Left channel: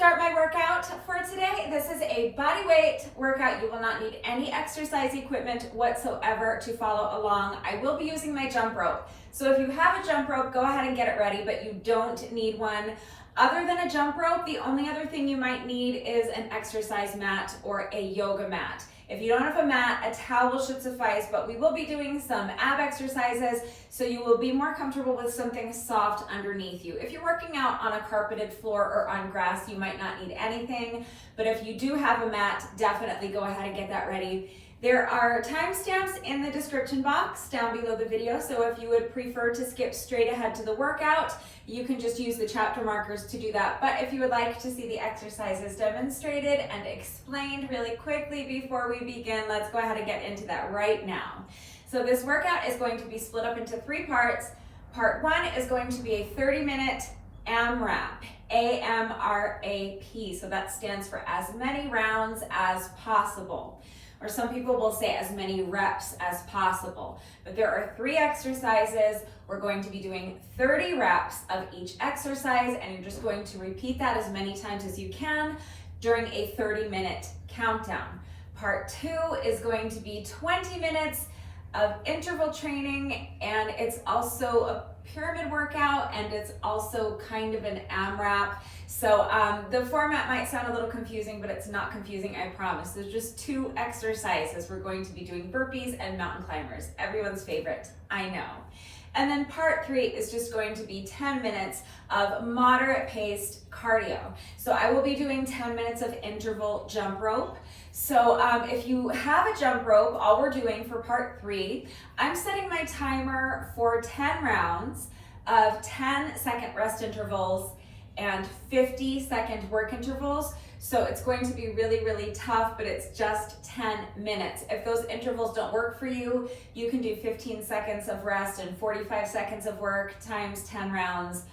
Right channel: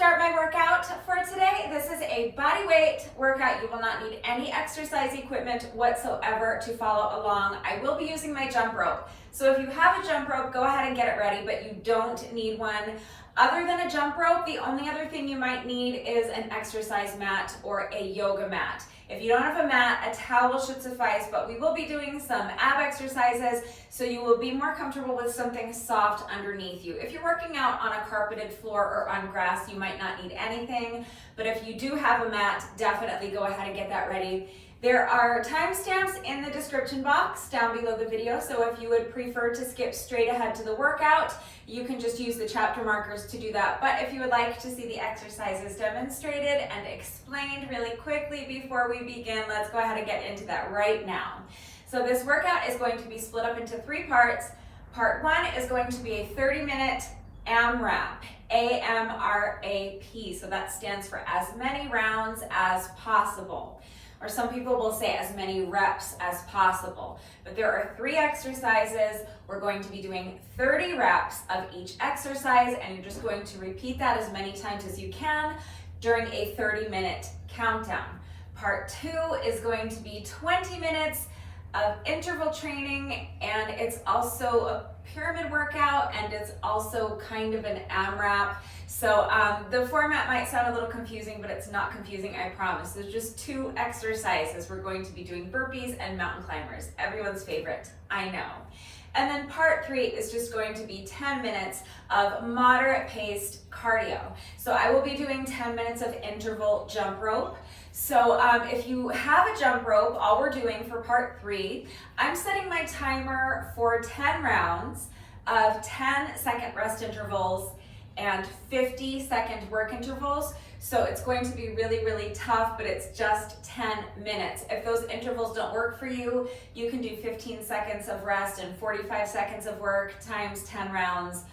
start my workout for today. This is a body weight workout. You will not need any exercise equipment whatsoever to follow along. I will be using my jump rope. So if you have a jump rope, go ahead and get it ready, but you don't need one. Other than a jump rope, the only other thing you might need is an exercise mat or a yoga mat. If you don't have a mat, a towel should suffice, but we will be doing some ab exercises, so you will be more comfortable with something soft underneath you. If you're working out on a carpeted floor or on grass, you might not need anything, but if you do have a mat, definitely go ahead and get that ready. There are timestamps in the description box down below the video, so if you would prefer to skip straight ahead to the workout, you can just use the chapter markers to do that. But if you would like to see the exercises demonstrated and explained really quickly before we begin, let's go ahead and get into that right now. So this workout is going to be split up into 3 parts. Part 1 is going to be a 30-minute AMRAP, A-M-R-A-P, so that stands for as many rounds as possible. Or some people will say as many reps as possible. But there are 3 exercises. We're going to be doing 30 reps of each exercise, and you're just going to repeat that as many times as you can during a 30-minute countdown. Part 2 is going to be 20 minutes of interval training, and it's also a pyramid workout, and it's also kind of an AMRAP. So the format might sound a little confusing, but it's not confusing, I promise. There's just 2 exercises. We're going to be doing burpees and mountain climbers, everyone's favorite, I know. And then part 3 is just going to be 10 minutes of moderate paced cardio. So I will be doing 10 minutes of interval jump rope. So if you have a jump rope, all we're doing for part 3, I'm setting my timer for 10 rounds of 10-second rest intervals and 50-second work intervals. So it's going to be really, really tough, but it's just 10 minutes. If those intervals don't work for you, you can do 15 seconds of rest and 45 seconds of work times 10 rounds.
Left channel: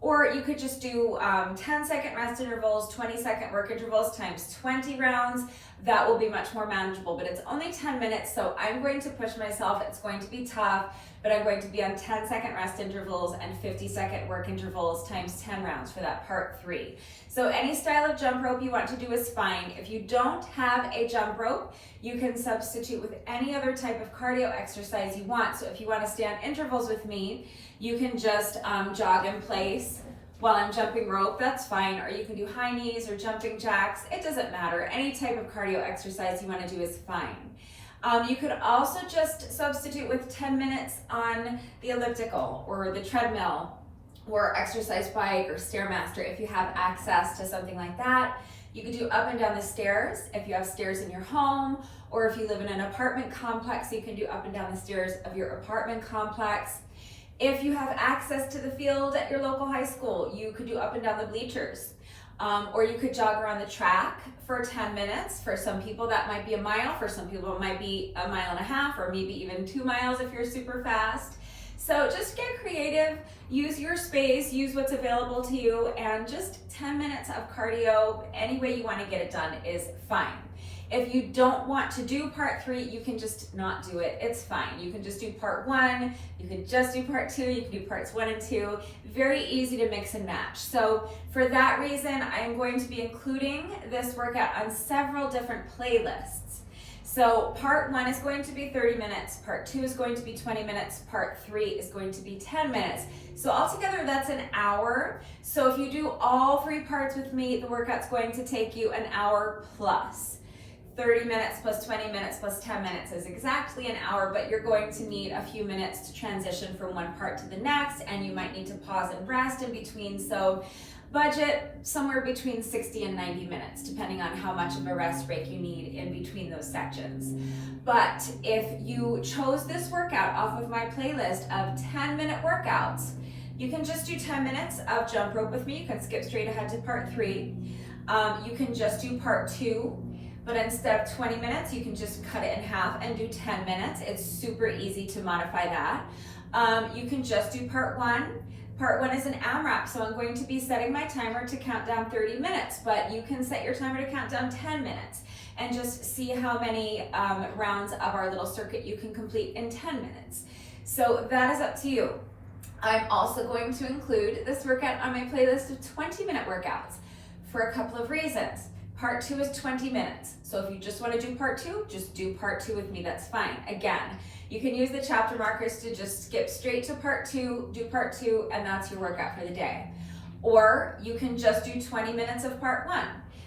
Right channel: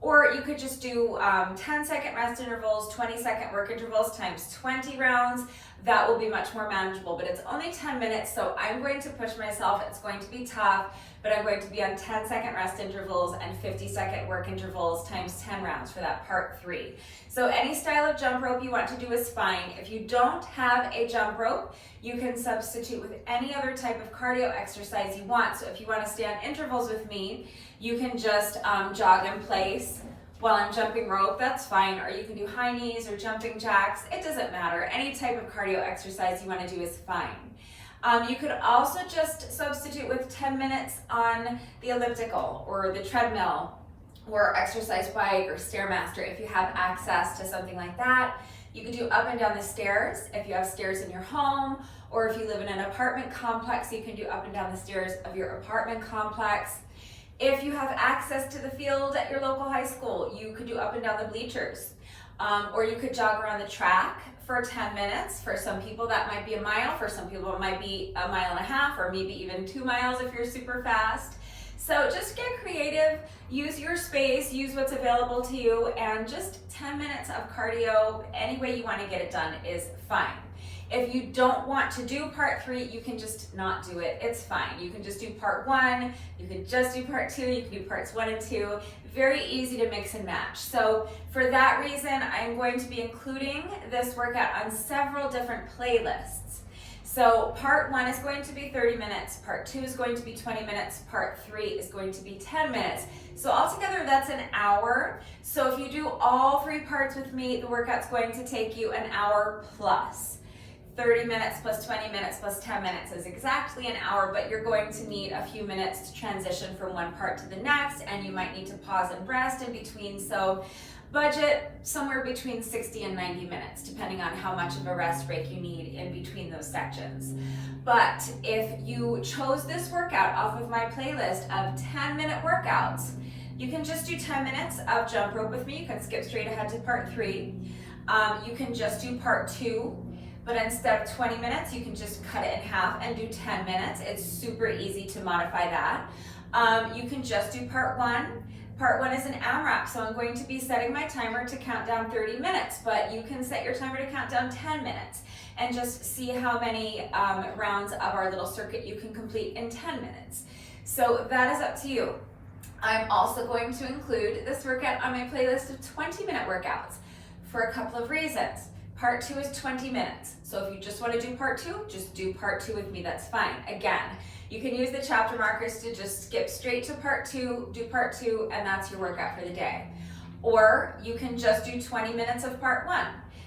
Or you could just do 10-second rest intervals, 20-second work intervals times 20 rounds. That will be much more manageable, but it's only 10 minutes, so I'm going to push myself. It's going to be tough, but I'm going to be on 10-second rest intervals and 50-second work intervals times 10 rounds for that part 3. So any style of jump rope you want to do is fine. If you don't have a jump rope, you can substitute with any other type of cardio exercise you want. So if you want to stay on intervals with me, you can just jog in place while I'm jumping rope, that's fine. Or you can do high knees or jumping jacks. It doesn't matter. Any type of cardio exercise you want to do is fine. You could also just substitute with 10 minutes on the elliptical or the treadmill or exercise bike or Stairmaster if you have access to something like that. You could do up and down the stairs if you have stairs in your home, or if you live in an apartment complex, you can do up and down the stairs of your apartment complex. If you have access to the field at your local high school, you could do up and down the bleachers. Or you could jog around the track for 10 minutes. For some people that might be a mile, for some people it might be a mile and a half, or maybe even 2 miles if you're super fast. So just get creative, use your space, use what's available to you, and just 10 minutes of cardio, any way you want to get it done is fine. If you don't want to do part 3, you can just not do it. It's fine. You can just do part 1, you can just do part 2, you can do parts 1 and 2. Very easy to mix and match. So for that reason, I'm going to be including this workout on several different playlists. So part 1 is going to be 30 minutes, part 2 is going to be 20 minutes, part 3 is going to be 10 minutes. So altogether that's an hour. So if you do all 3 parts with me, the workout's going to take you an hour plus. 30 minutes plus 20 minutes plus 10 minutes is exactly an hour, but you're going to need a few minutes to transition from one part to the next, and you might need to pause and rest in between. So budget somewhere between 60 and 90 minutes, depending on how much of a rest break you need in between those sections. But if you chose this workout off of my playlist of 10-minute workouts, you can just do 10 minutes of jump rope with me. You can skip straight ahead to part 3. You can just do part 2. But instead of 20 minutes, you can just cut it in half and do 10 minutes. It's super easy to modify that. You can just do part 1. Part 1 is an AMRAP, so I'm going to be setting my timer to count down 30 minutes, but you can set your timer to count down 10 minutes and just see how many rounds of our little circuit you can complete in 10 minutes. So that is up to you. I'm also going to include this workout on my playlist of 20-minute workouts. for a couple of reasons. Part 2 is 20 minutes. So if you just want to do part 2, just do part 2 with me, that's fine. Again, you can use the chapter markers to just skip straight to part 2, do part 2, and that's your workout for the day. Or you can just do 20 minutes of part 1.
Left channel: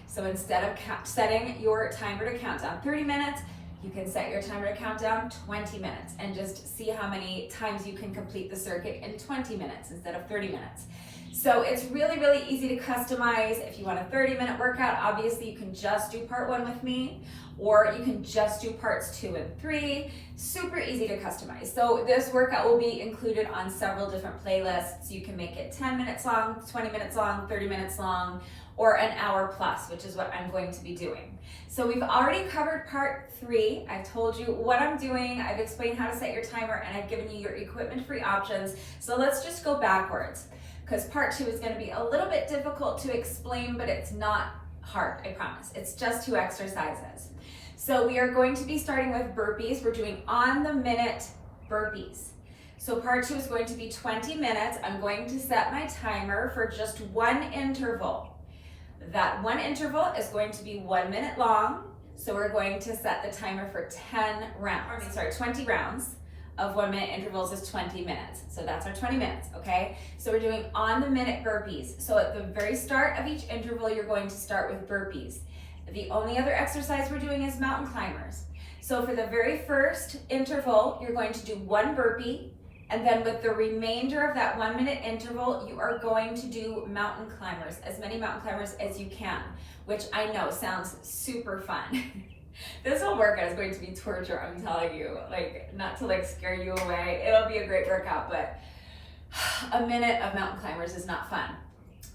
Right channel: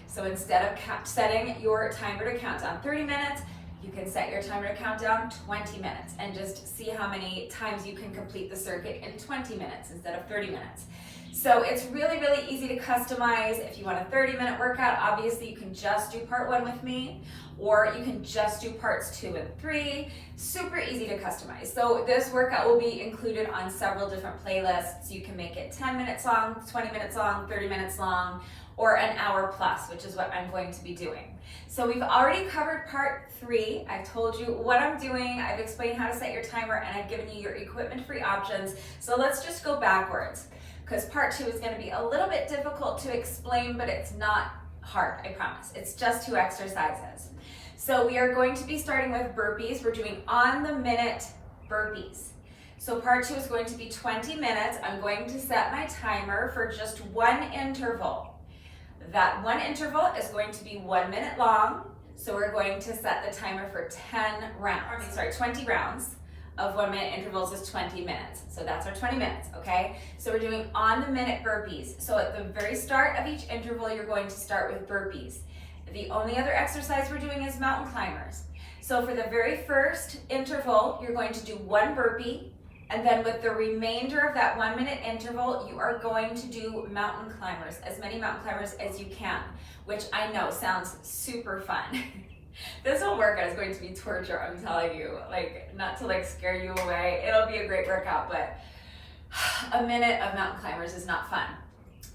So instead of setting your timer to count down 30 minutes, you can set your timer to count down 20 minutes and just see how many times you can complete the circuit in 20 minutes instead of 30 minutes. So it's really, really easy to customize. If you want a 30-minute workout, obviously you can just do part 1 with me, or you can just do parts 2 and 3. Super easy to customize. So this workout will be included on several different playlists. You can make it 10 minutes long, 20 minutes long, 30 minutes long, or an hour plus, which is what I'm going to be doing. So we've already covered part 3. I've told you what I'm doing. I've explained how to set your timer, and I've given you your equipment-free options. So let's just go backwards, because part 2 is going to be a little bit difficult to explain, but it's not hard, I promise. It's just 2 exercises. So we are going to be starting with burpees. We're doing on-the-minute burpees. So part 2 is going to be 20 minutes. I'm going to set my timer for just 1 interval. That 1 interval is going to be 1 minute long. So we're going to set the timer for 20 rounds of 1 minute intervals is 20 minutes. So that's our 20 minutes, okay? So we're doing on the minute burpees. So at the very start of each interval, you're going to start with burpees. The only other exercise we're doing is mountain climbers. So for the very first interval, you're going to do 1 burpee, and then with the remainder of that 1 minute interval, you are going to do mountain climbers, as many mountain climbers as you can, which I know sounds super fun. This whole workout is going to be torture, I'm telling you. Like, not to like scare you away. It'll be a great workout, but a minute of mountain climbers is not fun.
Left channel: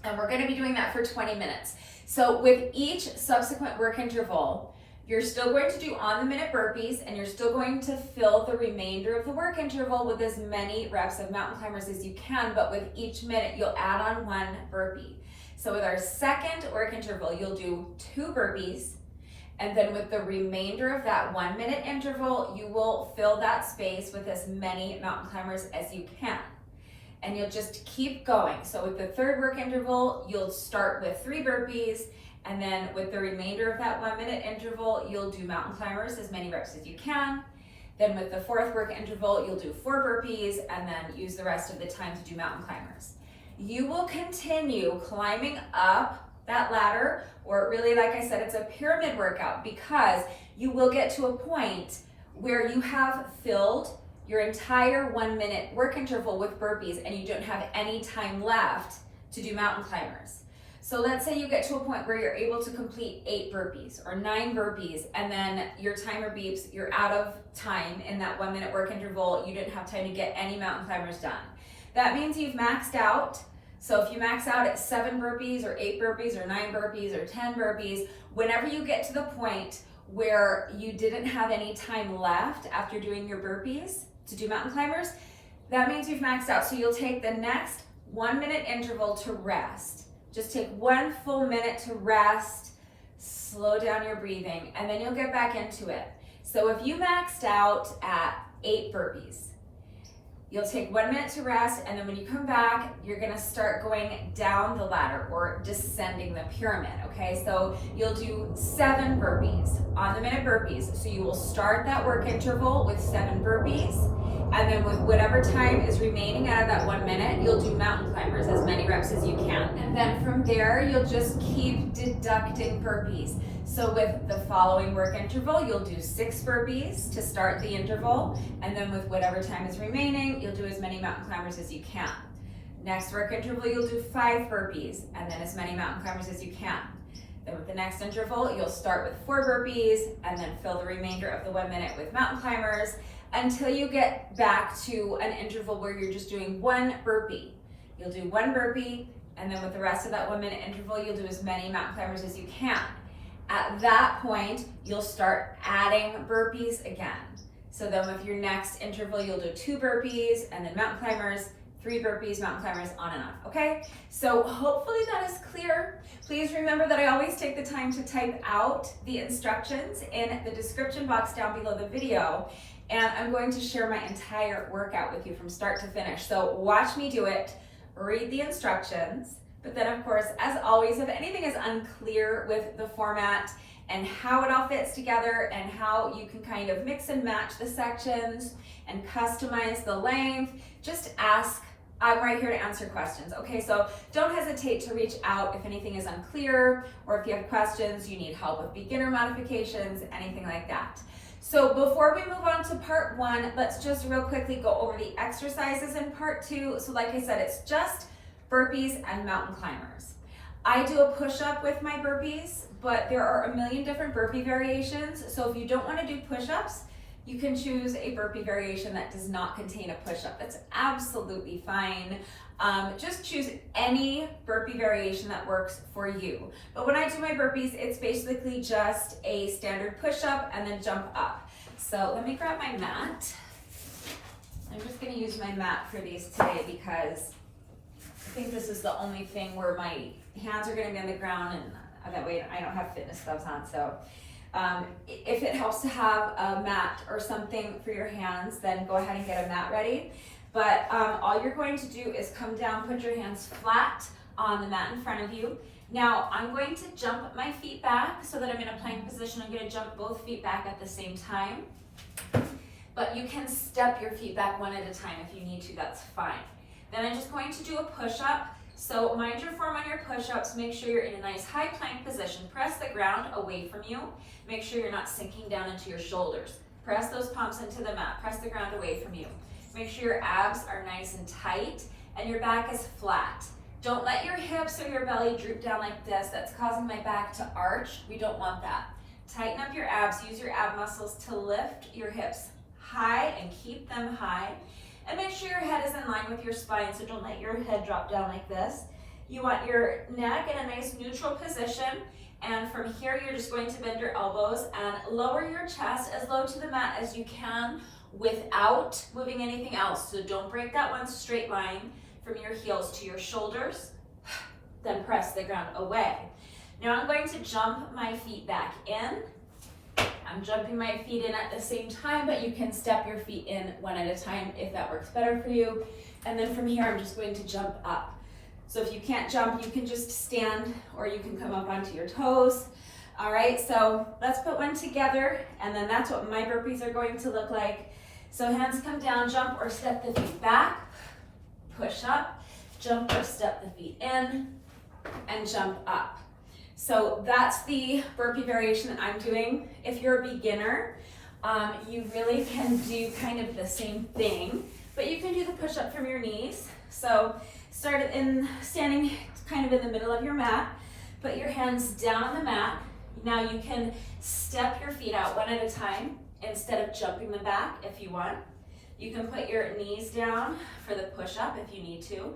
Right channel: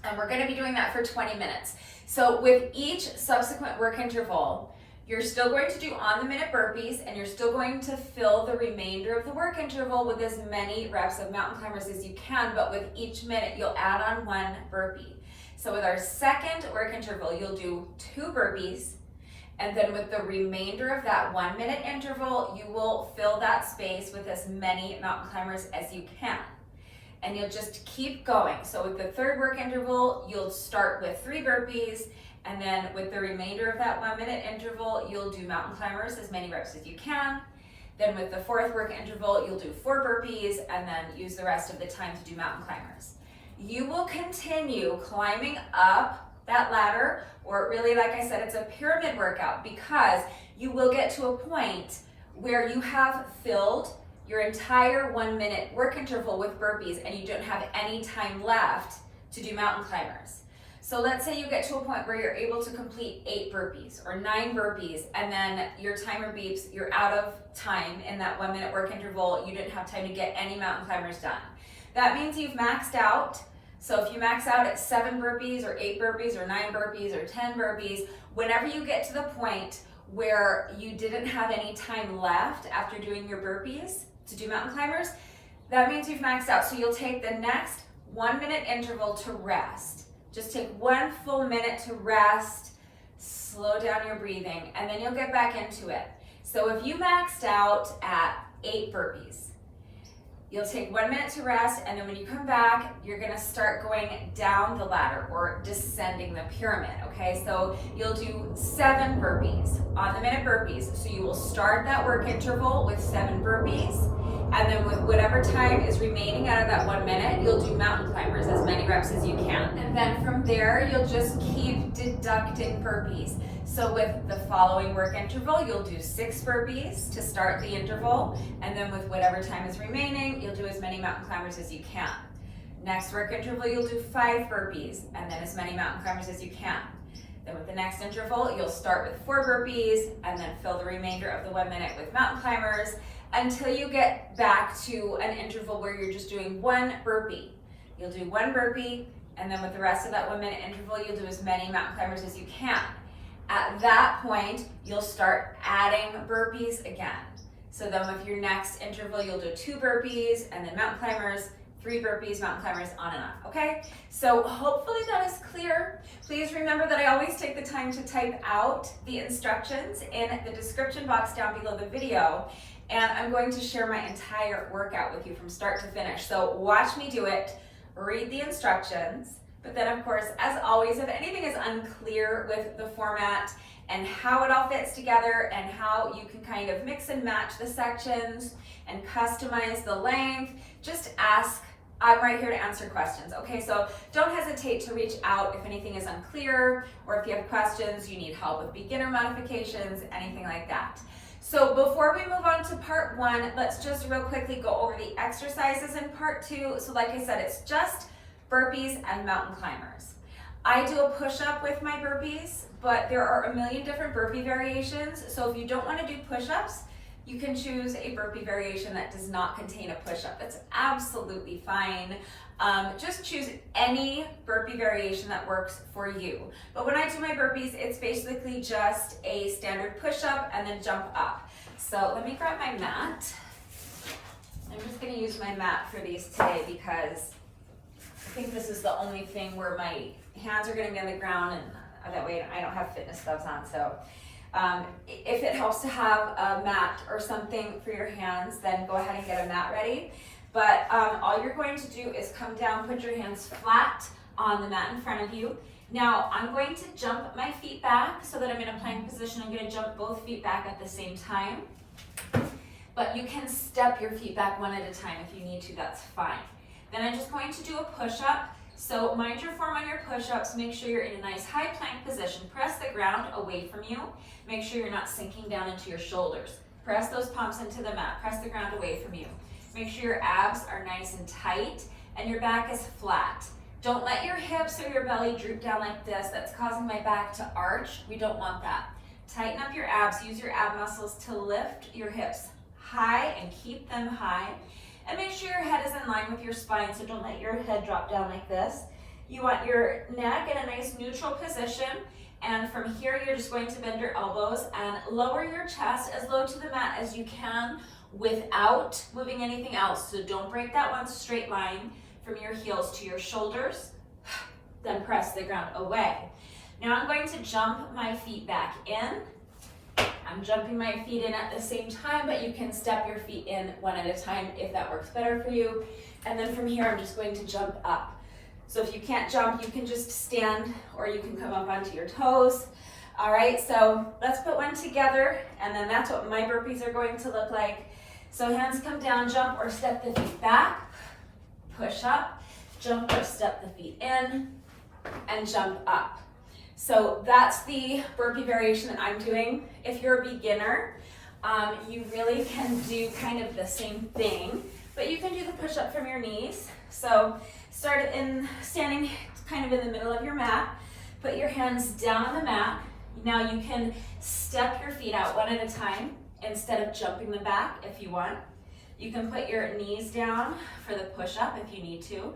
And we're gonna be doing that for 20 minutes. So with each subsequent work interval, you're still going to do on-the-minute burpees, and you're still going to fill the remainder of the work interval with as many reps of mountain climbers as you can, but with each minute, you'll add on 1 burpee. So with our second work interval, you'll do 2 burpees, and then with the remainder of that 1 minute interval, you will fill that space with as many mountain climbers as you can. And you'll just keep going. So with the third work interval, you'll start with 3 burpees, and then with the remainder of that 1 minute interval, you'll do mountain climbers, as many reps as you can. Then with the fourth work interval, you'll do 4 burpees, and then use the rest of the time to do mountain climbers. You will continue climbing up that ladder, or really, like I said, it's a pyramid workout, because you will get to a point where you have filled your entire 1 minute work interval with burpees and you don't have any time left to do mountain climbers. So let's say you get to a point where you're able to complete 8 burpees or 9 burpees, and then your timer beeps, you're out of time in that 1 minute work interval, you didn't have time to get any mountain climbers done. That means you've maxed out. So if you max out at 7 burpees or 8 burpees or 9 burpees or 10 burpees, whenever you get to the point where you didn't have any time left after doing your burpees to do mountain climbers, that means you've maxed out. So you'll take the next 1 minute interval to rest. Just take 1 full minute to rest, slow down your breathing, and then you'll get back into it. So if you maxed out at 8 burpees, you'll take 1 minute to rest, and then when you come back, you're gonna start going down the ladder or descending the pyramid, okay? So you'll do 7 burpees, on the minute burpees. So you will start that work interval with 7 burpees, and then with whatever time is remaining out of that 1 minute, you'll do mountain climbers, as many reps as you can. And then from there, you'll just keep deducting burpees. So with the following work interval, you'll do 6 burpees to start the interval, and then with whatever time is remaining, you'll do as many mountain climbers as you can. Next work interval, you'll do 5 burpees, and then as many mountain climbers as you can. Then with the next interval, you'll start with 4 burpees, and then fill the remainder of the 1 minute with mountain climbers, until you get back to an interval where you're just doing 1 burpee. You'll do 1 burpee, and then with the rest of that 1 minute interval, you'll do as many mountain climbers as you can. At that point, you'll start adding burpees again. So then with your next interval, you'll do 2 burpees, and then mountain climbers, 3 burpees, mountain climbers, on and on, okay? So hopefully that is clear. Please remember that I always take the time to type out the instructions in the description box down below the video, and I'm going to share my entire workout with you from start to finish. So watch me do it, read the instructions, But then of course, as always, if anything is unclear with the format and how it all fits together and how you can kind of mix and match the sections and customize the length, just ask. I'm right here to answer questions. Okay, so don't hesitate to reach out if anything is unclear or if you have questions, you need help with beginner modifications, anything like that. So before we move on to part 1, let's just real quickly go over the exercises in part 2. So like I said, it's just burpees and mountain climbers. I do a push-up with my burpees, but there are a million different burpee variations. So if you don't want to do push-ups, you can choose a burpee variation that does not contain a push-up. That's absolutely fine. Just choose any burpee variation that works for you. But when I do my burpees, it's basically just a standard push-up and then jump up. So let me grab my mat. I'm just gonna use my mat for these today because I think this is the only thing where my hands are gonna be on the ground, and that way I don't have fitness gloves on. So if it helps to have a mat or something for your hands, then go ahead and get a mat ready. But all you're going to do is come down, put your hands flat on the mat in front of you. Now I'm going to jump my feet back so that I'm in a plank position. I'm going to jump both feet back at the same time. But you can step your feet back one at a time if you need to, that's fine. Then I'm just going to do a push-up. So mind your form on your push-ups. Make sure you're in a nice high plank position. Press the ground away from you. Make sure you're not sinking down into your shoulders. Press those palms into the mat. Press the ground away from you. Make sure your abs are nice and tight and your back is flat. Don't let your hips or your belly droop down like this. That's causing my back to arch. We don't want that. Tighten up your abs. Use your ab muscles to lift your hips high and keep them high. And make sure your head is in line with your spine, so don't let your head drop down like this. You want your neck in a nice neutral position, and from here you're just going to bend your elbows and lower your chest as low to the mat as you can without moving anything else. So don't break that one straight line from your heels to your shoulders, then press the ground away. Now I'm going to jump my feet back in. I'm jumping my feet in at the same time, but you can step your feet in one at a time if that works better for you. And then from here, I'm just going to jump up. So if you can't jump, you can just stand or you can come up onto your toes. All right, so let's put one together, and then that's what my burpees are going to look like. So hands come down, jump or step the feet back, push up, jump or step the feet in, and jump up. So that's the burpee variation that I'm doing. If you're a beginner, you really can do kind of the same thing, but you can do the push-up from your knees. So start in standing kind of in the middle of your mat, put your hands down on the mat. Now you can step your feet out one at a time instead of jumping them back if you want. You can put your knees down for the push-up if you need to.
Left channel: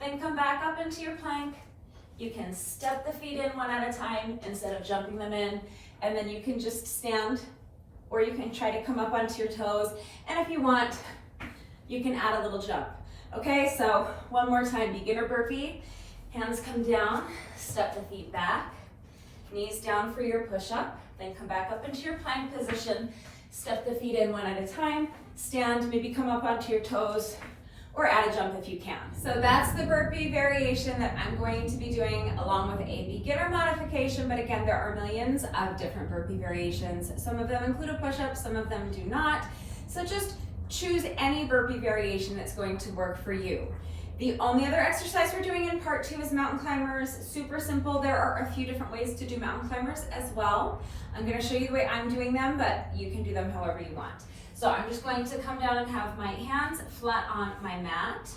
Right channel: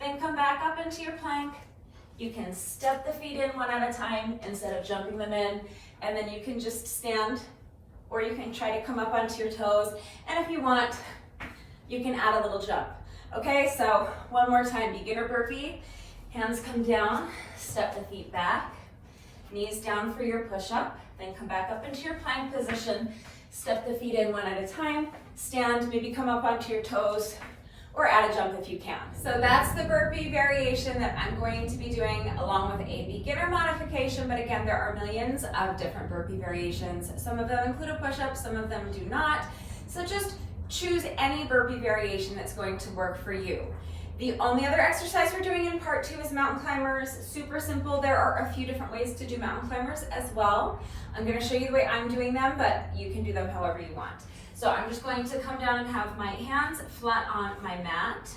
Then come back up into your plank. You can step the feet in one at a time instead of jumping them in. And then you can just stand, or you can try to come up onto your toes. And if you want, you can add a little jump. Okay, so one more time, beginner burpee. Hands come down, step the feet back. Knees down for your push-up. Then come back up into your plank position. Step the feet in one at a time. Stand, maybe come up onto your toes, or add a jump if you can. So that's the burpee variation that I'm going to be doing along with a beginner modification, but again, there are millions of different burpee variations. Some of them include a push-up, some of them do not. So just choose any burpee variation that's going to work for you. The only other exercise we're doing in part 2 is mountain climbers. Super simple. There are a few different ways to do mountain climbers as well. I'm going to show you the way I'm doing them, but you can do them however you want. So I'm just going to come down and have my hands flat on my mat,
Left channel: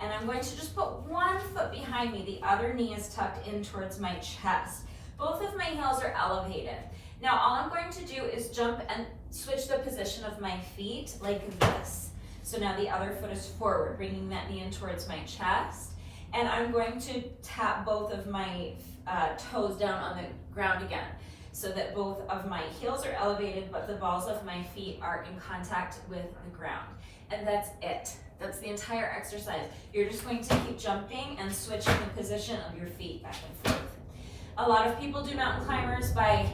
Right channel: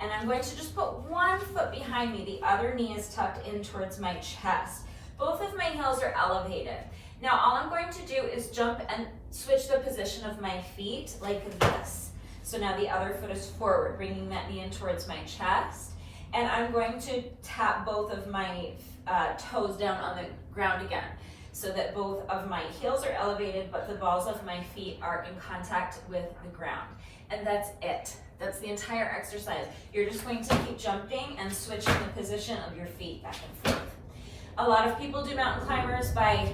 and I'm going to just put one foot behind me. The other knee is tucked in towards my chest. Both of my heels are elevated. Now all I'm going to do is jump and switch the position of my feet like this. So now the other foot is forward, bringing that knee in towards my chest, and I'm going to tap both of my toes down on the ground again, so that both of my heels are elevated, but the balls of my feet are in contact with the ground. And that's it. That's the entire exercise. You're just going to keep jumping and switching the position of your feet back and forth. A lot of people do mountain climbers by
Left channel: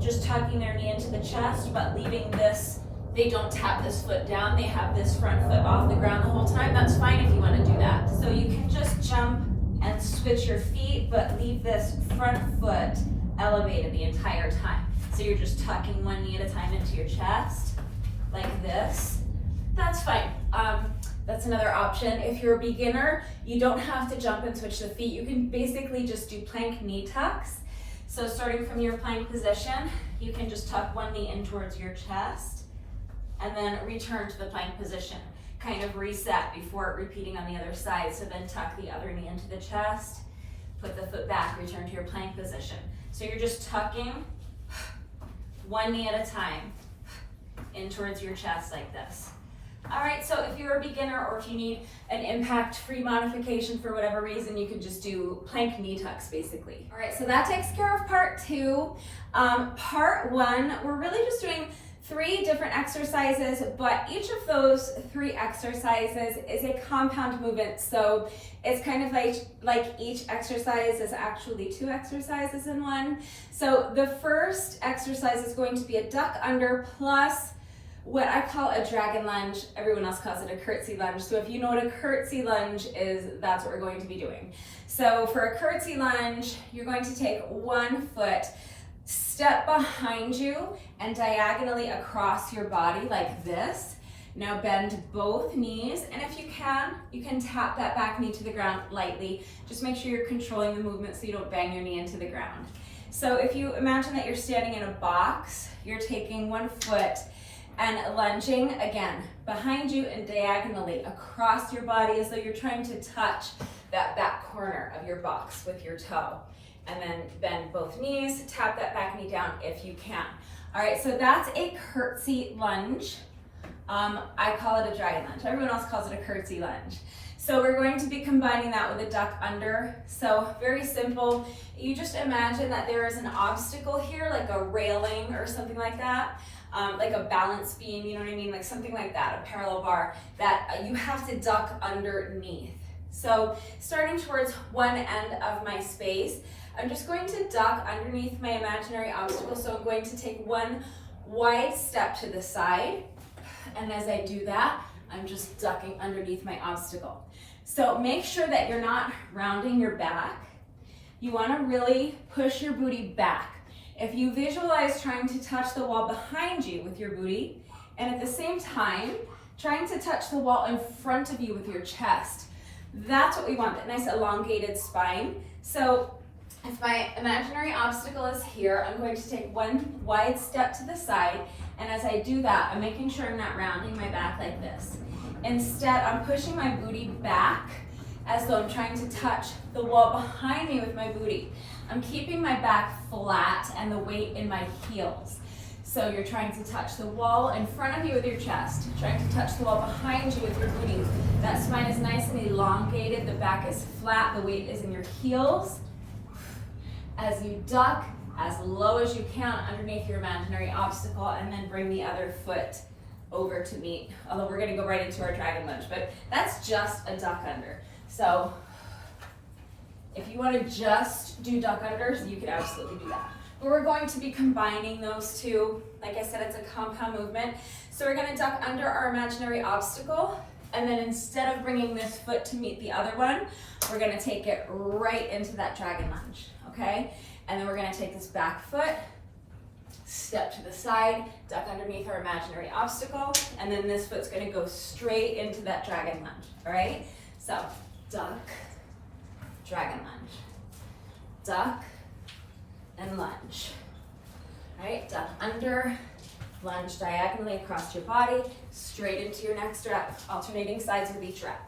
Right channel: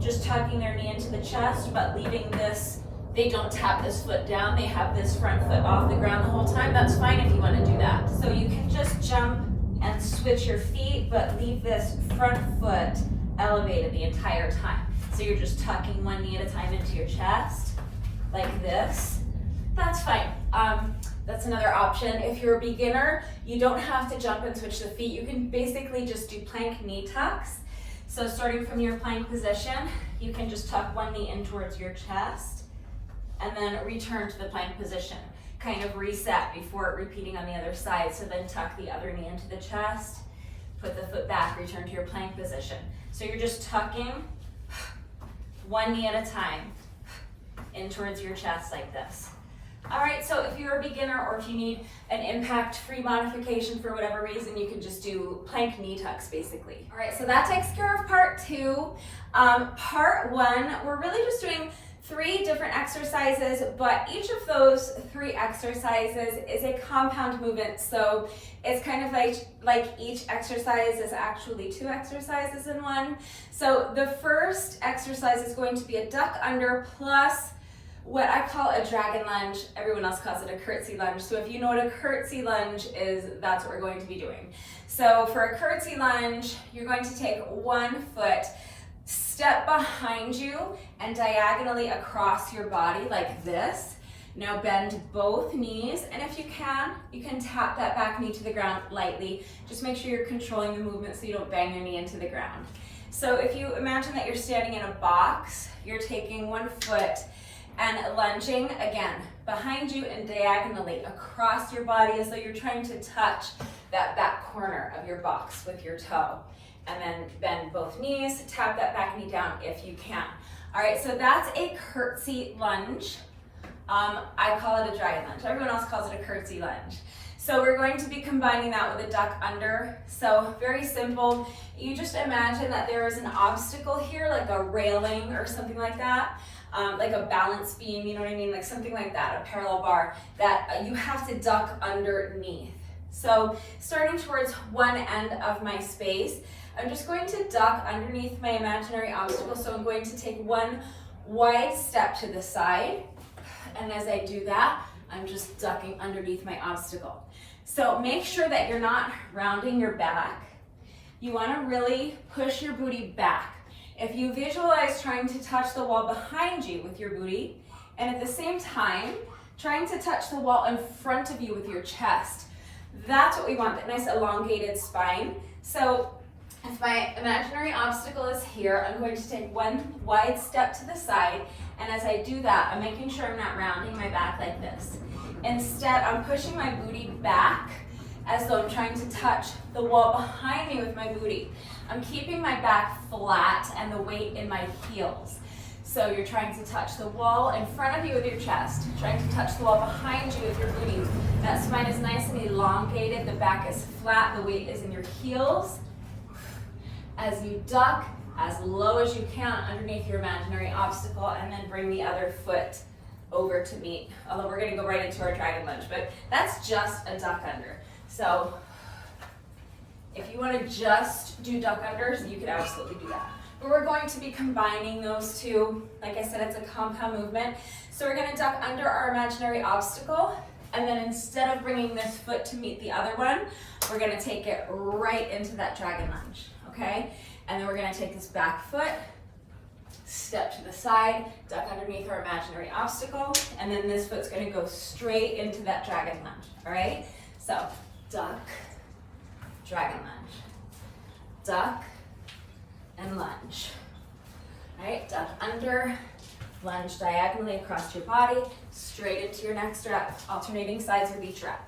just tucking their knee into the chest, but leaving this they don't tap this foot down, they have this front foot off the ground the whole time, that's fine if you want to do that. So you can just jump and switch your feet, but leave this front foot elevated the entire time. So you're just tucking one knee at a time into your chest, like this. That's fine. That's another option. If you're a beginner, you don't have to jump and switch the feet. You can basically just do plank knee tucks. So starting from your plank position, you can just tuck one knee in towards your chest and then return to the plank position. Kind of reset before repeating on the other side. So then tuck the other knee into the chest, put the foot back, return to your plank position. So you're just tucking one knee at a time in towards your chest like this. All right, so if you're a beginner or if you need an impact-free modification for whatever reason, you can just do plank knee tucks basically. All right, so that takes care of part 2. Part 1, we're really just doing 3 different exercises, but each of those 3 exercises is a compound movement. So it's kind of like each exercise is actually 2 exercises in one. So the first exercise is going to be a duck under plus what I call a dragon lunge. Everyone else calls it a curtsy lunge. So if you know what a curtsy lunge is, that's what we're going to be doing. So for a curtsy lunge, you're going to take one foot, step behind you and diagonally across your body like this. Now bend both knees, and if you can tap that back knee to the ground lightly. Just make sure you're controlling the movement so you don't bang your knee into the ground. So if you imagine that you're standing in a box, you're taking one foot and lunging again behind you and diagonally across your body as though you're trying to touch that back corner of your box with your toe. And then bend both knees, tap that back knee down if you can. All right, so that's a curtsy lunge. I call it a dragon lunge. Everyone else calls it a curtsy lunge. So we're going to be combining that with a duck under. So very simple. You just imagine that there is an obstacle here, like a railing or something like that. Like a balance beam, you know what I mean? Like something like that, a parallel bar that you have to duck underneath. So starting towards one end of my space, I'm just going to duck underneath my imaginary obstacle. So I'm going to take one wide step to the side. And as I do that, I'm just ducking underneath my obstacle. So make sure that you're not rounding your back. You want to really push your booty back. If you visualize trying to touch the wall behind you with your booty, and at the same time, trying to touch the wall in front of you with your chest, that's what we want, that nice elongated spine. So if my imaginary obstacle is here, I'm going to take one wide step to the side, and as I do that, I'm making sure I'm not rounding my back like this. Instead, I'm pushing my booty back as though I'm trying to touch the wall behind me with my booty. I'm keeping my back flat and the weight in my heels. So you're trying to touch the wall in front of you with your chest, trying to touch the wall behind you with your booty. That spine is nice and elongated, the back is flat, the weight is in your heels. As you duck as low as you can underneath your imaginary obstacle, and then bring the other foot over to meet. Although we're gonna go right into our dragon lunge, but that's just a duck under. So if you wanna just do duck unders, you could absolutely do that. But we're going to be combining those two. Like I said, it's a compound movement. So we're gonna duck under our imaginary obstacle, and then instead of bringing this foot to meet the other one, we're gonna take it right into that dragon lunge, okay? And then we're gonna take this back foot, step to the side, duck underneath our imaginary obstacle, and then this foot's gonna go straight into that dragon lunge, all right? So, duck, dragon lunge, duck, and lunge. All right, duck under, lunge diagonally across your body, straight into your next rep, alternating sides with each rep.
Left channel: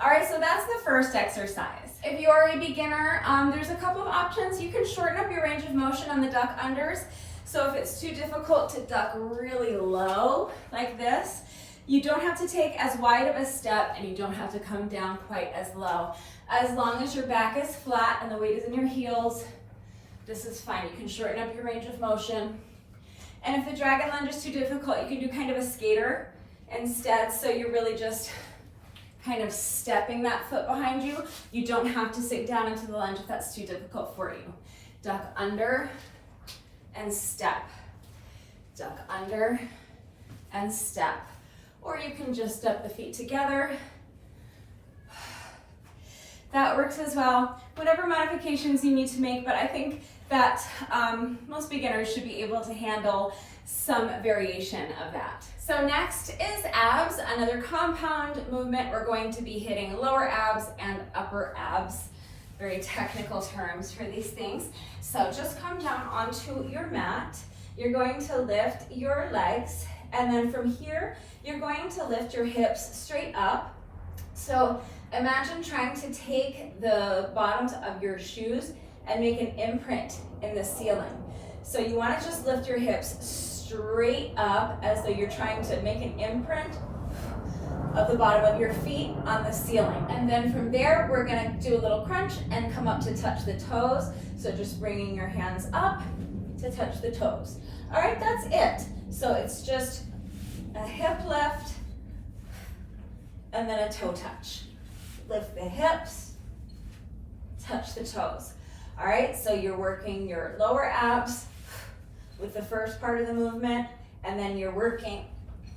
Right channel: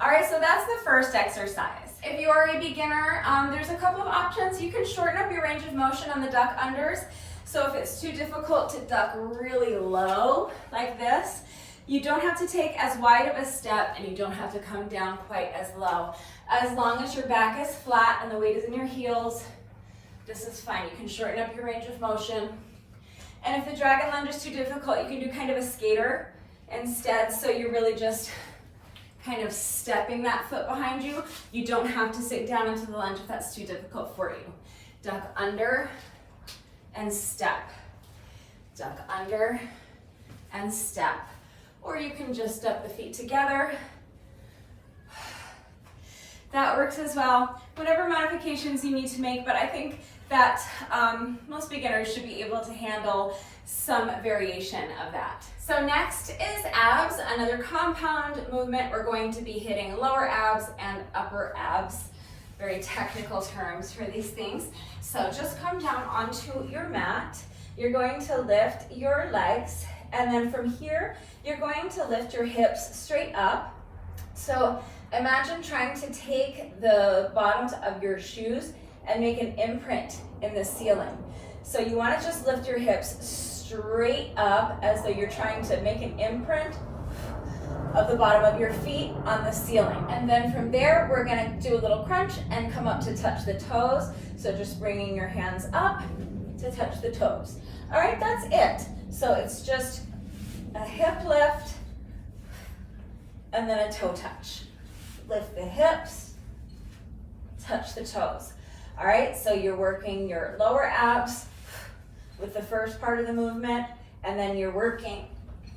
All right, so that's the first exercise. If you are a beginner, there's a couple of options. You can shorten up your range of motion on the duck unders. So if it's too difficult to duck really low like this, you don't have to take as wide of a step and you don't have to come down quite as low. As long as your back is flat and the weight is in your heels, this is fine. You can shorten up your range of motion. And if the dragon lunge is too difficult, you can do kind of a skater instead. So you're really just kind of stepping that foot behind you. You don't have to sink down into the lunge if that's too difficult for you. Duck under and step. Duck under and step. Or you can just step the feet together. That works as well. Whatever modifications you need to make, but I think that most beginners should be able to handle some variation of that. So next is abs, another compound movement. We're going to be hitting lower abs and upper abs. Very technical terms for these things. So just come down onto your mat. You're going to lift your legs, and then from here, you're going to lift your hips straight up. So imagine trying to take the bottoms of your shoes and make an imprint in the ceiling. So you want to just lift your hips straight up as though you're trying to make an imprint of the bottom of your feet on the ceiling. And then from there, we're going to do a little crunch and come up to touch the toes. So just bringing your hands up to touch the toes. All right, that's it. So it's just a hip lift and then a toe touch. Lift the hips, touch the toes. All right, so you're working your lower abs with the first part of the movement, and then you're working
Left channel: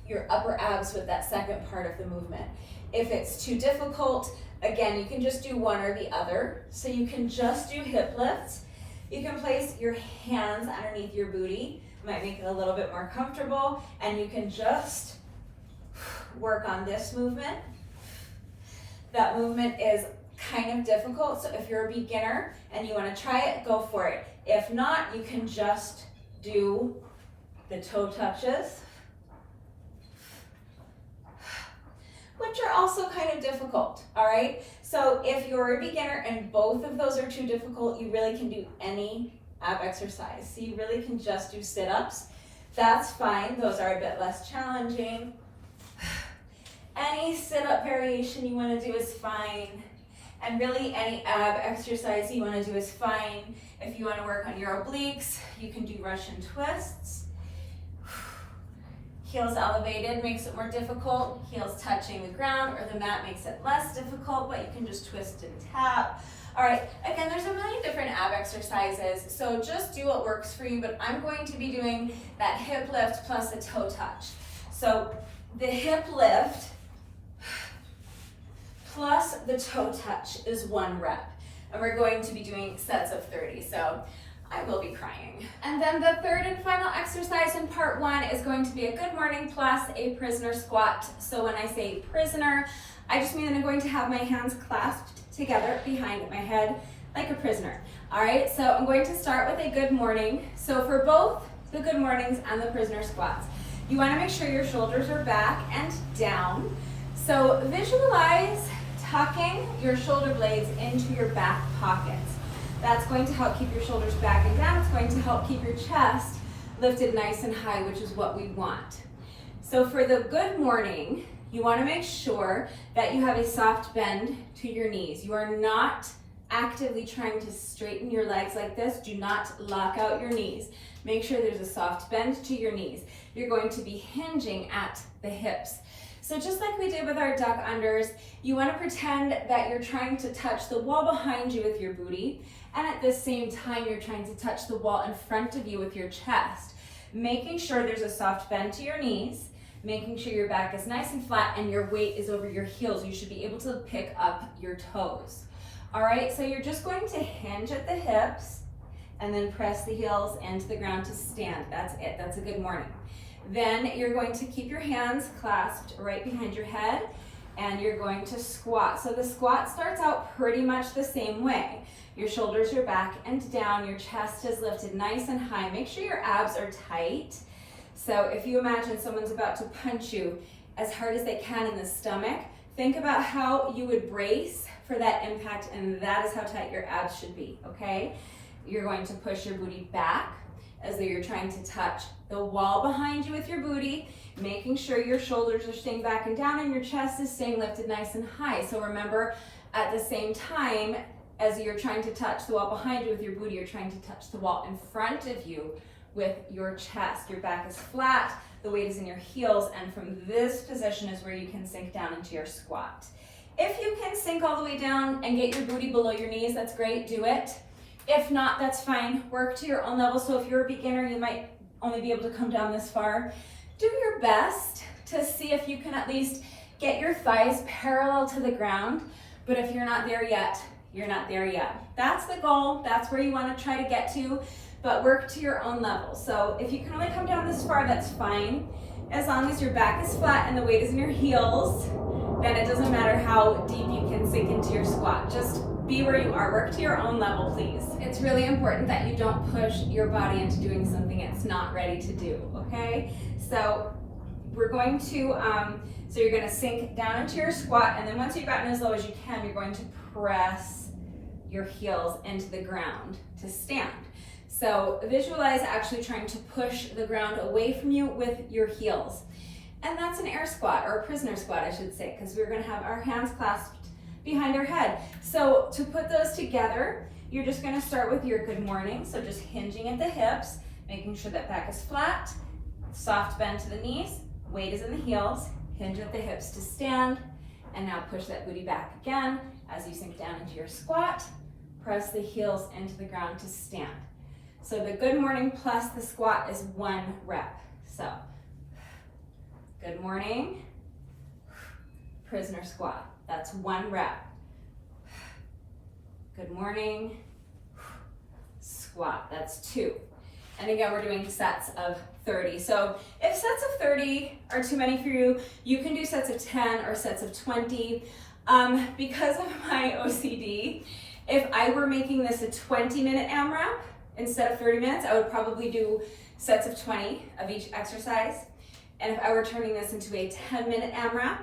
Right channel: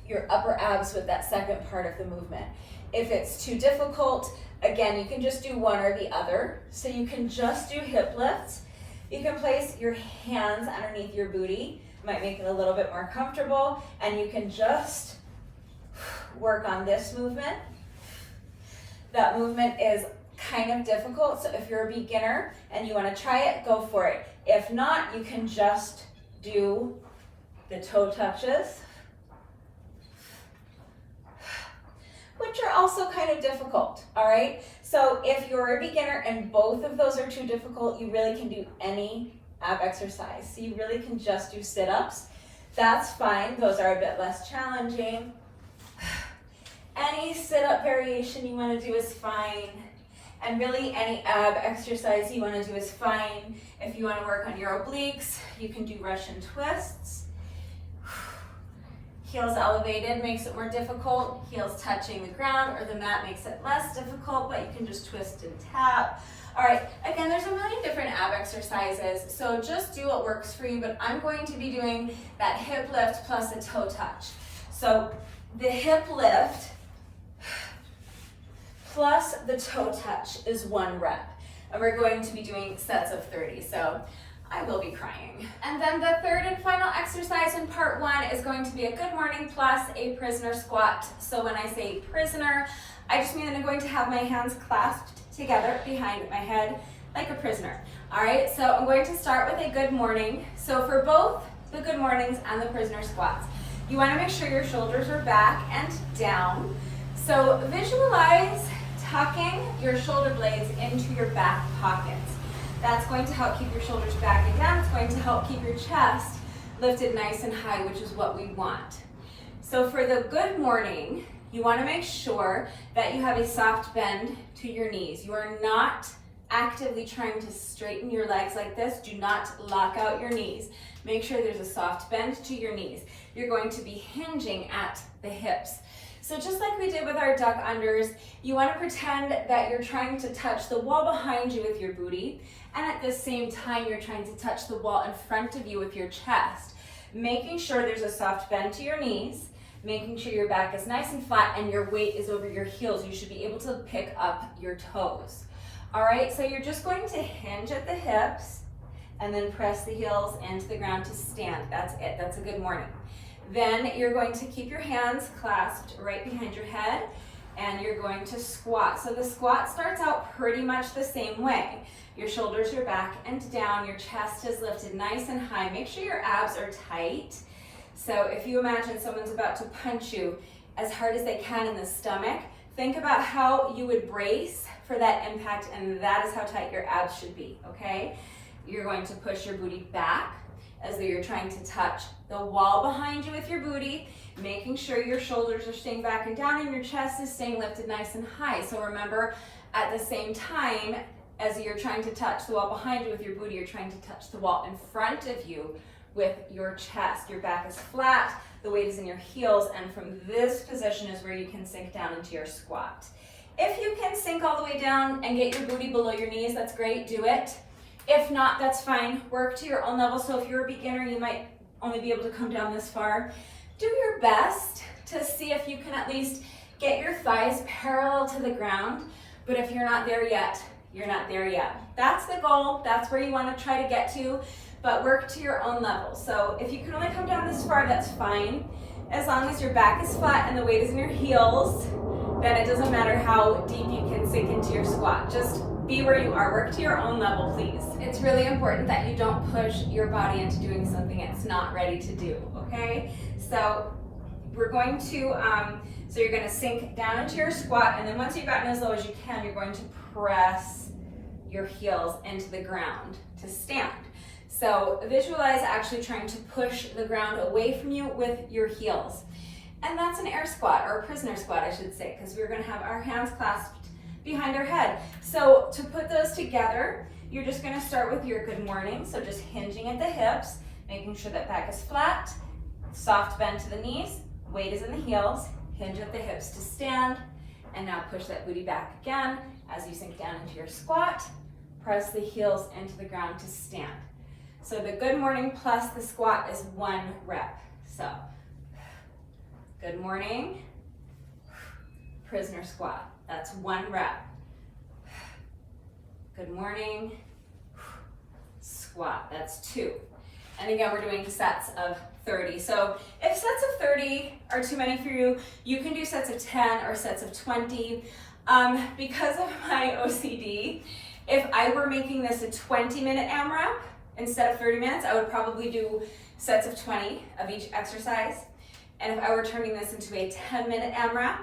your upper abs with that second part of the movement. If it's too difficult, again, you can just do one or the other. So you can just do hip lifts. You can place your hands underneath your booty. It might make it a little bit more comfortable, and you can just work on this movement. That movement is kind of difficult, so if you're a beginner and you want to try it, go for it. If not, you can just do the toe touches, which are also kind of difficult, all right? So if you're a beginner and both of those are too difficult, you really can do any ab exercise. So you really can just do sit-ups. That's fine, those are a bit less challenging. Any sit-up variation you want to do is fine. And really any ab exercise you want to do is fine. If you want to work on your obliques, you can do Russian twists. Heels elevated makes it more difficult. Heels touching the ground or the mat makes it less difficult, but you can just twist and tap. All right, again, there's a million different ab exercises, so just do what works for you, but I'm going to be doing that hip lift plus a toe touch. So the hip lift plus the toe touch is 1 rep. And we're going to be doing sets of 30, so I will be crying. And then the third and final exercise in part 1 is going to be a good morning plus a prisoner squat. So when I say prisoner, I just mean that I'm going to have my hands clasped together behind my head like a prisoner. All right, so I'm going to start with a good morning. So for both the good mornings and the prisoner squats, you want to make sure your shoulders are back and down. So visualize tucking your shoulder blades into your back pockets. That's going to help keep your shoulders back and down. It's going to help keep your chest lifted nice and high, which is what we want. So for the good morning, you want to make sure that you have a soft bend to your knees. You are not actively trying to straighten your legs like this. Do not lock out your knees. Make sure there's a soft bend to your knees. You're going to be hinging at the hips. So just like we did with our duck unders, you want to pretend that you're trying to touch the wall behind you with your booty, and at the same time you're trying to touch the wall in front of you with your chest, making sure there's a soft bend to your knees, making sure your back is nice and flat and your weight is over your heels. You should be able to pick up your toes. All right, so you're just going to hinge at the hips and then press the heels into the ground to stand. That's it. That's a good morning. Then you're going to keep your hands clasped right behind your head and you're going to squat. So the squat starts out pretty much the same way. Your shoulders are back and down, your chest is lifted nice and high. Make sure your abs are tight. So if you imagine someone's about to punch you as hard as they can in the stomach, think about how you would brace for that impact, and that is how tight your abs should be, okay? You're going to push your booty back as though you're trying to touch the wall behind you with your booty, making sure your shoulders are staying back and down and your chest is staying lifted nice and high. So remember, at the same time as you're trying to touch the wall behind you with your booty, you're trying to touch the wall in front of you with your chest. Your back is flat, the weight is in your heels, and from this position is where you can sink down into your squat. If you can sink all the way down and get your booty below your knees, that's great, do it. If not, that's fine, work to your own level. So if you're a beginner, you might only be able to come down this far. do your best to see if you can at least get your thighs parallel to the ground, but if you're not there yet, you're not there yet. That's the goal, that's where you wanna try to get to, but work to your own level. So if you can only come down this far, that's fine. As long as your back is flat and the weight is in your heels, then it doesn't matter how deep you can sink into your squat. Just be where you are, work to your own level, please. It's really important that you don't push your body into doing something it's not ready to do, okay? So we're going to, so you're gonna sink down into your squat, and then once you've gotten as low as you can, you're going to press your heels into the ground to stand. So visualize actually trying to push the ground away from you with your heels. And that's an air squat, or a prisoner squat, I should say, because we're gonna have our hands clasped behind our head. So to put those together, you're just gonna start with your good morning. So just hinging at the hips, making sure that back is flat, soft bend to the knees, weight is in the heels, hinge at the hips to stand, and now push that booty back again as you sink down into your squat, press the heels into the ground to stand. So the good morning plus the squat is 1 rep. So, good morning, prisoner squat, that's 1 rep. Good morning, squat, that's 2. And again, we're doing sets of 30. So if sets of 30 are too many for you, you can do sets of 10 or sets of 20. Because of my OCD, if I were making this a 20-minute AMRAP instead of 30 minutes, I would probably do sets of 20 of each exercise. And if I were turning this into a 10-minute AMRAP,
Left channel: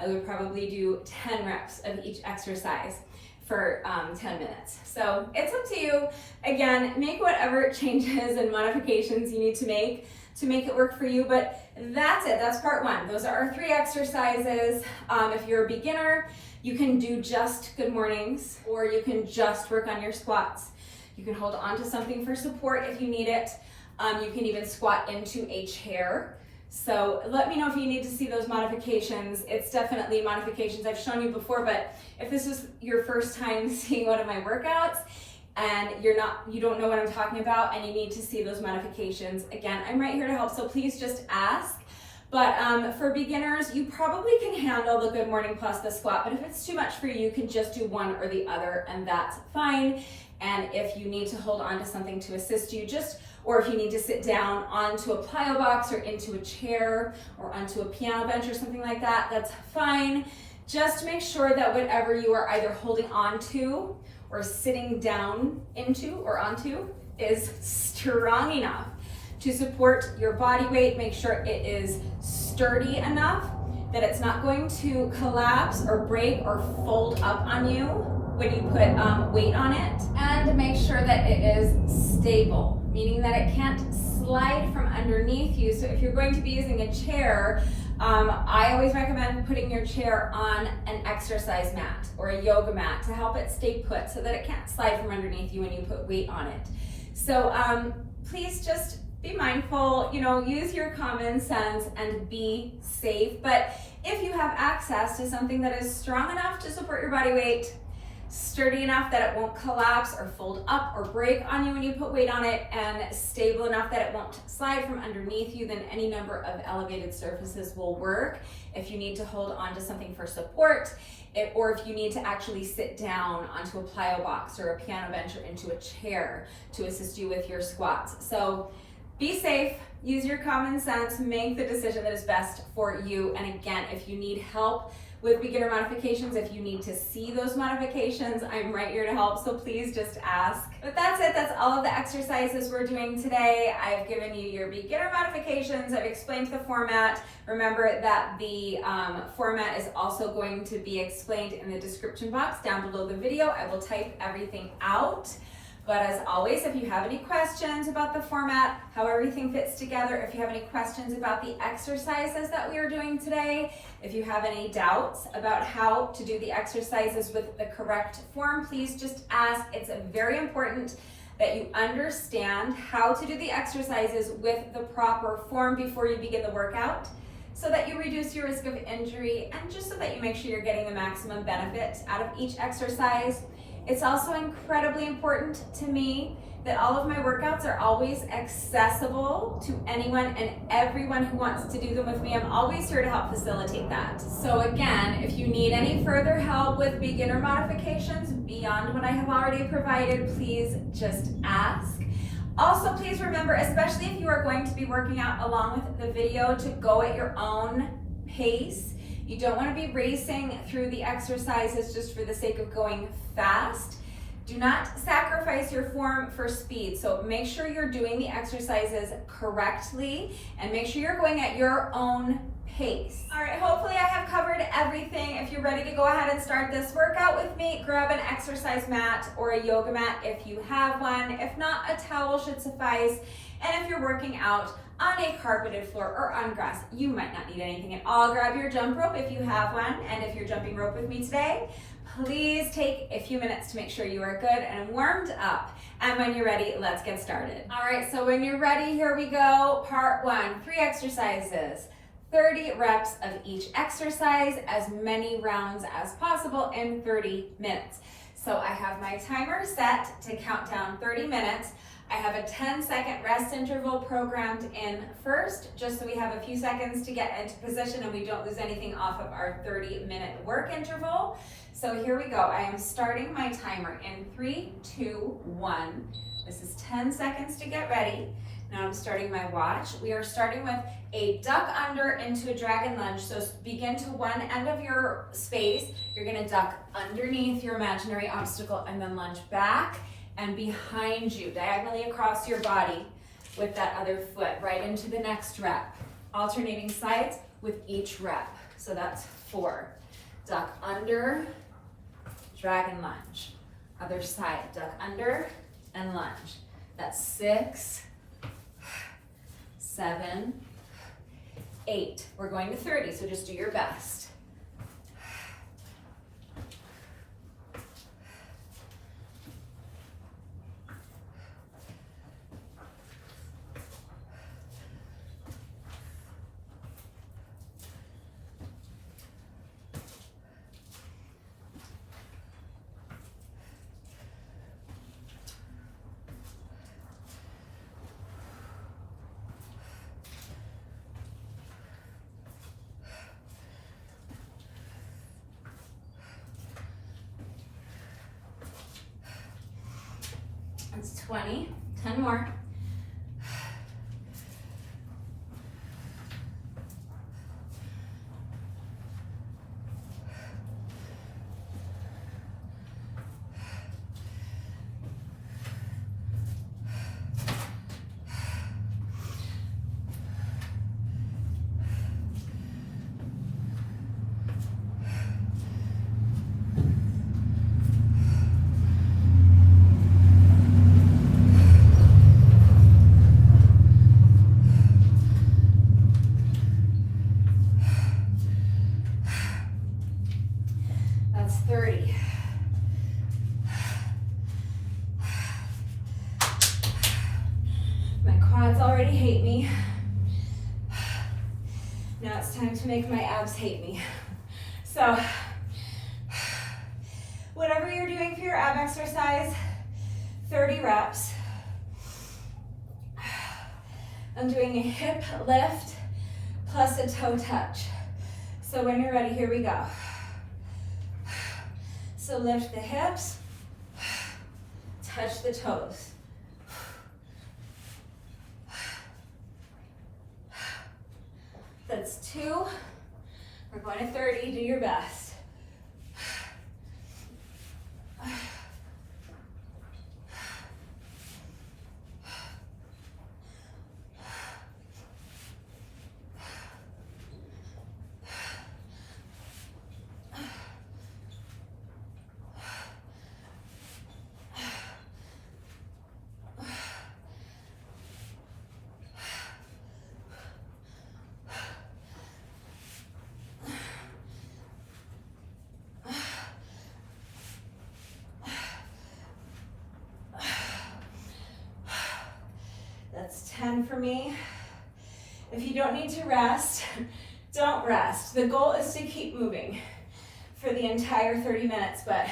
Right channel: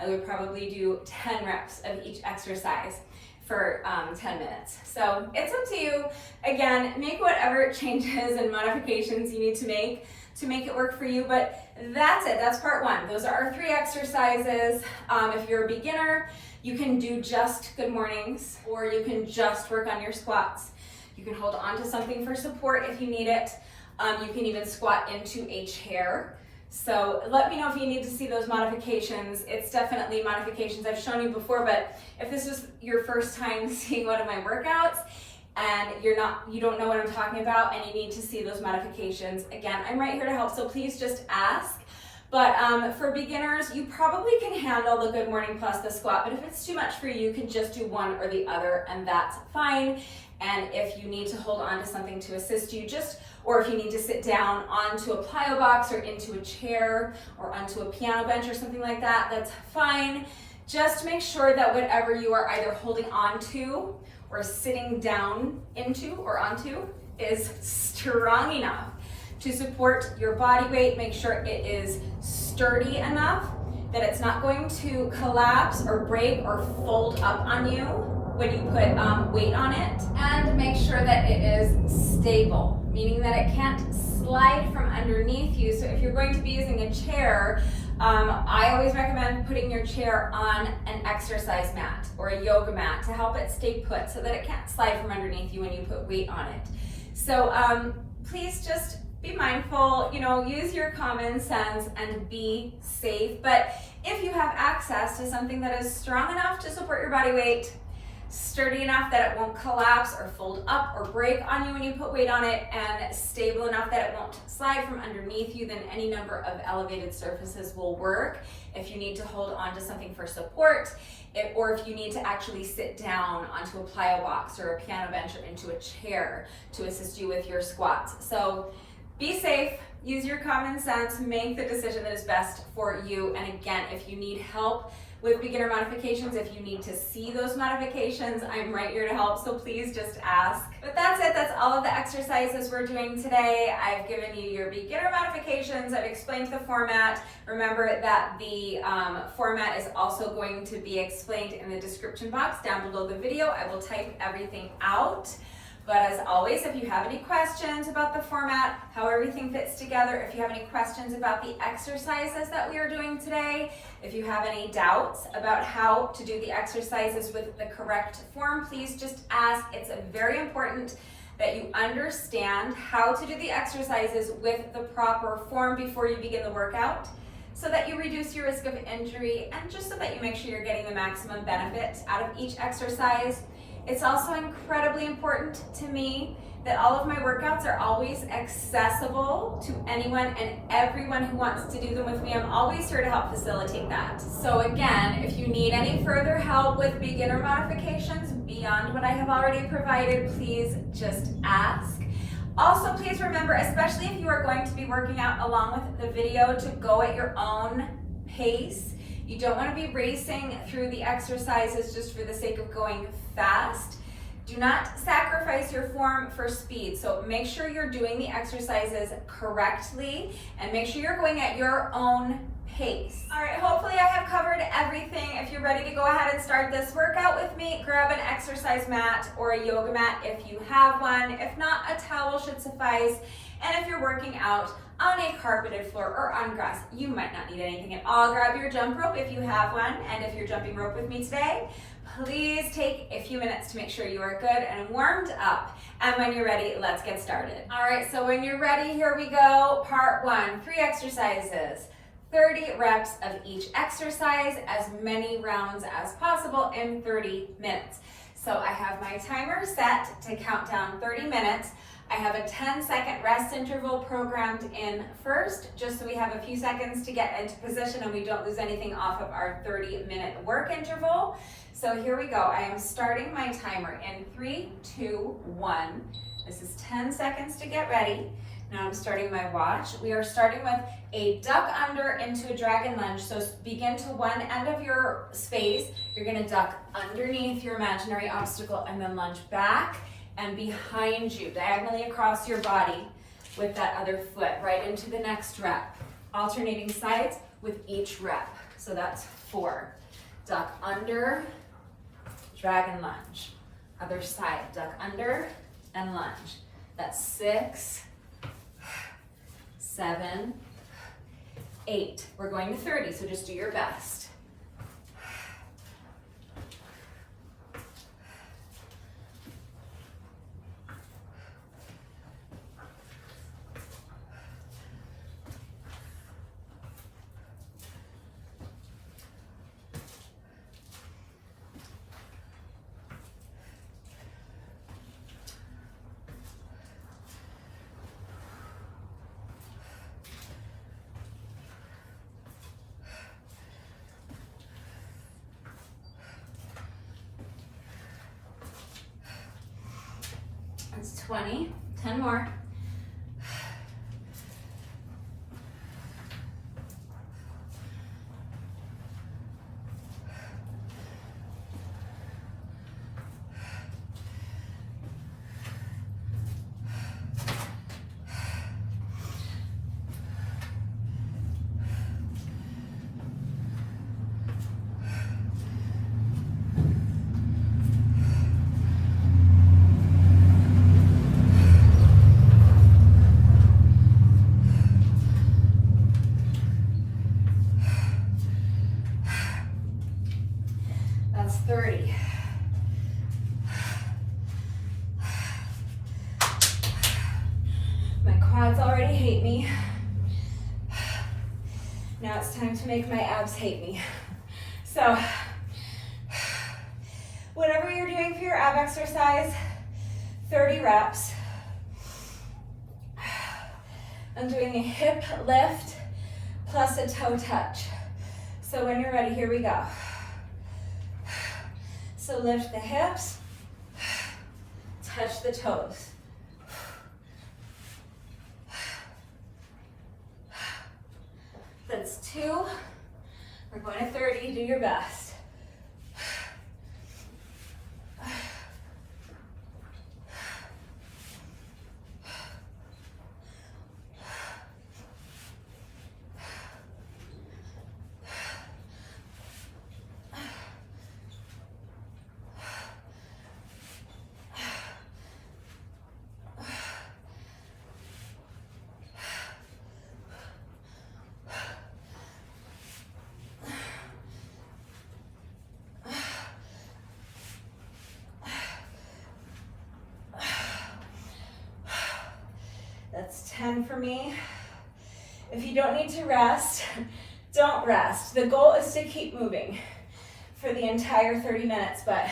I would probably do 10 reps of each exercise for 10 minutes. So it's up to you. Again, make whatever changes and modifications you need to make it work for you, but that's it, that's part 1. Those are our 3 exercises. If you're a beginner, you can do just good mornings, or you can just work on your squats. You can hold on to something for support if you need it. You can even squat into a chair. So let me know if you need to see those modifications. It's definitely modifications I've shown you before, but if this is your first time seeing one of my workouts and you don't know what I'm talking about and you need to see those modifications, again, I'm right here to help, so please just ask. But for beginners, you probably can handle the good morning plus the squat, but if it's too much for you, you can just do one or the other, and that's fine. And if you need to hold on to something to assist you, or if you need to sit down onto a plyo box or into a chair or onto a piano bench or something like that, that's fine. Just make sure that whatever you are either holding on to or sitting down into or onto is strong enough to support your body weight. Make sure it is sturdy enough that it's not going to collapse or break or fold up on you when you put weight on it. And make sure that it is stable, meaning that it can't slide from underneath you. So if you're going to be using a chair, I always recommend putting your chair on an exercise mat or a yoga mat to help it stay put so that it can't slide from underneath you when you put weight on it. So please just be mindful, use your common sense and be safe. But if you have access to something that is strong enough to support your body weight, sturdy enough that it won't collapse or fold up or break on you when you put weight on it, and stable enough that it won't slide from underneath you, then any number of elevated surfaces will work. If you need to hold on to something for support, or if you need to actually sit down onto a plyo box or a piano bench or into a chair to assist you with your squats. So be safe, use your common sense, make the decision that is best for you. And again, if you need help with beginner modifications, if you need to see those modifications, I'm right here to help, so please just ask. But that's it, that's all of the exercises we're doing today. I've given you your beginner modifications, I've explained the format. Remember that the format is also going to be explained in the description box down below the video. I will type everything out. But as always, if you have any questions about the format, how everything fits together, if you have any questions about the exercises that we are doing today, if you have any doubts about how to do the exercises with the correct form, please just ask. It's very important that you understand how to do the exercises with the proper form before you begin the workout, so that you reduce your risk of injury and just so that you make sure you're getting the maximum benefit out of each exercise. It's also incredibly important to me that all of my workouts are always accessible to anyone and everyone who wants to do them with me. I'm always here to help facilitate that. So again, if you need any further help with beginner modifications beyond what I have already provided, please just ask. Also, please remember, especially if you are going to be working out along with the video, to go at your own pace. You don't want to be racing through the exercises just for the sake of going fast. Do not sacrifice your form for speed. So make sure you're doing the exercises correctly and make sure you're going at your own pace. All right, hopefully I have covered everything. If you're ready to go ahead and start this workout with me, grab an exercise mat or a yoga mat if you have one. If not, a towel should suffice. And if you're working out on a carpeted floor or on grass, you might not need anything at all. Grab your jump rope if you have one. And if you're jumping rope with me today, please take a few minutes to make sure you are good and warmed up. And when you're ready, let's get started. All right, so when you're ready, here we go. Part 1, 3 exercises, 30 reps of each exercise, as many rounds as possible in 30 minutes. So I have my timer set to count down 30 minutes. I have a 10-second rest interval programmed in first, just so we have a few seconds to get into position and we don't lose anything off of our 30-minute work interval. So here we go. I am starting my timer in 3, 2, 1. This is 10 seconds to get ready. Now I'm starting my watch. We are starting with a duck under into a dragon lunge. So begin to one end of your space. You're gonna duck underneath your imaginary obstacle and then lunge back and behind you, diagonally across your body with that other foot, right into the next rep. Alternating sides with each rep. So that's 4. Duck under, dragon lunge. Other side, duck under and lunge. That's 6, 7, 8. We're going to 30, so just do your best. That's 20, 10 more. That's 30. My quads already hate me. Now it's time to make my abs hate me. So, whatever you're doing for your ab exercise, 30 reps. I'm doing a hip lift plus a toe touch. So when you're ready, here we go. So lift the hips, touch the toes. That's 2. We're going to 30, do your best. That's 10 for me. If you don't need to rest, don't rest. The goal is to keep moving for the entire 30 minutes, but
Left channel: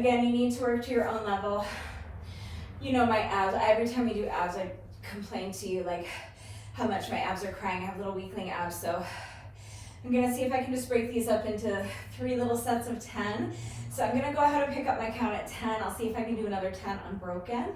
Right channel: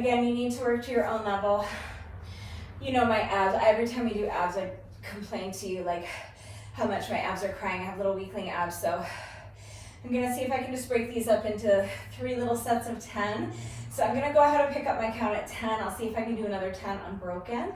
Again, you need to work to your own level. You know my abs, every time we do abs, I complain to you like how much my abs are crying. I have little weakling abs, so I'm gonna see if I can just break these up into 3 little sets of 10. So I'm gonna go ahead and pick up my count at 10. I'll see if I can do another 10 unbroken.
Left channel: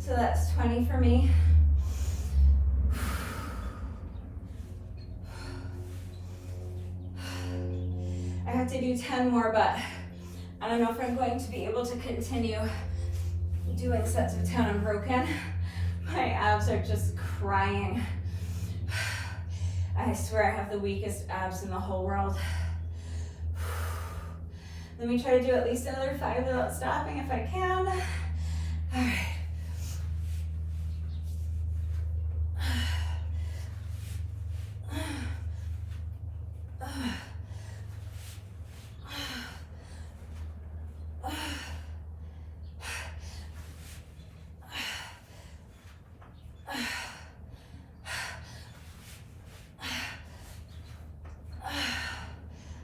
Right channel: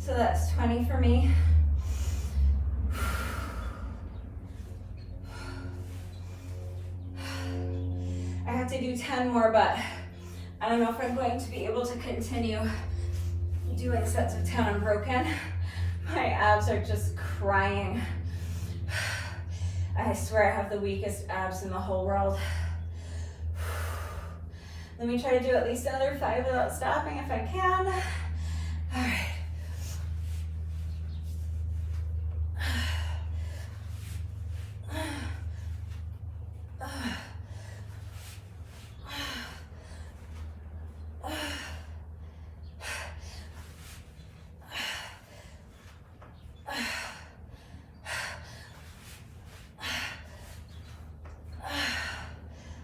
So that's 20 for me. I have to do 10 more, but I don't know if I'm going to be able to continue doing sets of 10 unbroken. My abs are just crying. I swear I have the weakest abs in the whole world. Let me try to do at least another 5 without stopping if I can. All right.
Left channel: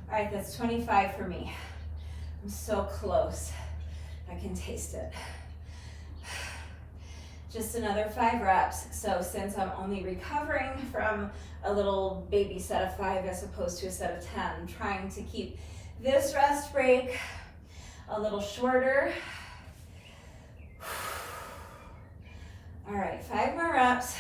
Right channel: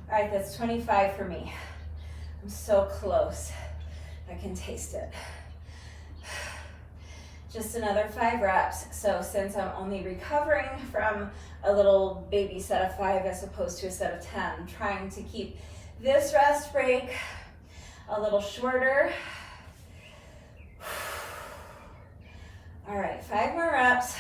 All right, that's 25 for me. I'm so close. I can taste it. Just another 5 reps. So since I'm only recovering from a little baby set of 5 as opposed to a set of 10, I'm trying to keep this rest break a little shorter. All right, 5 more reps.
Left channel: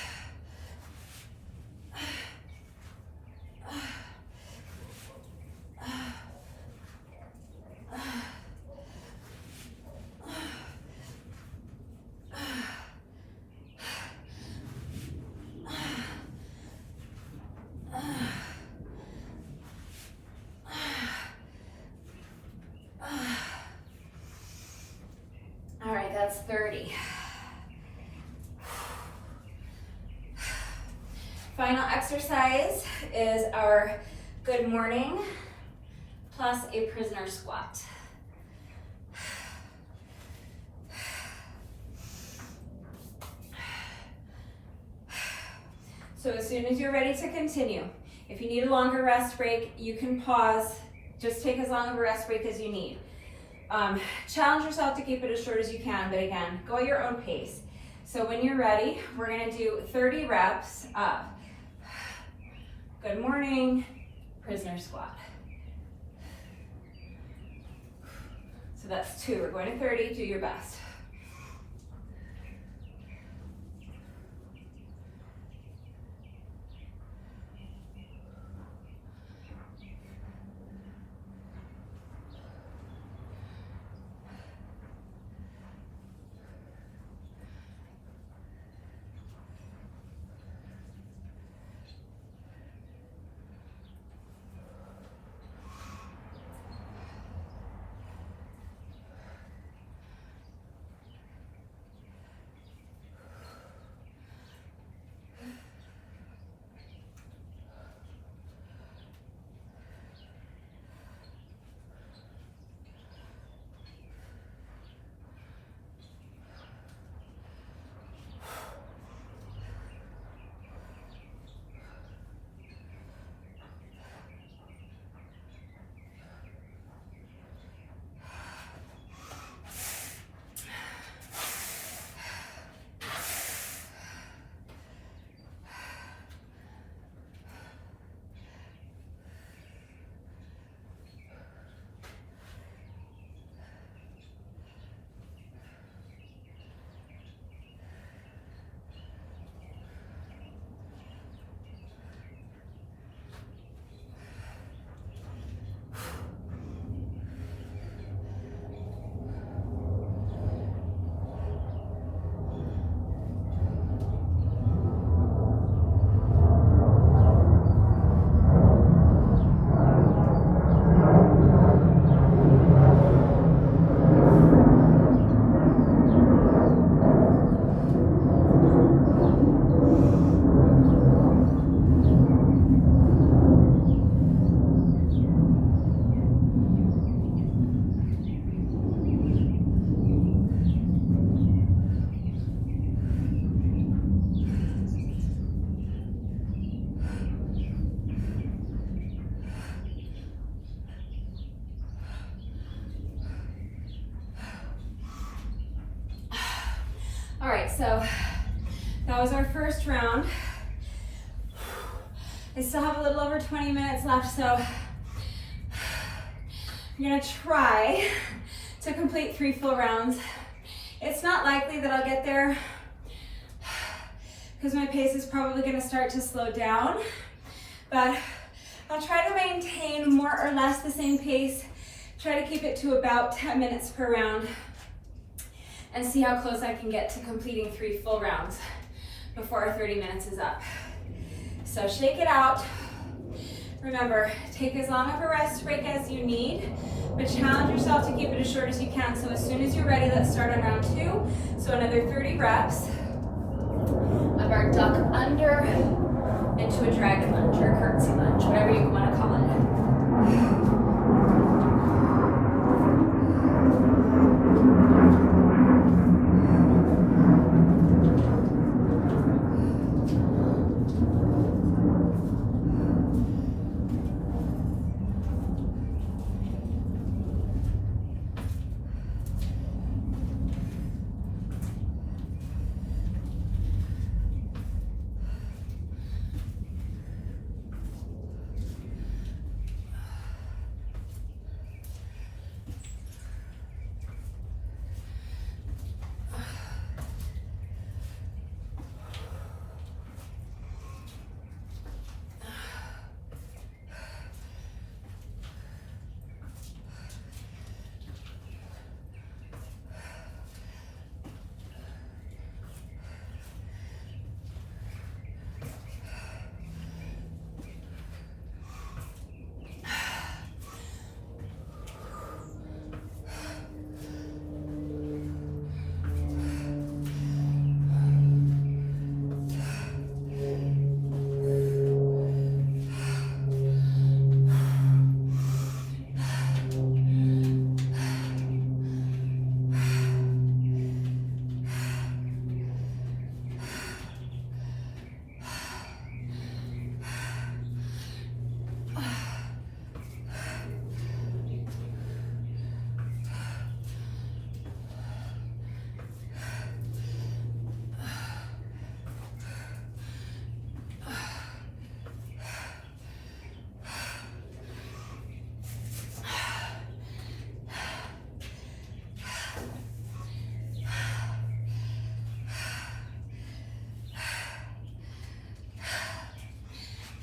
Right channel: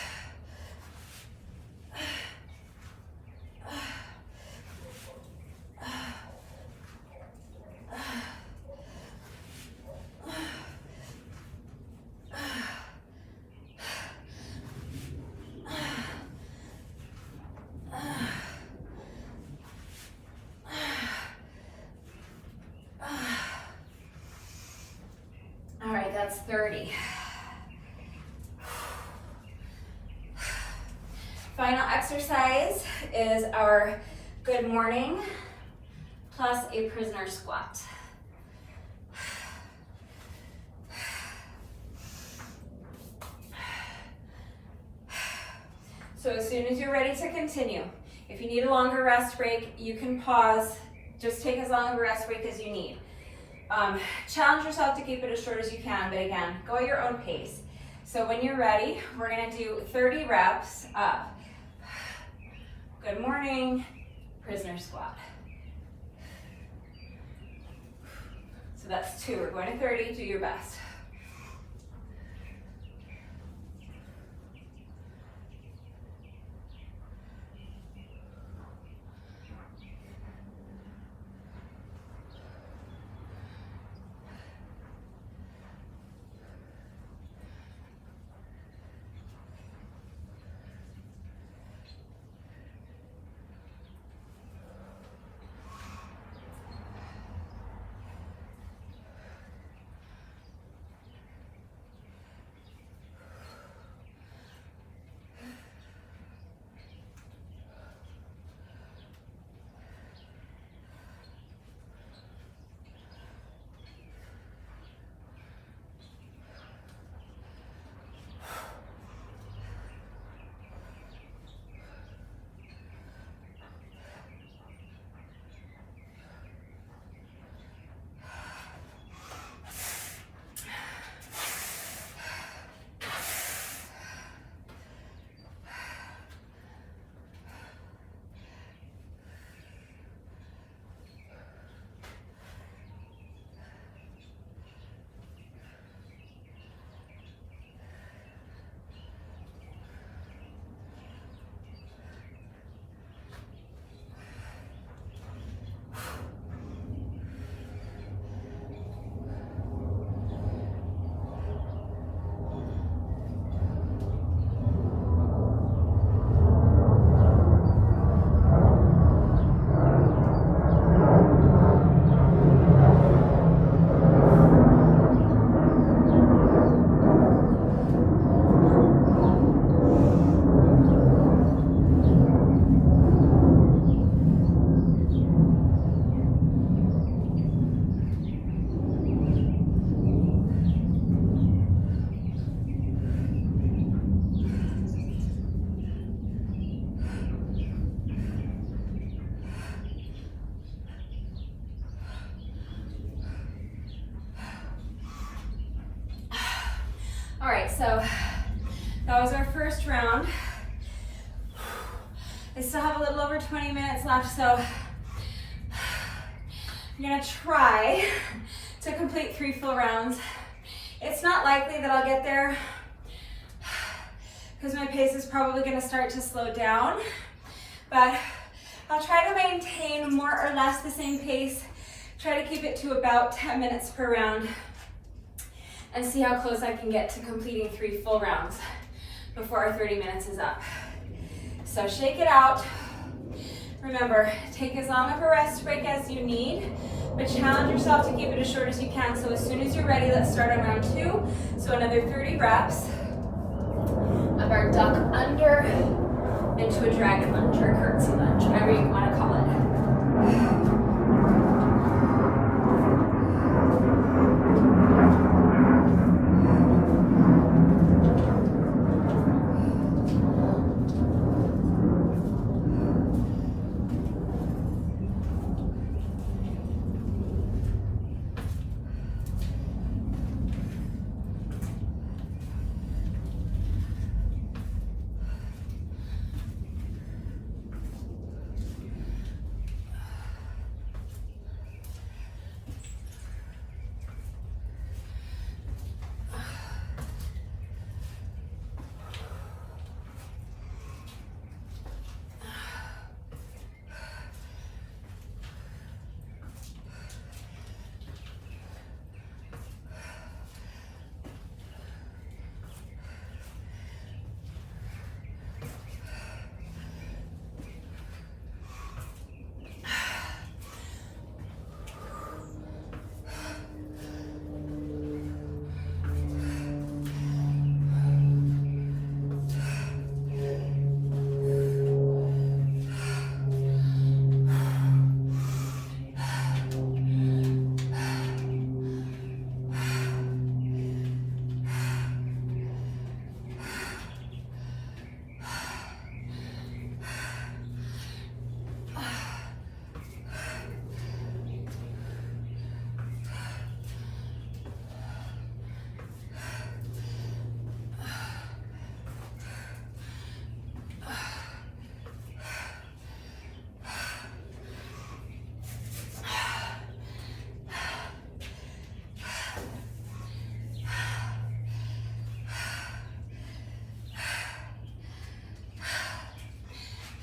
All right, that's 30. Final exercise is our good morning plus a prisoner squat. So as soon as you're ready to continue, if you need a longer rest break, you can pause. Just take as long of a rest break as you need. Challenge yourself to keep it as short as you can, but again, go at your own pace. So when you're ready, we're gonna do 30 reps of good morning, prisoner squat. So that's 2, we're going to 30, do your best. so that was our first round. I still have a little over 20 minutes left, so I'm gonna try to complete 3 full rounds. It's not likely that I'll get there because my pace is probably gonna start to slow down, but I'll try to maintain more or less the same pace, try to keep it to about 10 minutes per round, and see how close I can get to completing 3 full rounds before our 30 minutes is up. So shake it out. Remember, take as long of a rest break as you need, but challenge yourself to keep it as short as you can. So as soon as you're ready, let's start on round 2. So another 30 reps of our duck under into a dragon lunge or curtsy lunge, whatever you want to call it.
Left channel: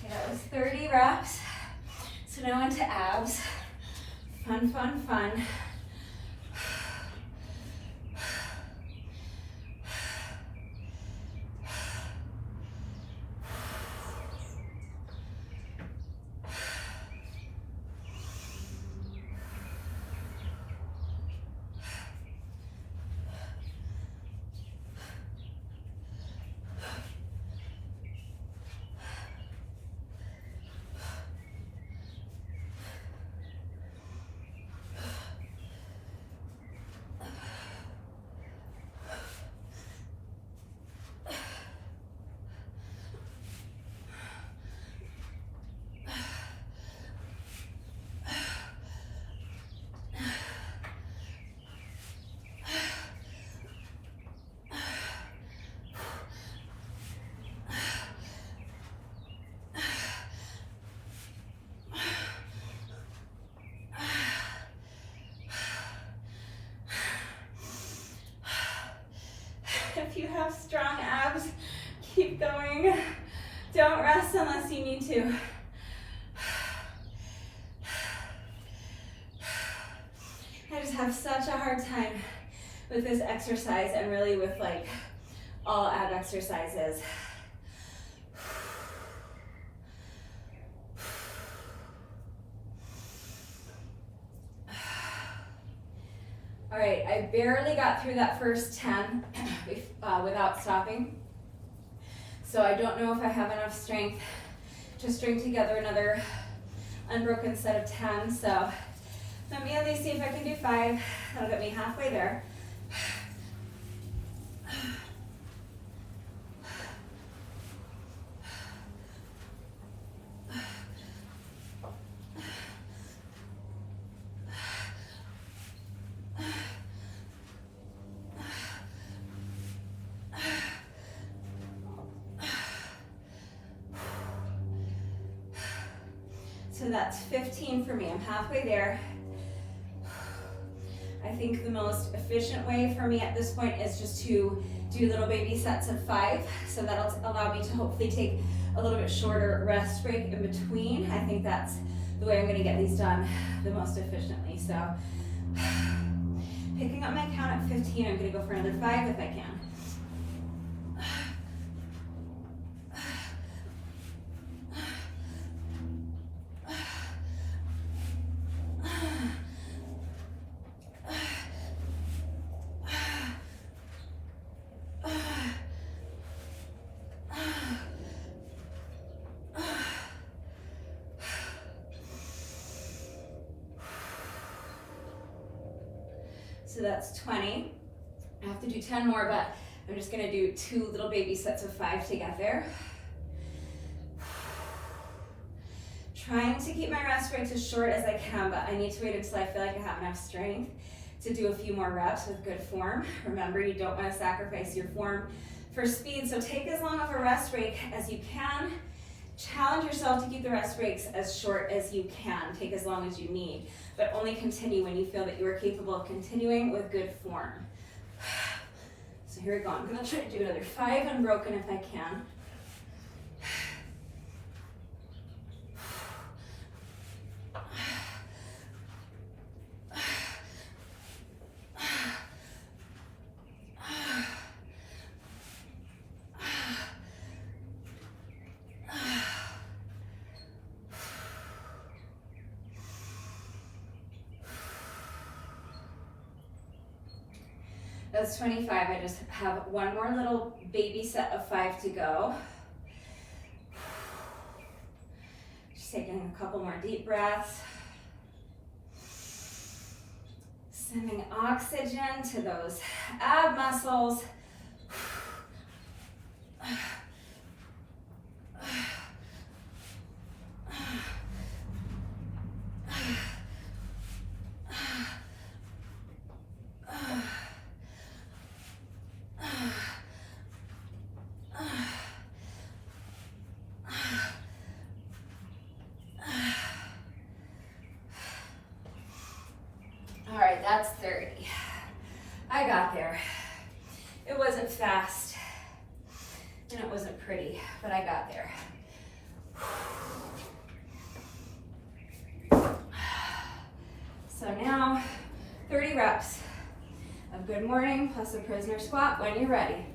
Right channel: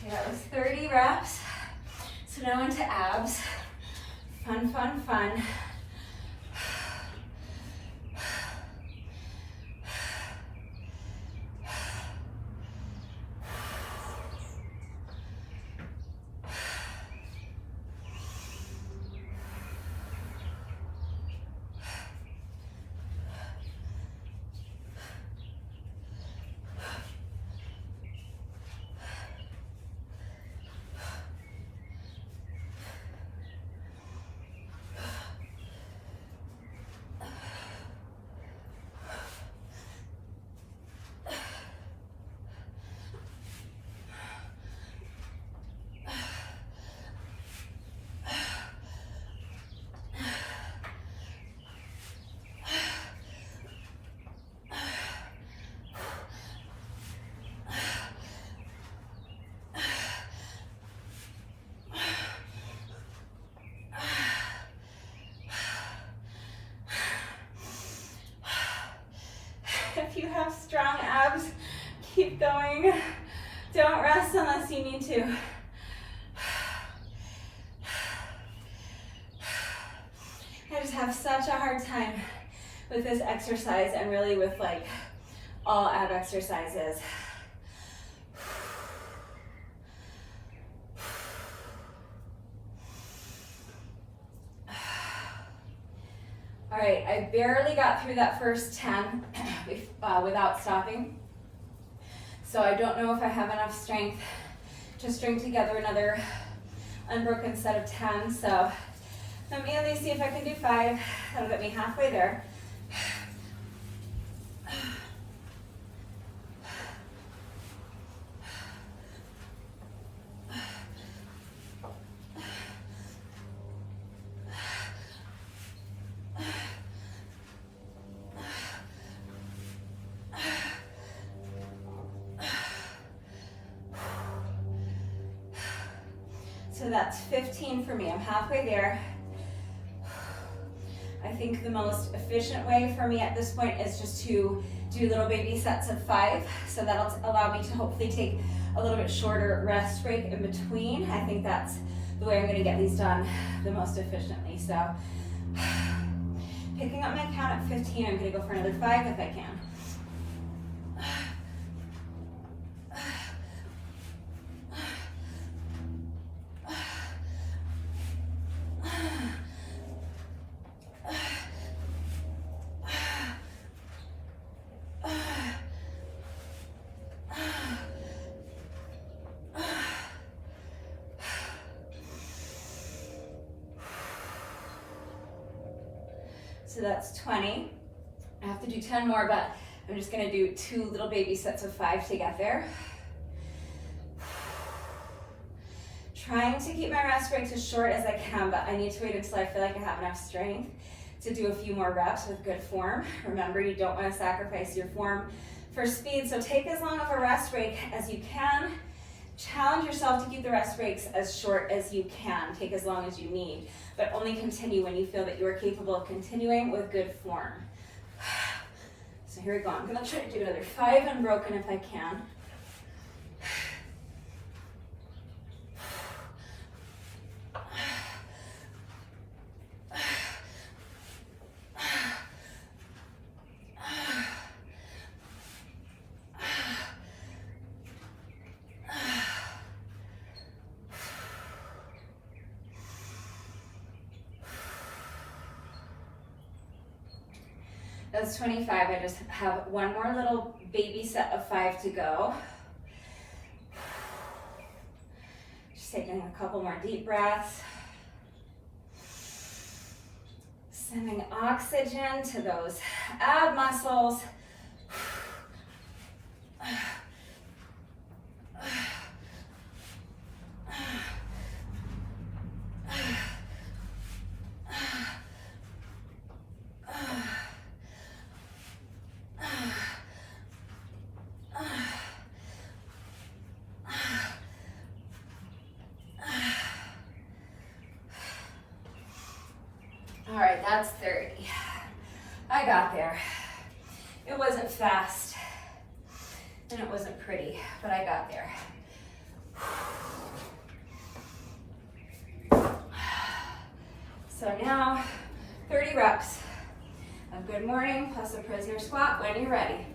That was 30 reps. So now into abs. Fun, fun, fun. If you have strong abs, keep going. Don't rest unless you need to. I just have such a hard time with this exercise and really with like all ab exercises. All right, I barely got through that first 10 without stopping. So I don't know if I have enough strength to string together another unbroken set of 10. So let me at least see if I can do 5. That'll get me halfway there. So that's 15 for me. I'm halfway there. I think the most efficient way for me at this point is just to do little baby sets of 5. So that'll allow me to hopefully take a little bit shorter rest break in between. I think that's the way I'm gonna get these done the most efficiently. So picking up my count at 15, I'm gonna go for another 5 if I can. So that's 20. I have to do 10 more, but I'm just gonna do 2 little baby sets of 5 to get there. Trying to keep my rest breaks as short as I can, but I need to wait until I feel like I have enough strength to do a few more reps with good form. Remember, you don't want to sacrifice your form for speed, so take as long of a rest break as you can. Challenge yourself to keep the rest breaks as short as you can. Take as long as you need, but only continue when you feel that you are capable of continuing with good form. So here we go. I'm gonna try to do another 5 unbroken if I can. That's 25. I just have one more little baby set of 5 to go. Just taking a couple more deep breaths. Sending oxygen to those ab muscles. All right, that's 30. I got there. It wasn't fast and it wasn't pretty, but I got there. So now 30 reps of good morning plus a prisoner squat when you're ready.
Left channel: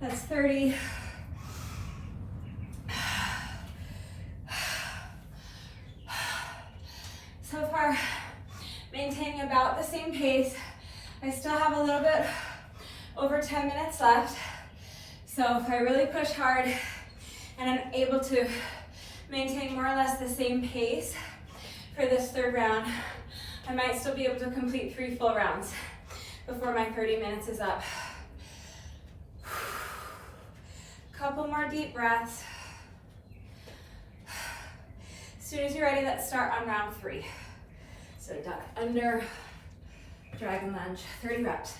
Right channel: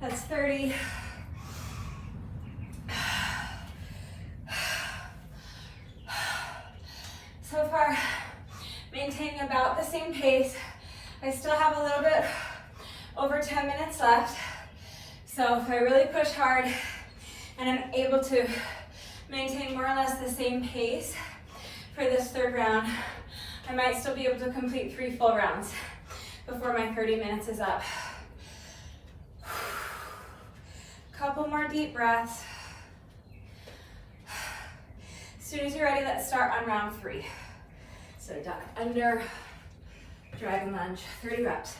That's 30. So far, maintaining about the same pace. I still have a little bit over 10 minutes left. So if I really push hard and I'm able to maintain more or less the same pace for this third round, I might still be able to complete 3 full rounds before my 30 minutes is up. Couple more deep breaths. As soon as you're ready, let's start on round 3. So duck under, dragon lunge, 30 reps.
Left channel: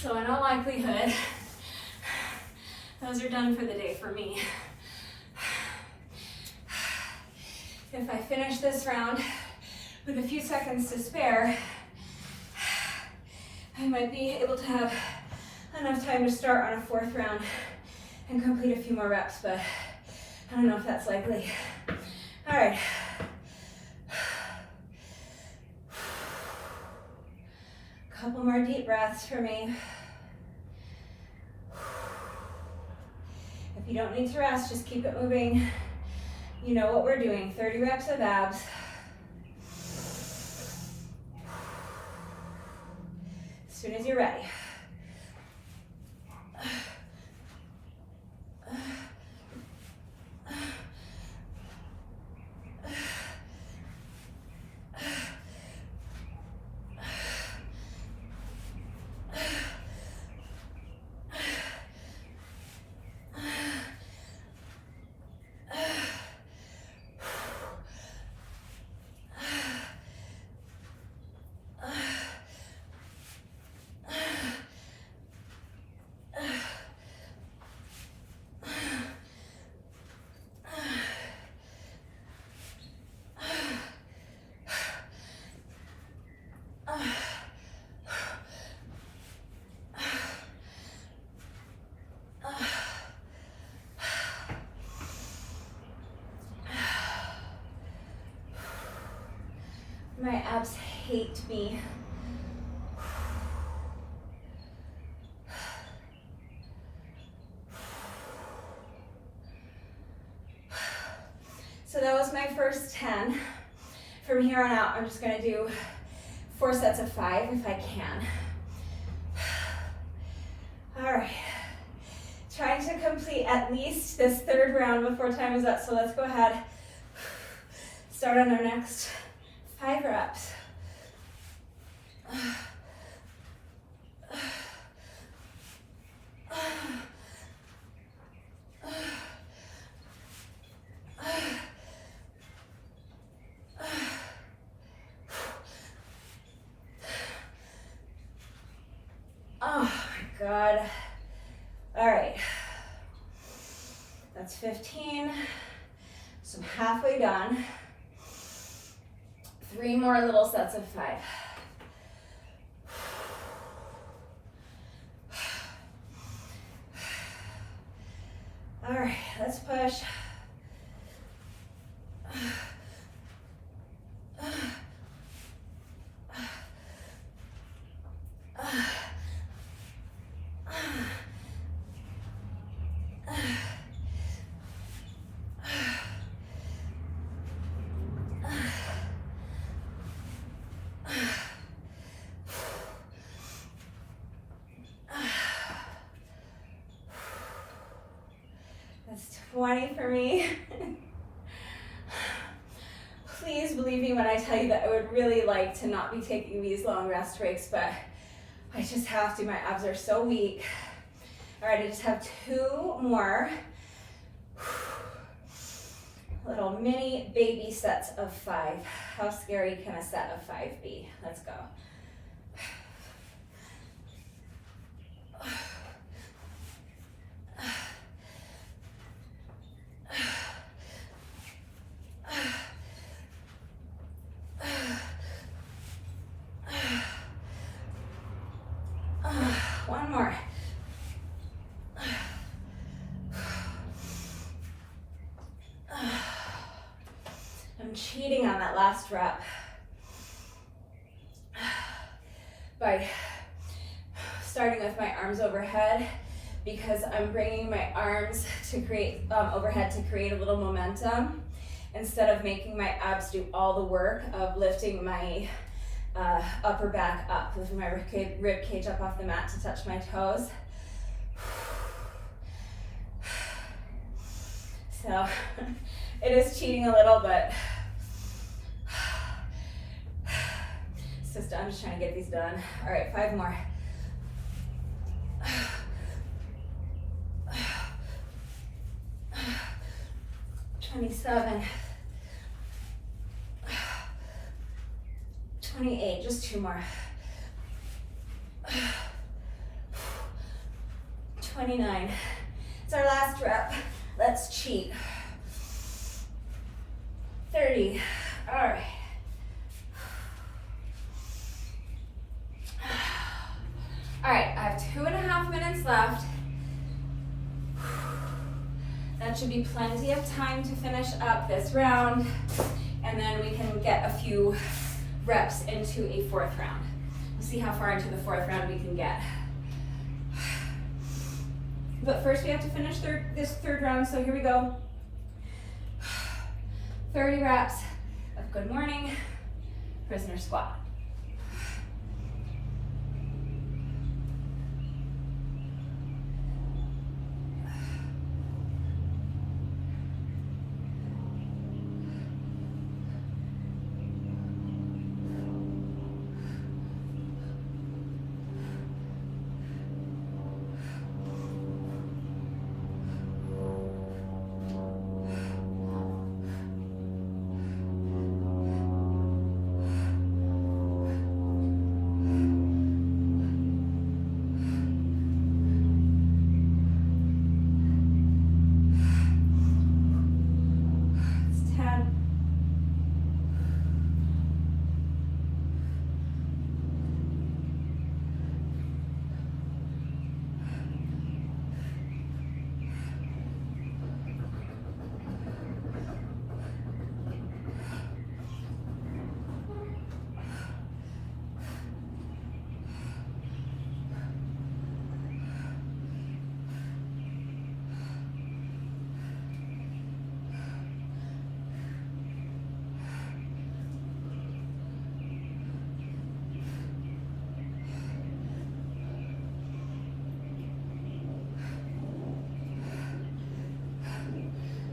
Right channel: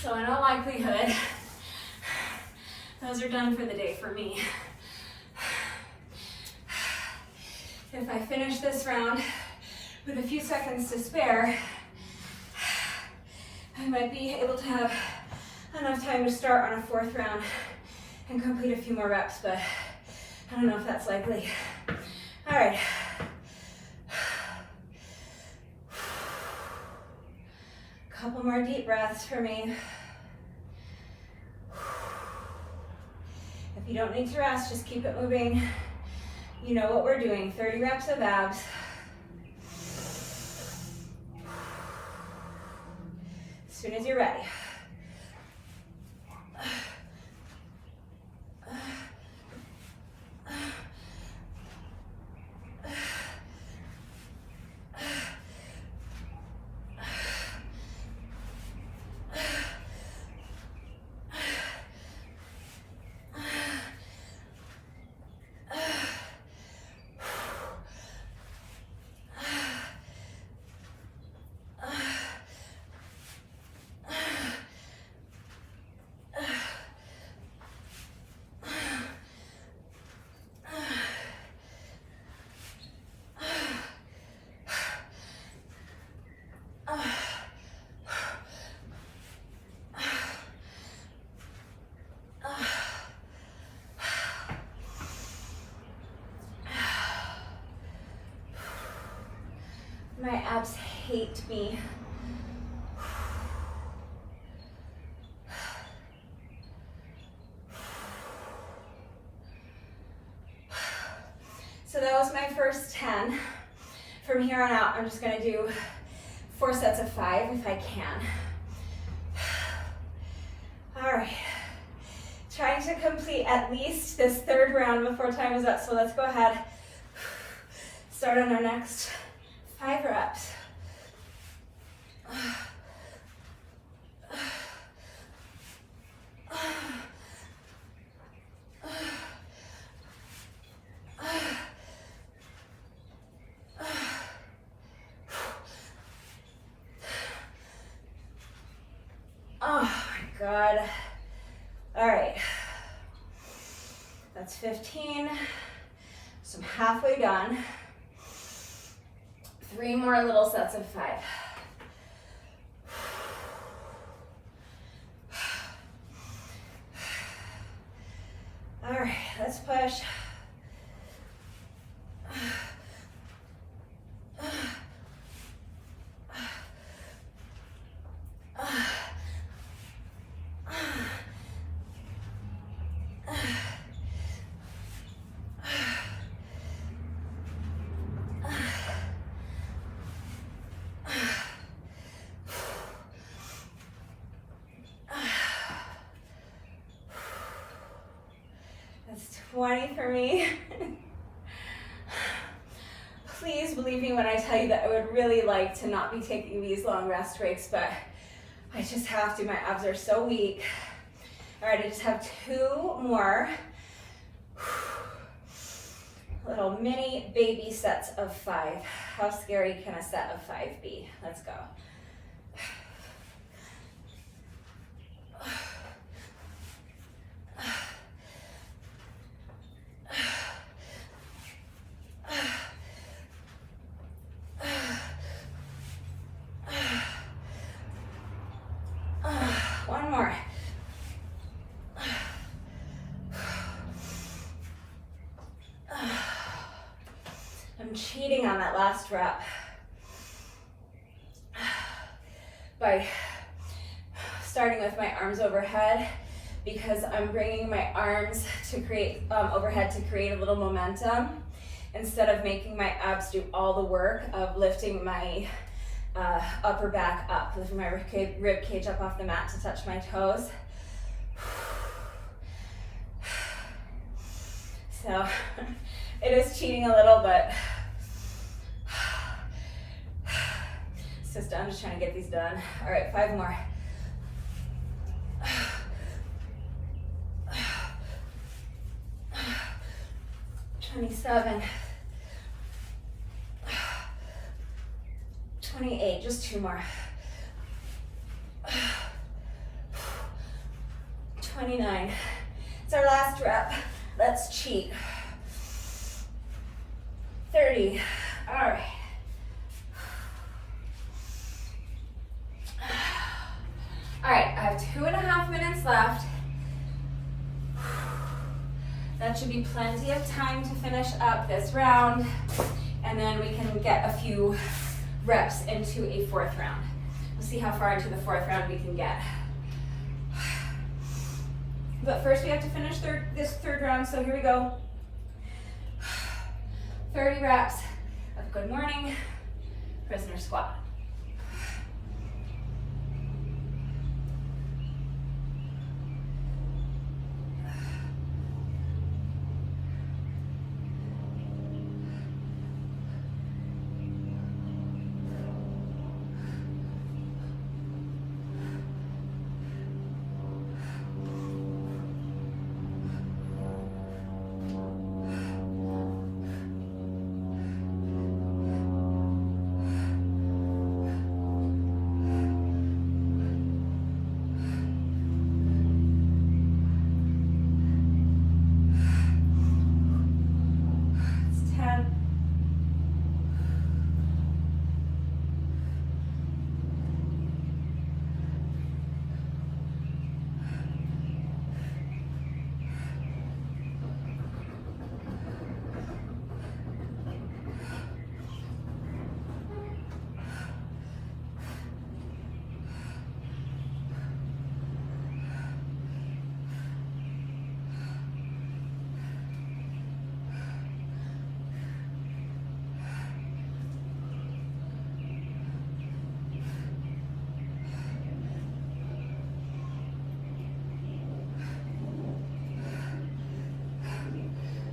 So in all likelihood, those are done for the day for me. If I finish this round with a few seconds to spare, I might be able to have enough time to start on a 4th round and complete a few more reps, but I don't know if that's likely. All right. Couple more deep breaths for me. If you don't need to rest, just keep it moving. You know what we're doing, 30 reps of abs. As soon as you're ready. My abs hate me. So that was my first 10. From here on out, I'm just gonna do 4 sets of 5 if I can. All right. Trying to complete at least this 3rd round before time is up, so let's go ahead. Start on our next 5 reps. Good. All right. That's 15. So I'm halfway done. 3 more little sets of 5. All right, let's push. That's 20 for me. Please believe me when I tell you that I would really like to not be taking these long rest breaks, but I just have to. My abs are so weak. All right, I just have 2 more. Little mini baby sets of 5. How scary can a set of 5 be? Let's go. One more. I'm cheating on that last rep by starting with my arms overhead because I'm bringing my arms to create overhead to create a little momentum instead of making my abs do all the work of lifting my upper back up, lifting my rib cage up off the mat to touch my toes. So it is cheating a little, but I'm just trying to get these done. All right, 5 more. 27. 28, just 2 more. 29. It's our last rep. Let's cheat. 30. All right. All right, I have 2.5 minutes left. That should be plenty of time to finish up this round, and then we can get a few reps into a 4th round. We'll see how far into the 4th round we can get. But first we have to finish this 3rd round, so here we go. 30 reps of good morning prisoner squat.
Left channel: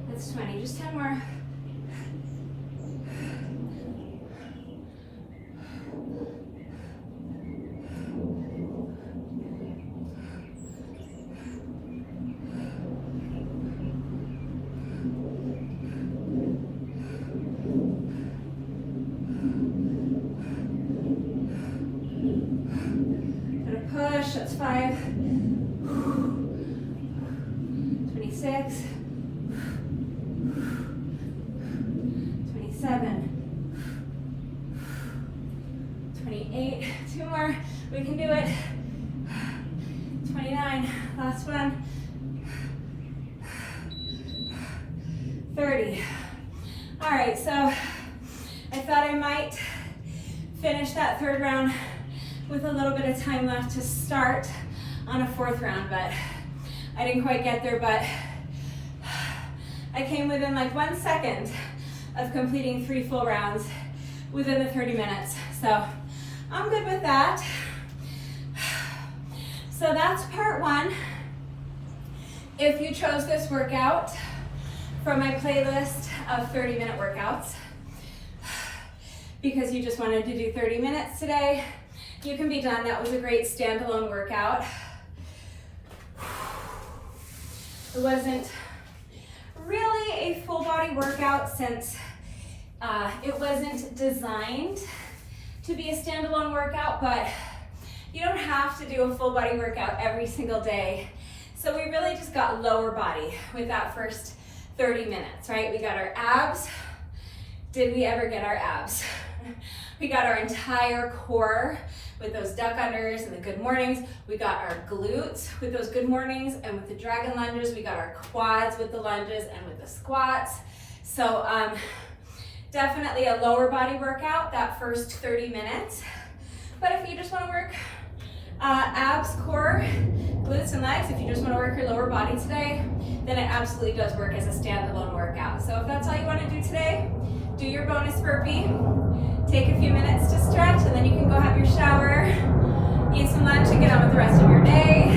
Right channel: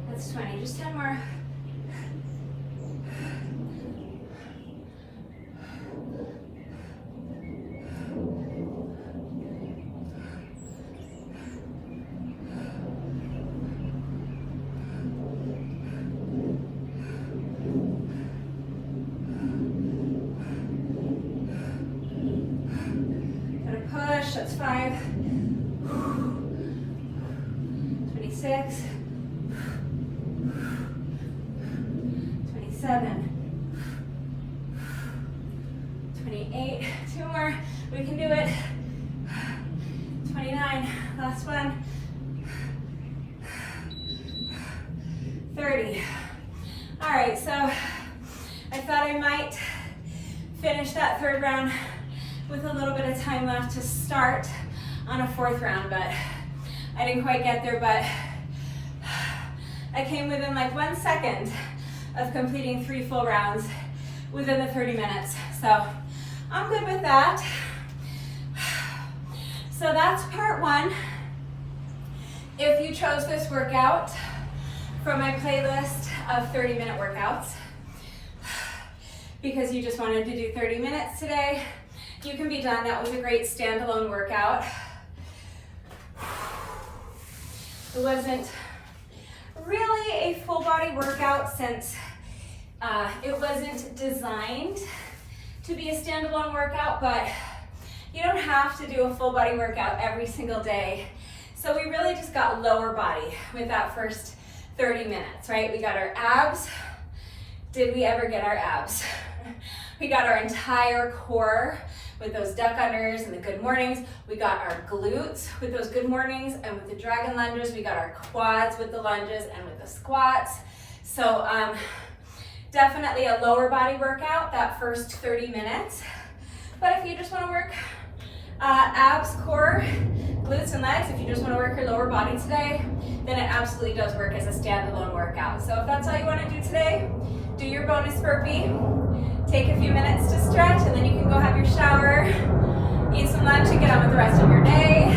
That's 20, just 10 more. Gonna push, that's 5. 27, 28, 2 more, we can do it. 29, last one. 30. All right, so I thought I might finish that third round with a little bit of time left to start on a fourth round, but I didn't quite get there, but I came within like 1 second of completing 3 full rounds within the 30 minutes. So I'm good with that. So that's part 1. If you chose this workout from my playlist of 30-minute workouts, because you just wanted to do 30 minutes today, you can be done. That was a great standalone workout. It wasn't really a full body workout since it wasn't designed to be a standalone workout, but you don't have to do a full body workout every single day. So we really just got lower body with that first 30 minutes, right? We got our abs. Did we ever get our abs? We got our entire core with those duck unders and the good mornings. We got our glutes with those good mornings, and with the dragon lunges, we got our quads with the lunges and with the squats. So definitely a lower body workout that first 30 minutes. But if you just want to work abs, core, glutes, and legs, if you just want to work your lower body today, then it absolutely does work as a standalone workout. So if that's all you want to do today, do your bonus burpee, take a few minutes to stretch, and then you can go have your shower, eat some lunch, and get on with the rest of your day.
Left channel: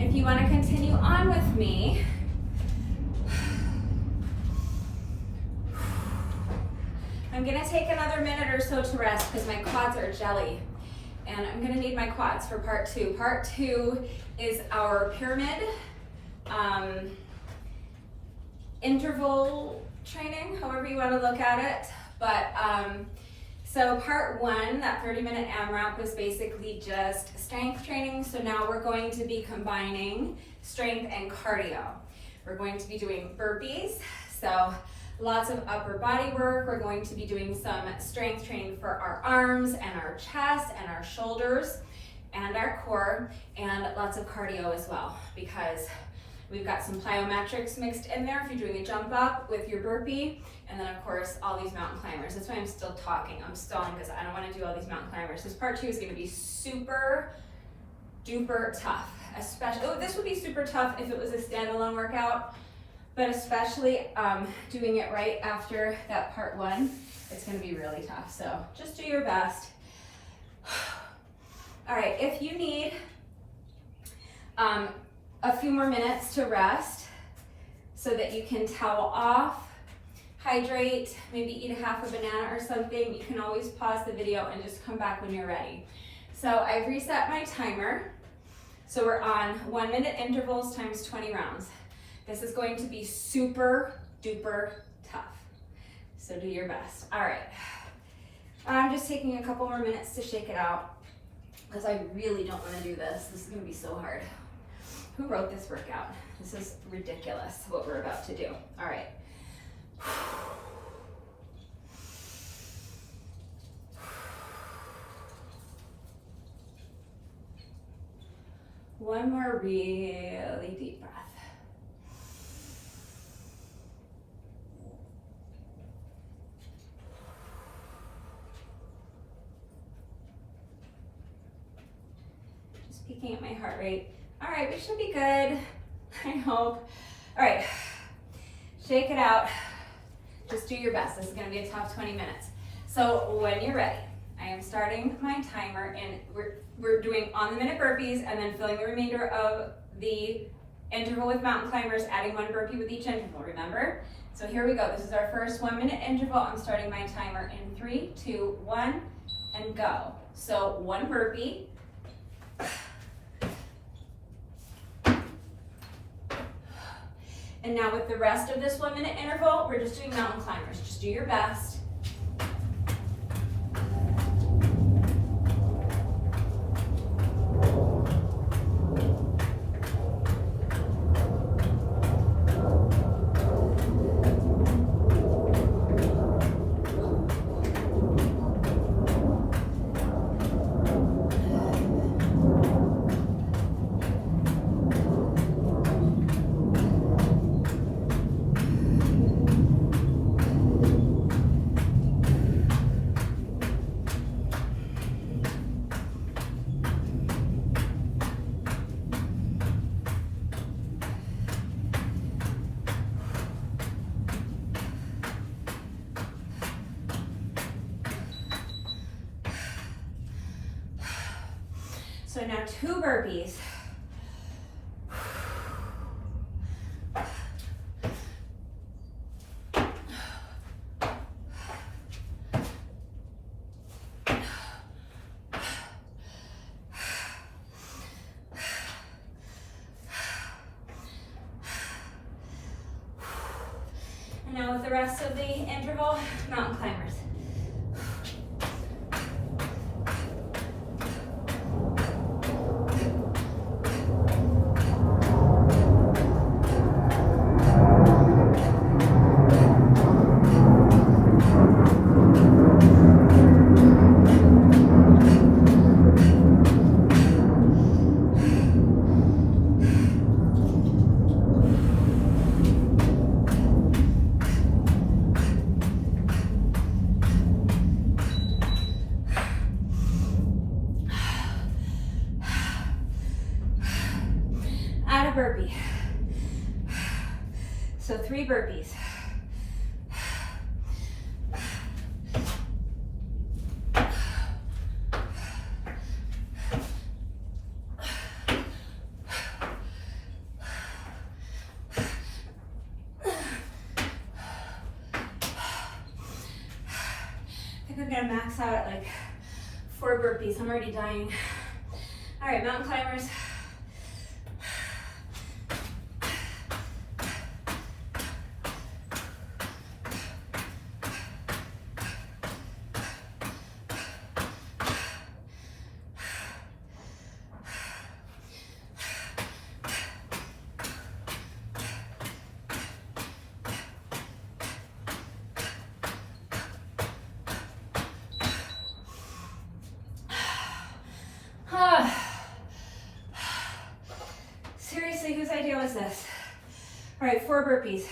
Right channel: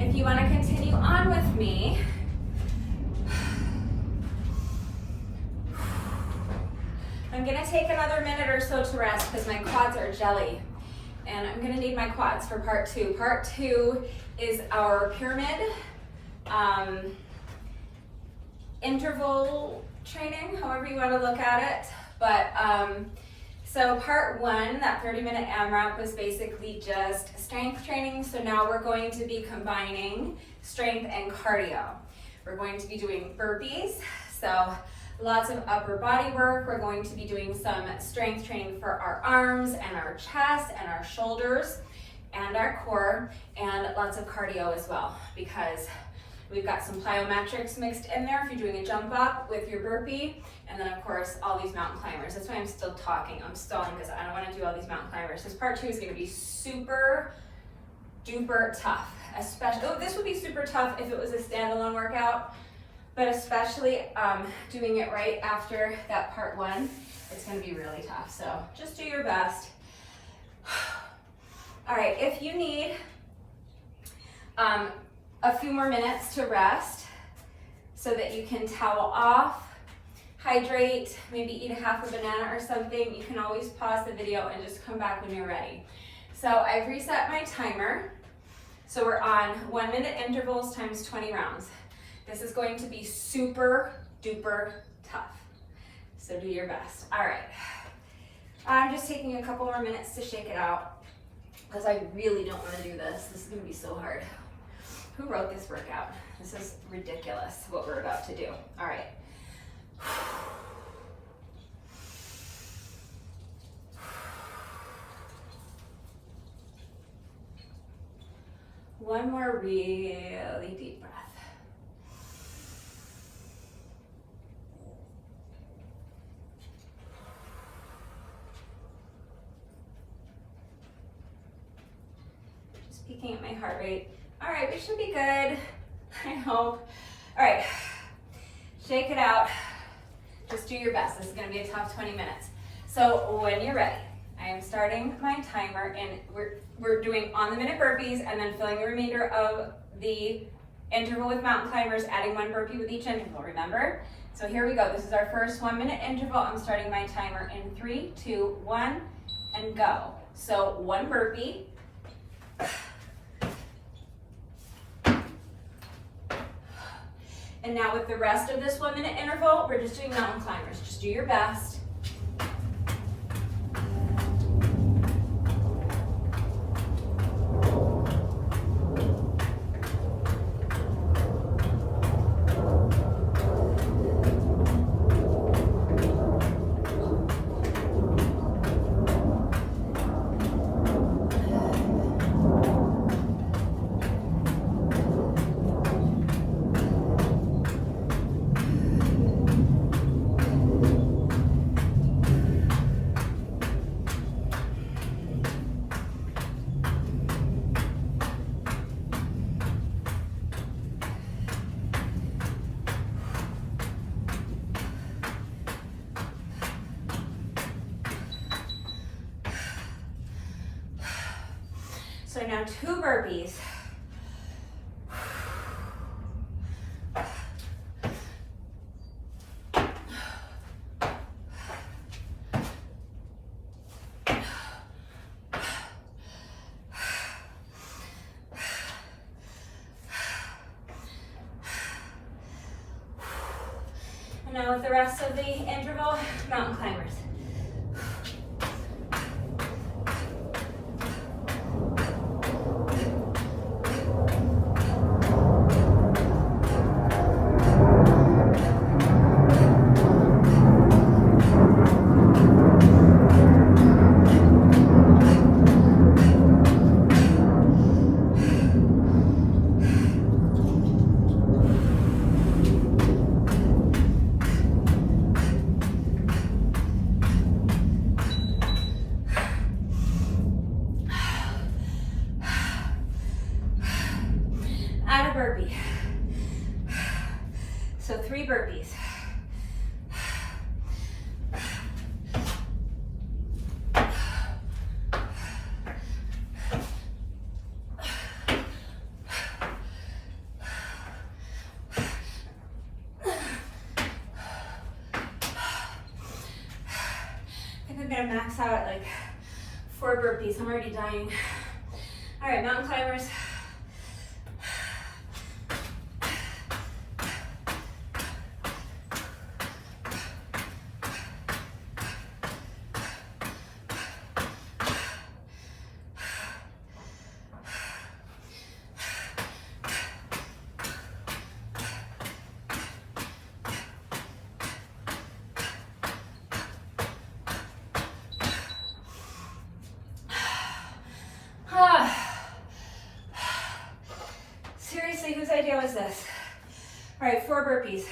If you want to continue on with me, I'm going to take another minute or so to rest because my quads are jelly, and I'm going to need my quads for part 2. Part 2 is our pyramid interval training, however you want to look at it. But so part 1, that 30-minute AMRAP, was basically just strength training. So now we're going to be combining strength and cardio. We're going to be doing burpees. So lots of upper body work. We're going to be doing some strength training for our arms and our chest and our shoulders and our core, and lots of cardio as well, because we've got some plyometrics mixed in there if you're doing a jump up with your burpee, and then of course all these mountain climbers. That's why I'm still talking. I'm stalling because I don't want to do all these mountain climbers. This part 2 is going to be super duper tough. Especially, this would be super tough if it was a standalone workout. But especially doing it right after that part 1, it's going to be really tough. So just do your best. All right, if you need a few more minutes to rest so that you can towel off, hydrate, maybe eat a half a banana or something, you can always pause the video and just come back when you're ready. So I've reset my timer. So we're on 1-minute intervals times 20 rounds. This is going to be super duper tough. So do your best. All right. I'm just taking a couple more minutes to shake it out because I really don't want to do this. This is going to be so hard. Who wrote this workout? This is ridiculous what we're about to do. All right. One more really deep breath. Just peeking at my heart rate. All right, we should be good, I hope. All right, shake it out. Just do your best. This is gonna be a tough 20 minutes. So when you're ready, I am starting my timer, and we're doing on-the-minute burpees and then filling the remainder of the interval with mountain climbers, adding 1 burpee with each interval, remember? So here we go. This is our first 1-minute interval. I'm starting my timer in 3, 2, 1, and go. So 1 burpee. And now with the rest of this 1-minute interval, we're just doing mountain climbers. Just do your best. So now 2 burpees. And now with the rest of the interval, mountain climbers. Add a burpee. So 3 burpees. I think I'm gonna max out at like 4 burpees. I'm already dying. All right, mountain climbers. Seriously, whose idea was this? All right, 4 burpees.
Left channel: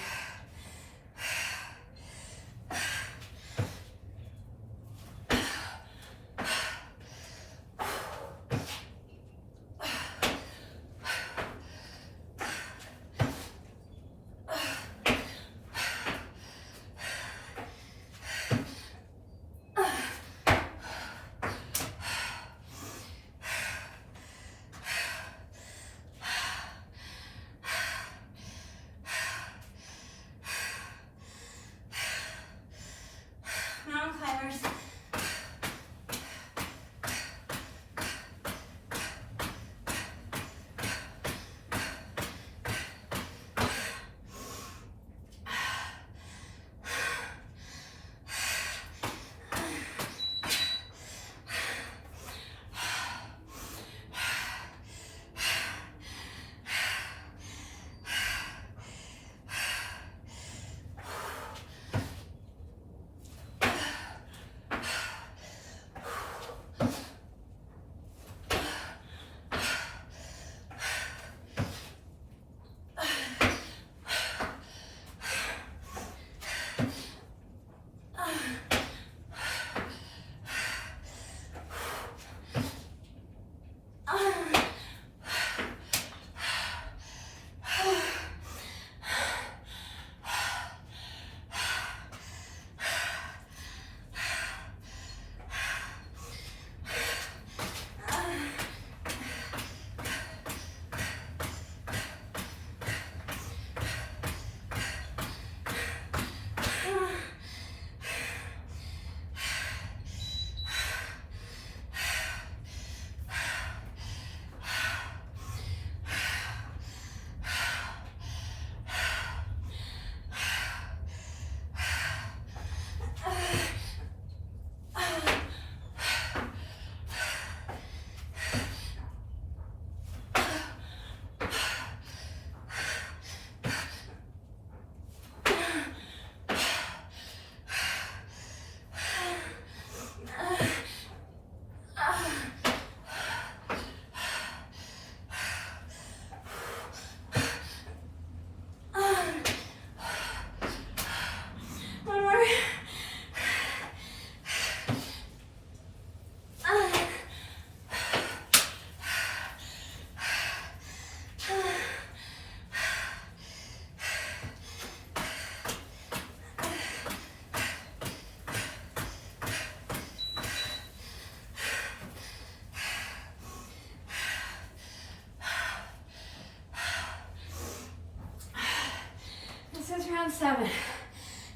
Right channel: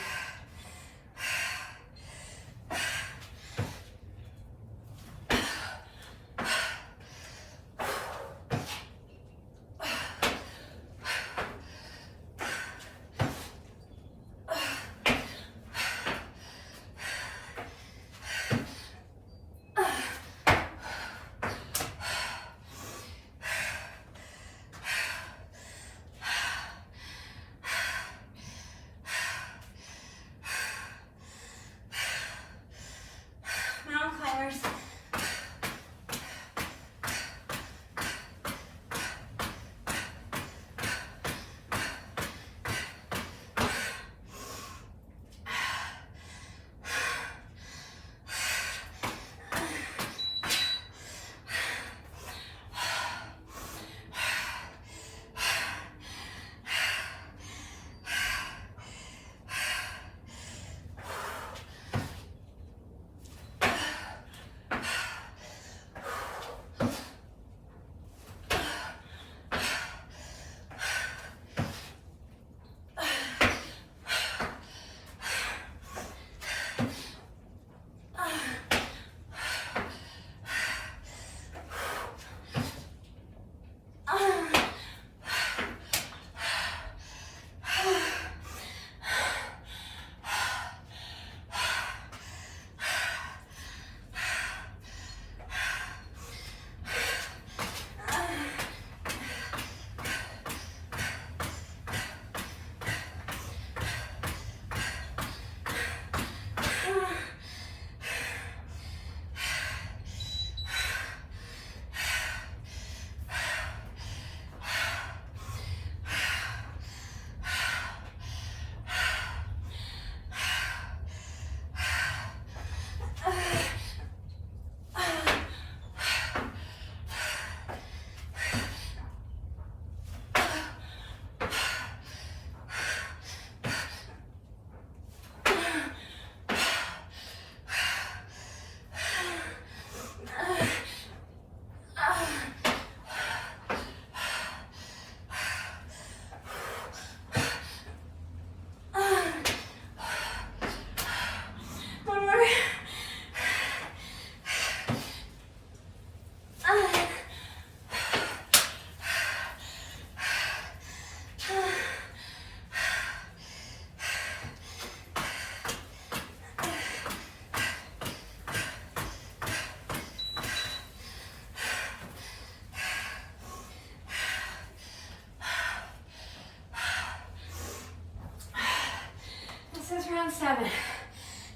on 7.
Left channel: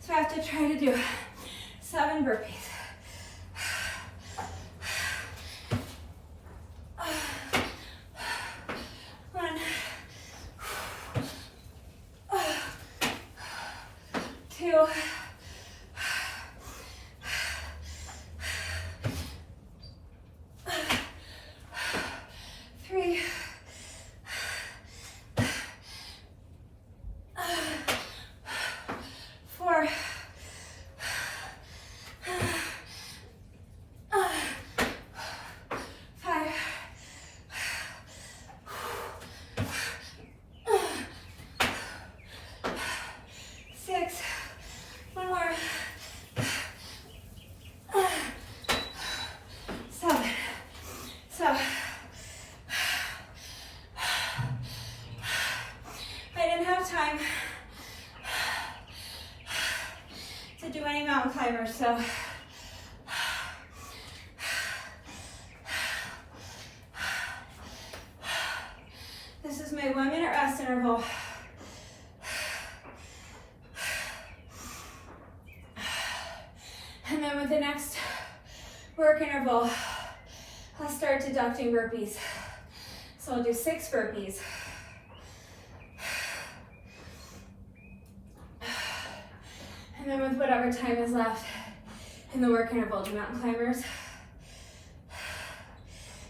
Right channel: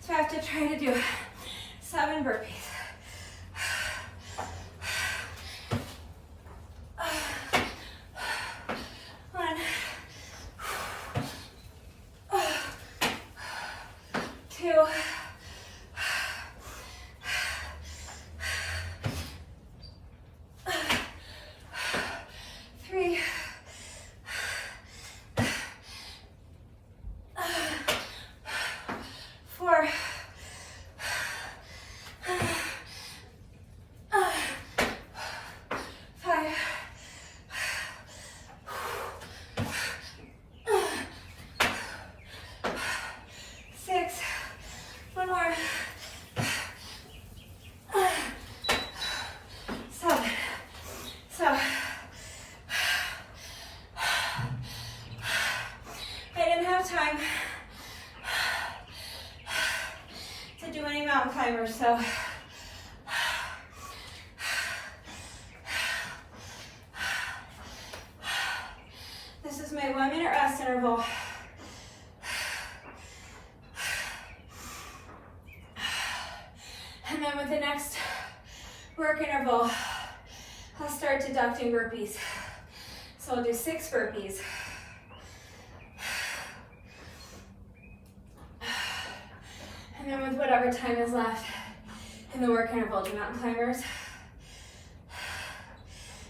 So I have to try to do 7 burpees. So this is my 1 minute rest interval. And then with the next work interval, I'll start deducting burpees. So I'll do 6 burpees. And then with whatever time is left in the work interval, do mountain climbers.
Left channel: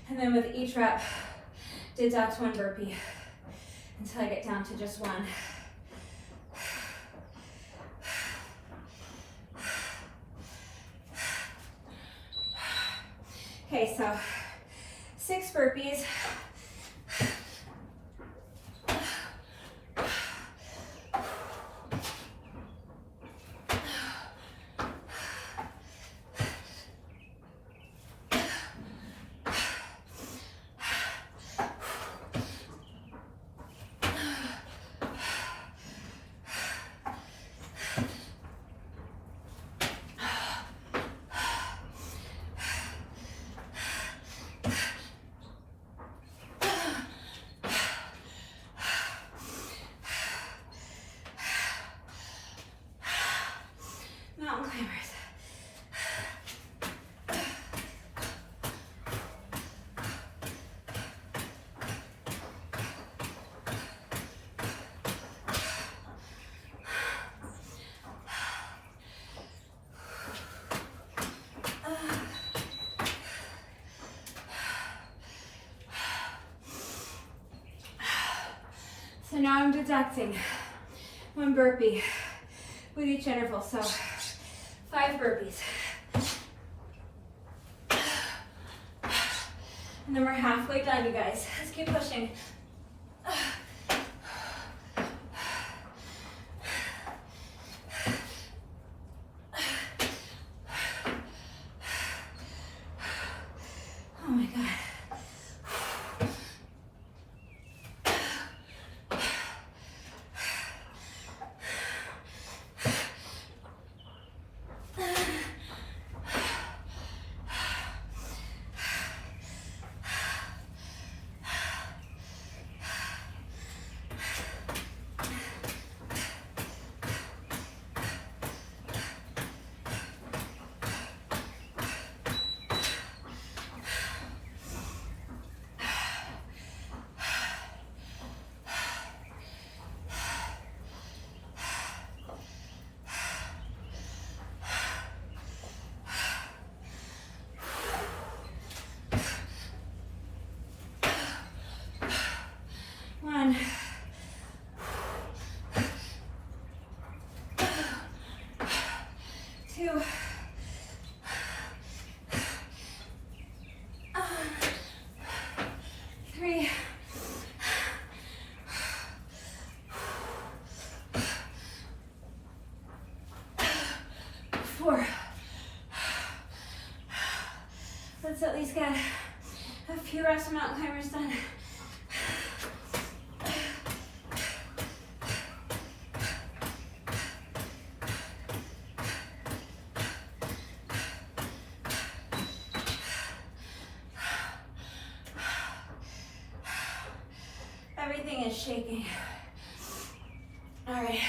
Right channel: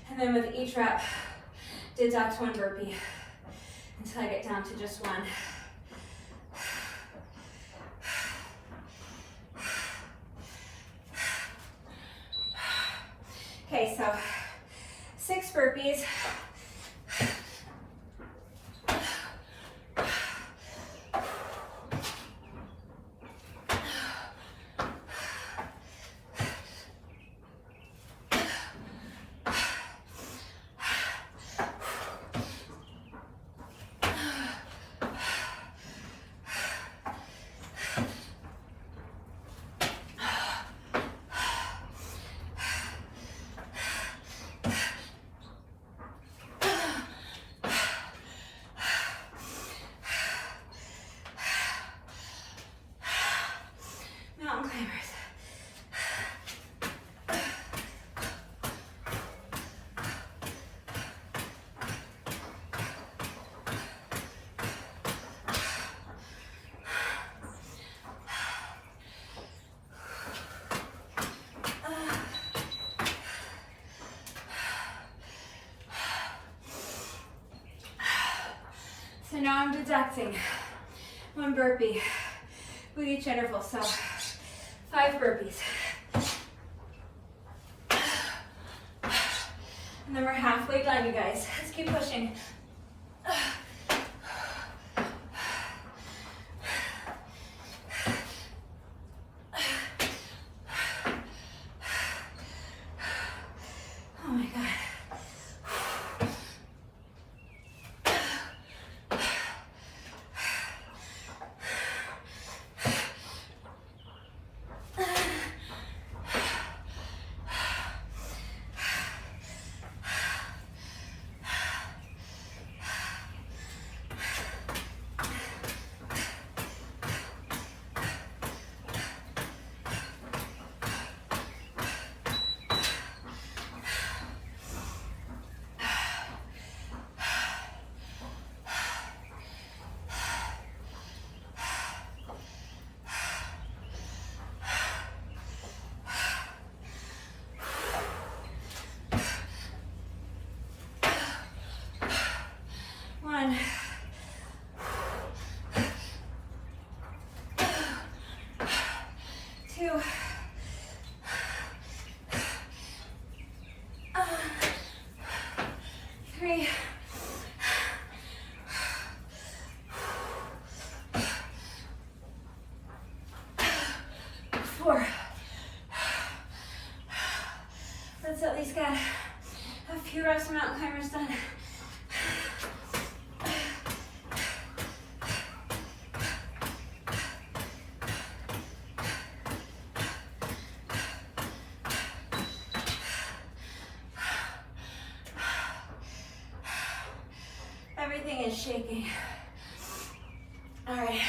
And then with each rep, deduct 1 burpee until I get down to just 1. Okay, so 6 burpees. Mountain climbers. So now I'm deducting 1 burpee with each interval. So 5 burpees. And then we're halfway done, you guys. Let's keep pushing. Oh my God. Let's at least get a few reps of mountain climbers done. Everything is shaking. All right.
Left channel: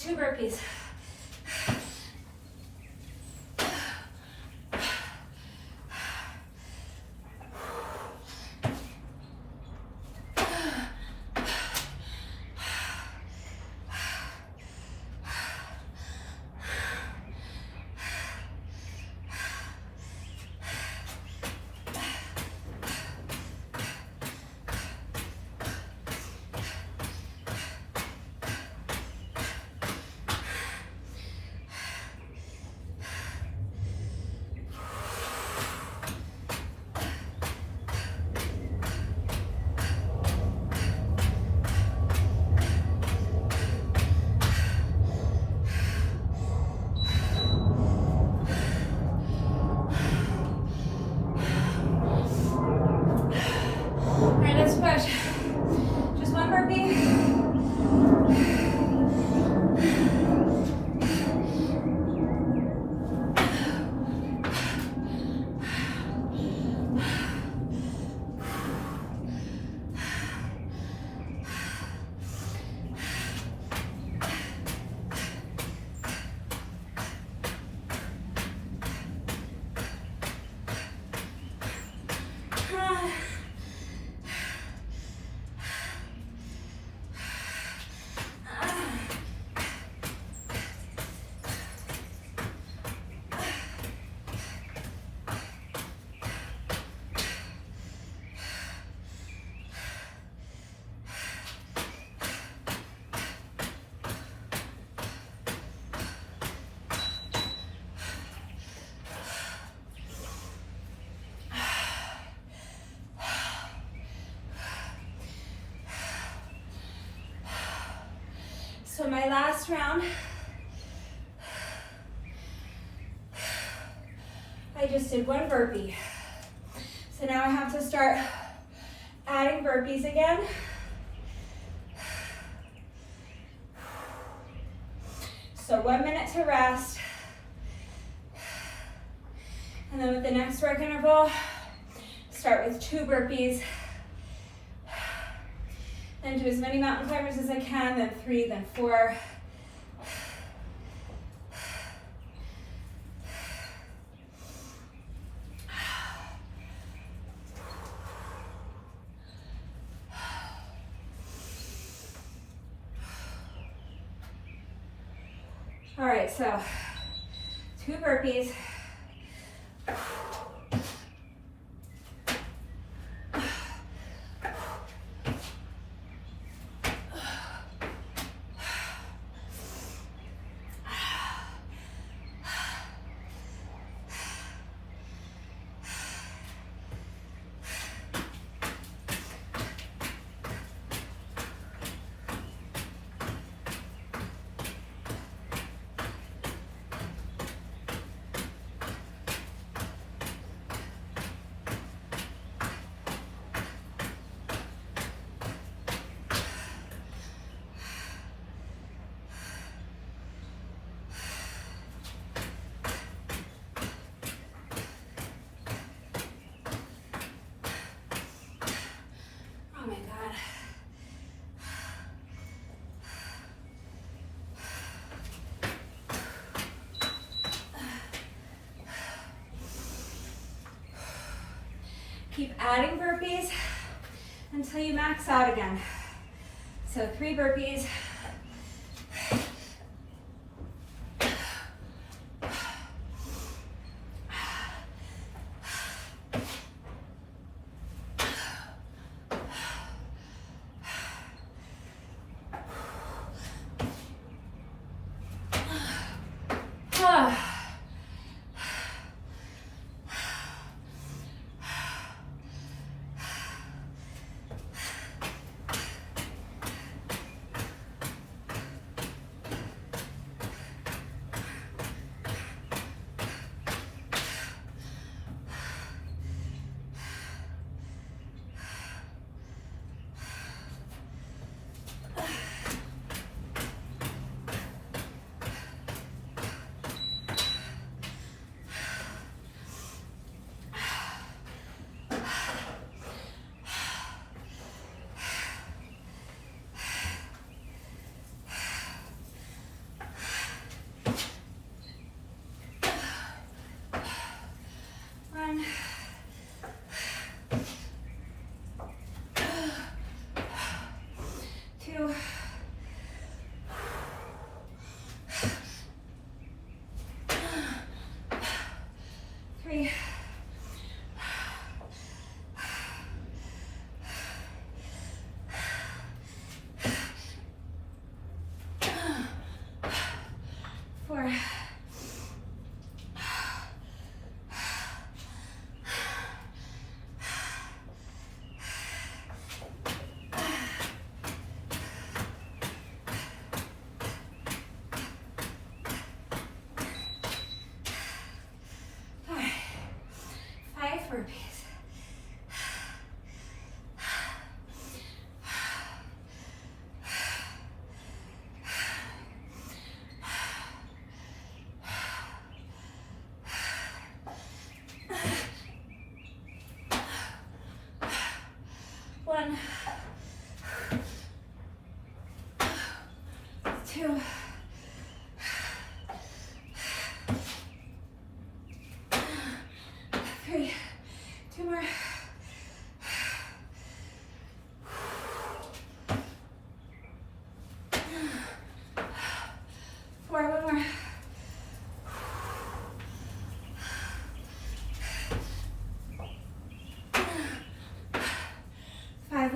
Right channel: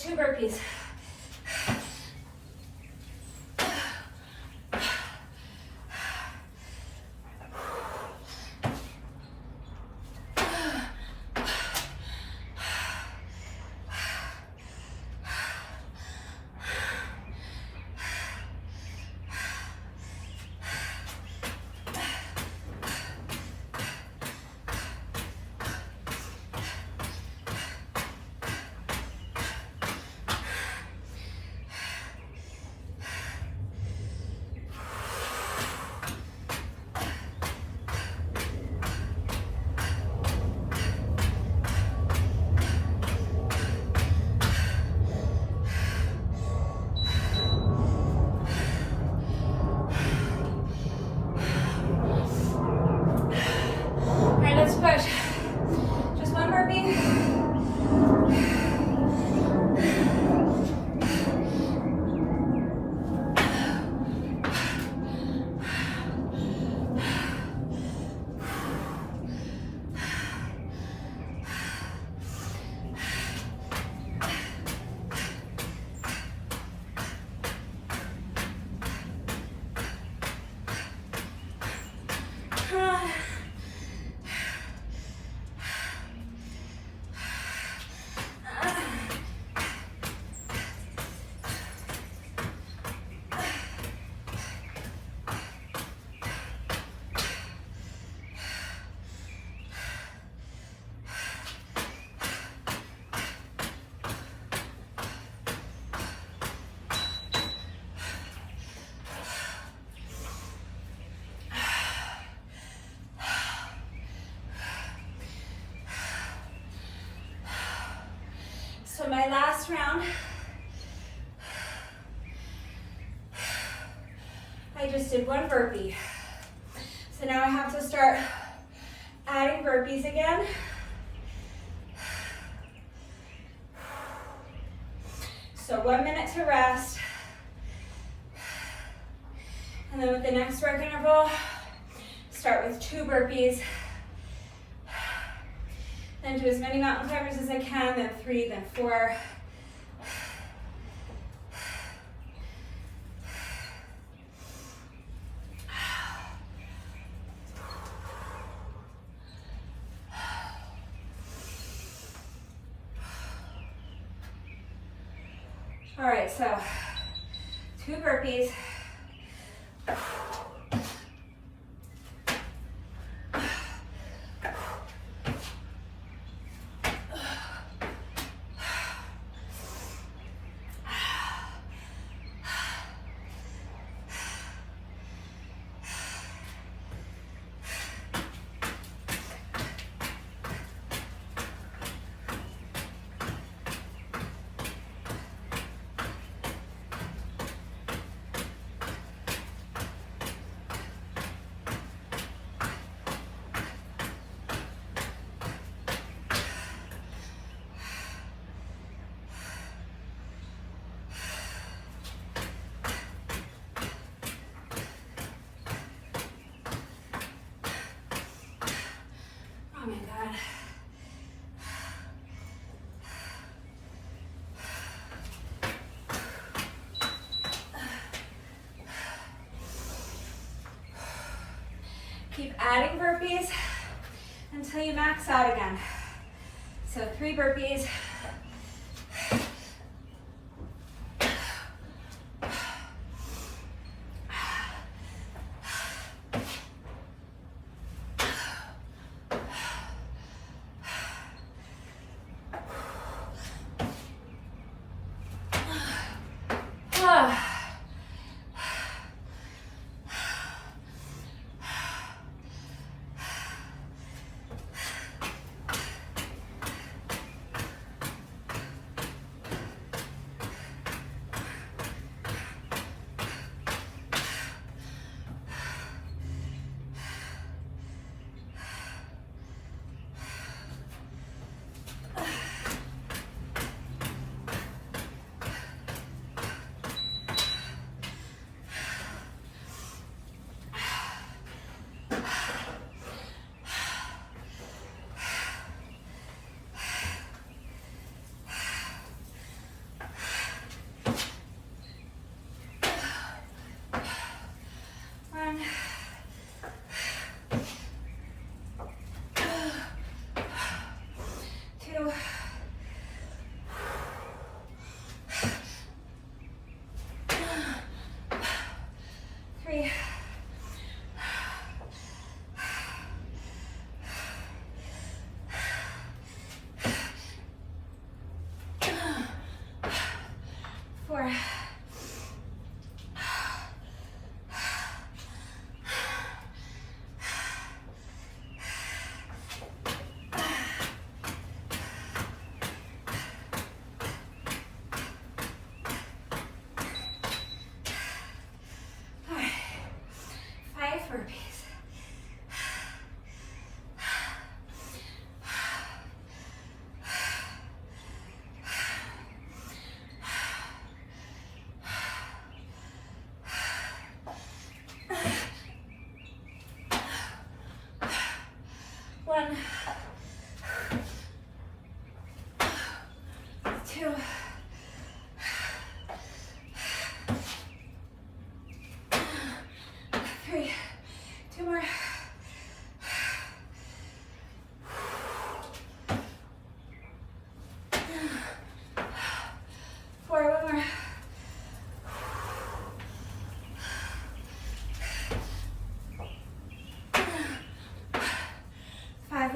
just 2 burpees. So my last round, I just did 1 burpee. So now I have to start adding burpees again. So 1 minute to rest. And then with the next work interval, start with 2 burpees. Then do as many mountain climbers as I can, then 3, then 4. All right, so 2 burpees. Oh my God. Keep adding burpees until you max out again. So 3 burpees.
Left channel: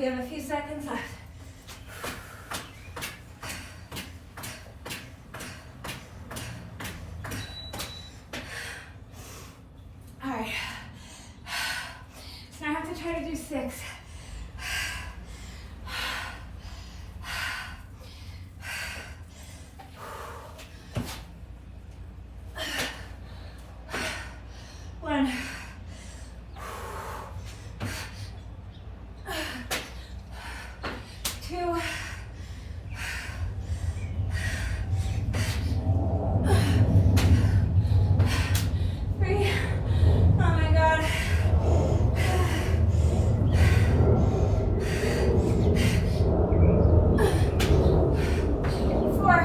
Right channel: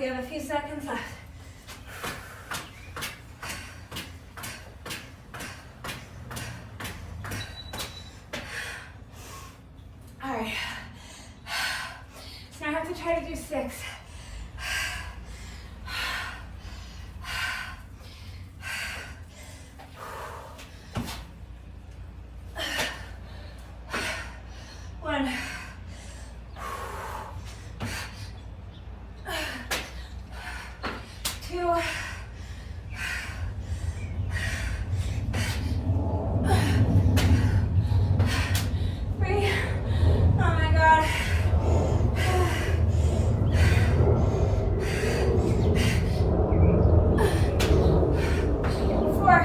We have a few seconds left. All right. So now I have to try to do 6. One. 2. 3. Oh my God. 4.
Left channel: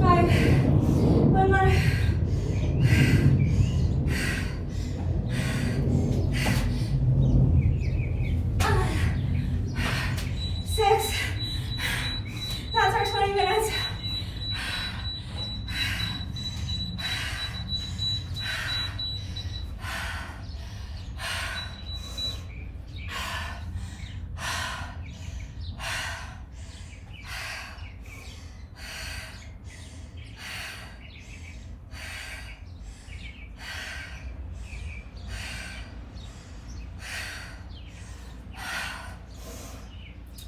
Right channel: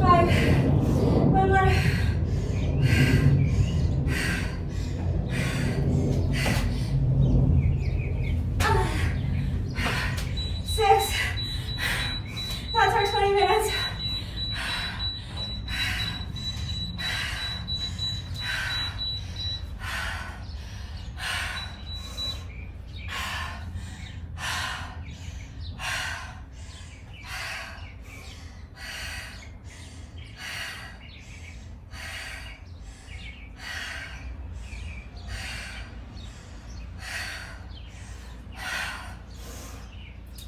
5. One more. 6. That's our 20 minutes.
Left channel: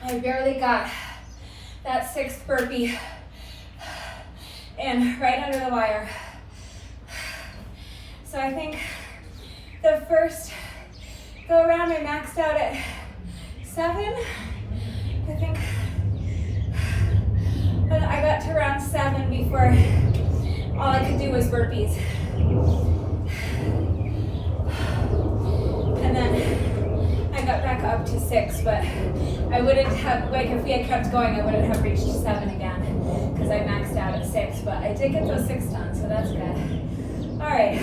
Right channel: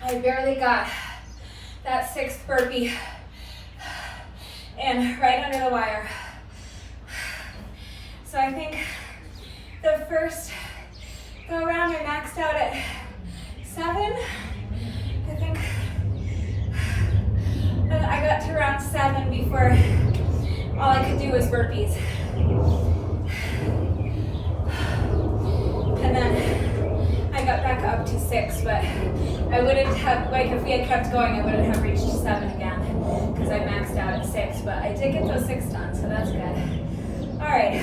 I barely got that 6th burpee in right under the wire. So I think the first go around I maxed out at 7. I think I got to round 7 before all I could do was burpees. And then I got back up to 6, but I wouldn't have, like if we had kept going, I wouldn't have reached 7 again because I maxed out at 6, but I did get those 6 done, so that's good. All right.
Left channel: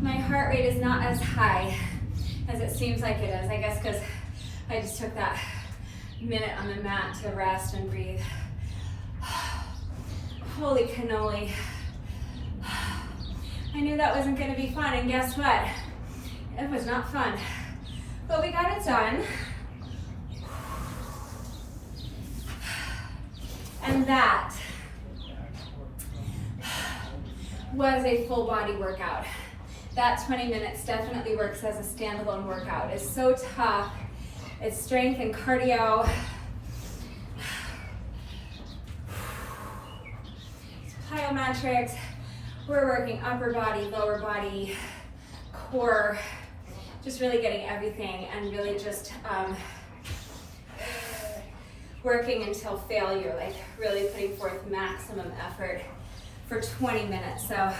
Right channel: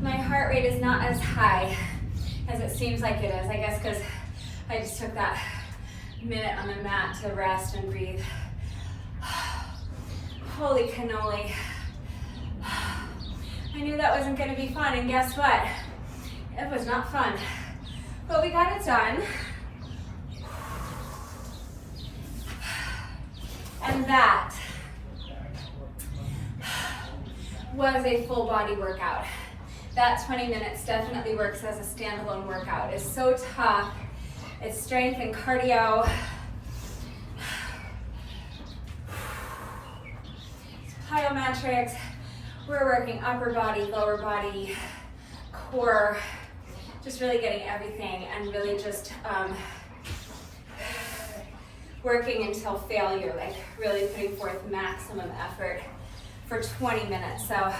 My heart rate is not as high as it seems like it is, I guess because I just took that minute on the mat to rest and breathe. Holy cannoli. I knew that wasn't going to be fun, and guess what? It was not fun. But we got it done. And that was a full body workout. That 20 minutes definitely works as a standalone workout. It's so tough. It's strength and cardio. Plyometrics. We're working upper body, lower body, core, just really getting everything and really just working until failure, like really putting forth maximum effort for 20 minutes. So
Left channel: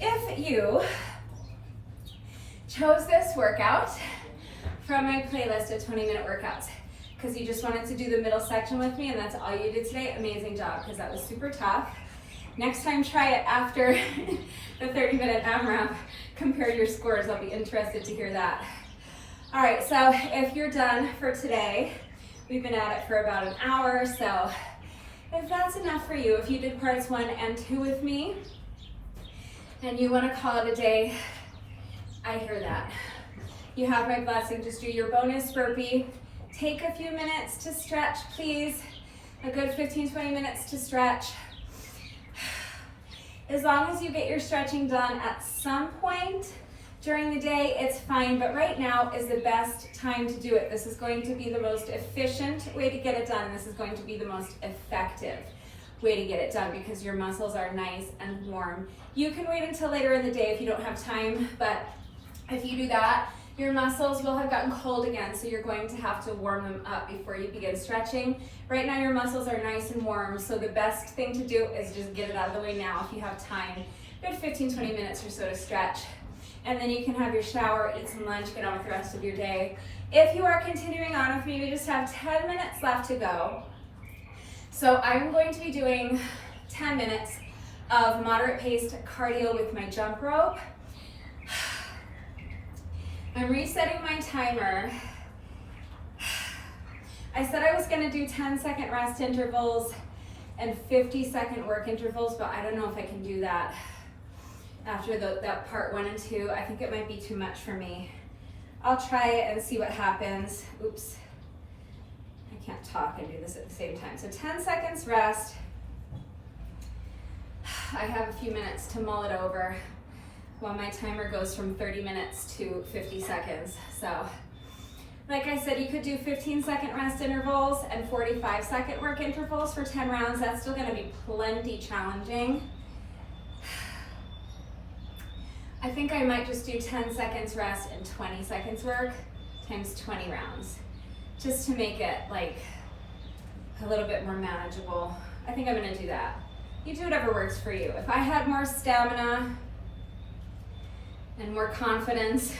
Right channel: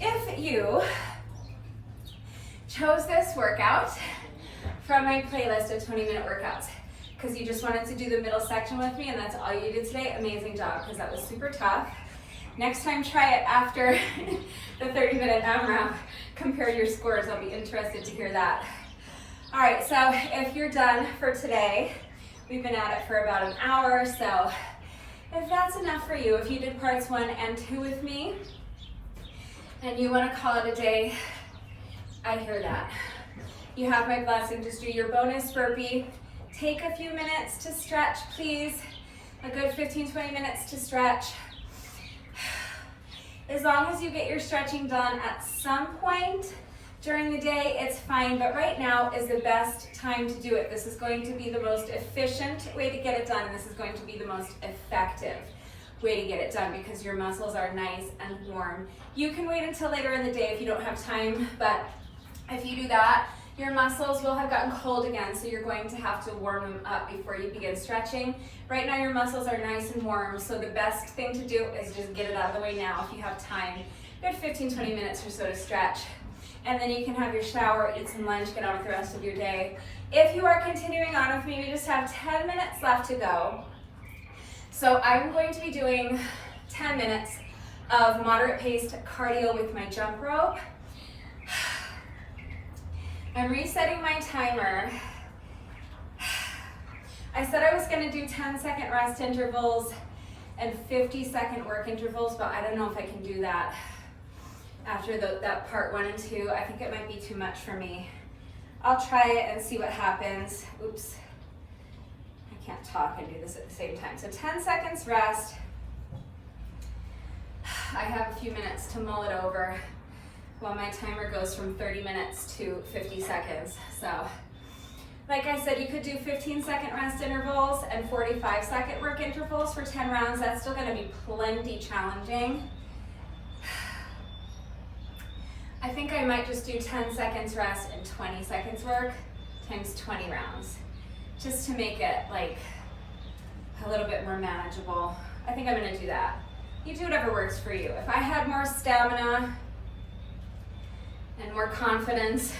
if you chose this workout from my playlist of 20-minute workouts because you just wanted to do the middle section with me and that's all you did today, amazing job, because that was super tough. Next time, try it after the 30-minute AMRAP. Compare your scores. I'll be interested to hear that. All right, so if you're done for today, we've been at it for about an hour, so if that's enough for you, if you did parts 1 and 2 with me, and you want to call it a day, I hear that. You have my blessing. Just do your bonus burpee. Take a few minutes to stretch, please. A good 15-20 minutes to stretch. As long as you get your stretching done at some point during the day, it's fine, but right now is the best time to do it. This is going to be the most efficient way to get it done. This is going to be the most effective way to get it done because your muscles are nice and warm. You can wait until later in the day if you don't have time, but if you do that, your muscles will have gotten cold again, so you're going to have to warm them up before you begin stretching. Right now your muscles are nice and warm, so the best thing to do is just get it out of the way now if you have time. Good 15-20 minutes or so to stretch. And then you can have your shower, eat some lunch, get on with the rest of your day. If you are continuing on with me, we just have 10 minutes left to go. So I'm going to be doing 10 minutes of moderate paced cardio with my jump rope. I'm resetting my timer. I said I was gonna do 10-second rest intervals and 50-second work intervals, but I don't know if I can do that after that part 1 and 2. I think it might be too much for me. I'll try it and see what happens. Oops, I can't talk and do this at the same time. So 10 seconds rest. I have a few minutes to mull it over while my timer goes from 30 minutes to 50 seconds. So, like I said, you could do 15-second rest intervals and 45-second work intervals for 10 rounds. That's still gonna be plenty challenging. I think I might just do 10 seconds rest and 20 seconds work times 20 rounds, just to make it like a little bit more manageable. I think I'm gonna do that. You do whatever works for you. If I had more stamina and more confidence,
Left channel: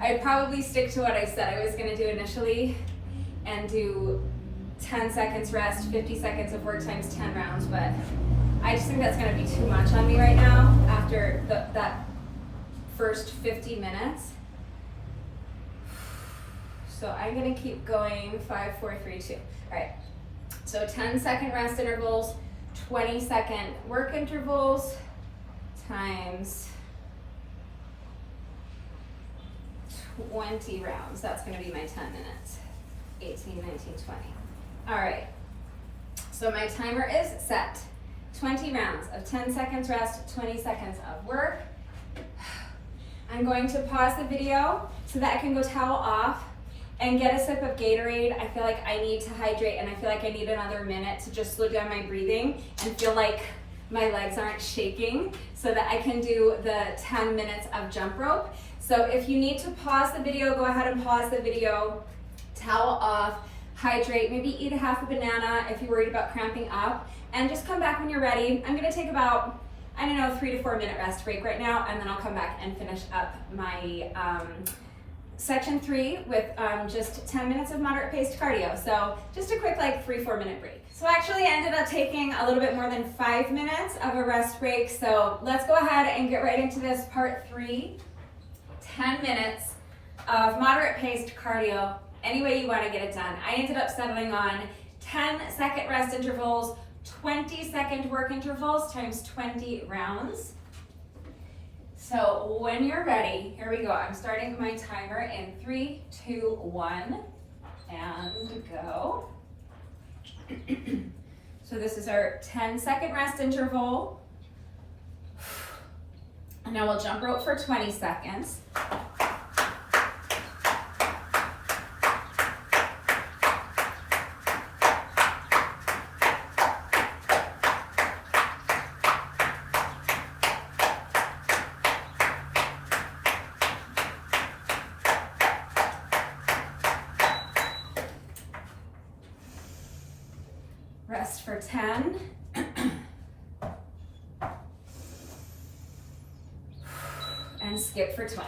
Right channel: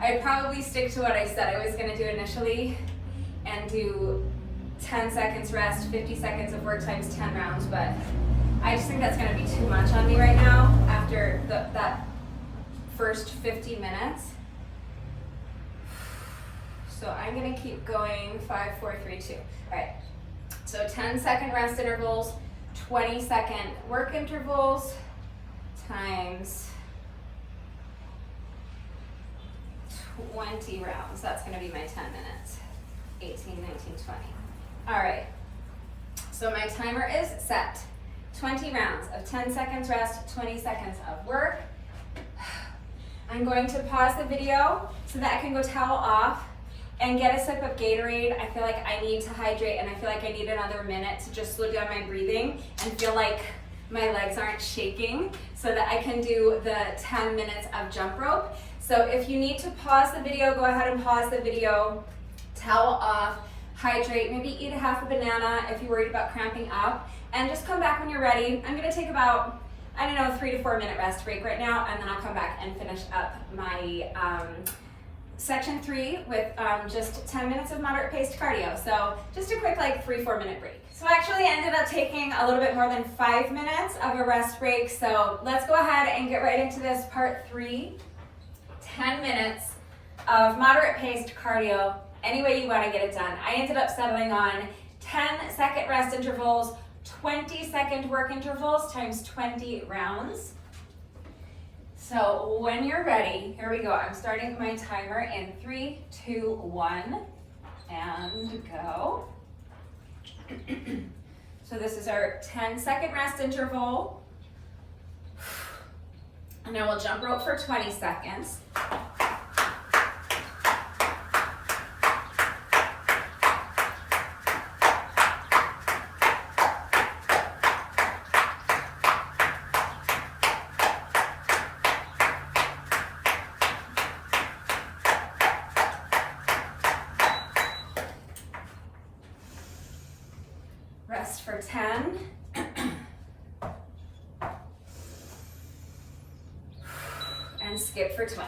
I'd probably stick to what I said I was gonna do initially and do 10 seconds rest, 50 seconds of work times 10 rounds, but I just think that's gonna be too much on me right now after that first 50 minutes. So I'm gonna keep going, 5, 4, 3, 2. All right, so 10-second rest intervals, 20-second work intervals times 20 rounds. That's gonna be my 10 minutes. 18, 19, 20. All right, so my timer is set. 20 rounds of 10 seconds rest, 20 seconds of work. I'm going to pause the video so that I can go towel off and get a sip of Gatorade. I feel like I need to hydrate, and I feel like I need another minute to just slow down my breathing and feel like my legs aren't shaking so that I can do the 10 minutes of jump rope. So if you need to pause the video, go ahead and pause the video, towel off, hydrate, maybe eat a half a banana if you're worried about cramping up, and just come back when you're ready. I'm gonna take about, I don't know, 3 to 4 minute rest break right now, and then I'll come back and finish up my section 3 with just 10 minutes of moderate paced cardio. So just a quick like 3-4 minute break. So I actually ended up taking a little bit more than 5 minutes of a rest break. So let's go ahead and get right into this part 3. 10 minutes of moderate paced cardio, any way you want to get it done. I ended up settling on 10-second rest intervals, 20-second work intervals times 20 rounds. So when you're ready, here we go. I'm starting my timer in 3, 2, 1, and go. So this is our 10-second rest interval. And now we'll jump rope for 20 seconds. Rest for 10. And skip for 20.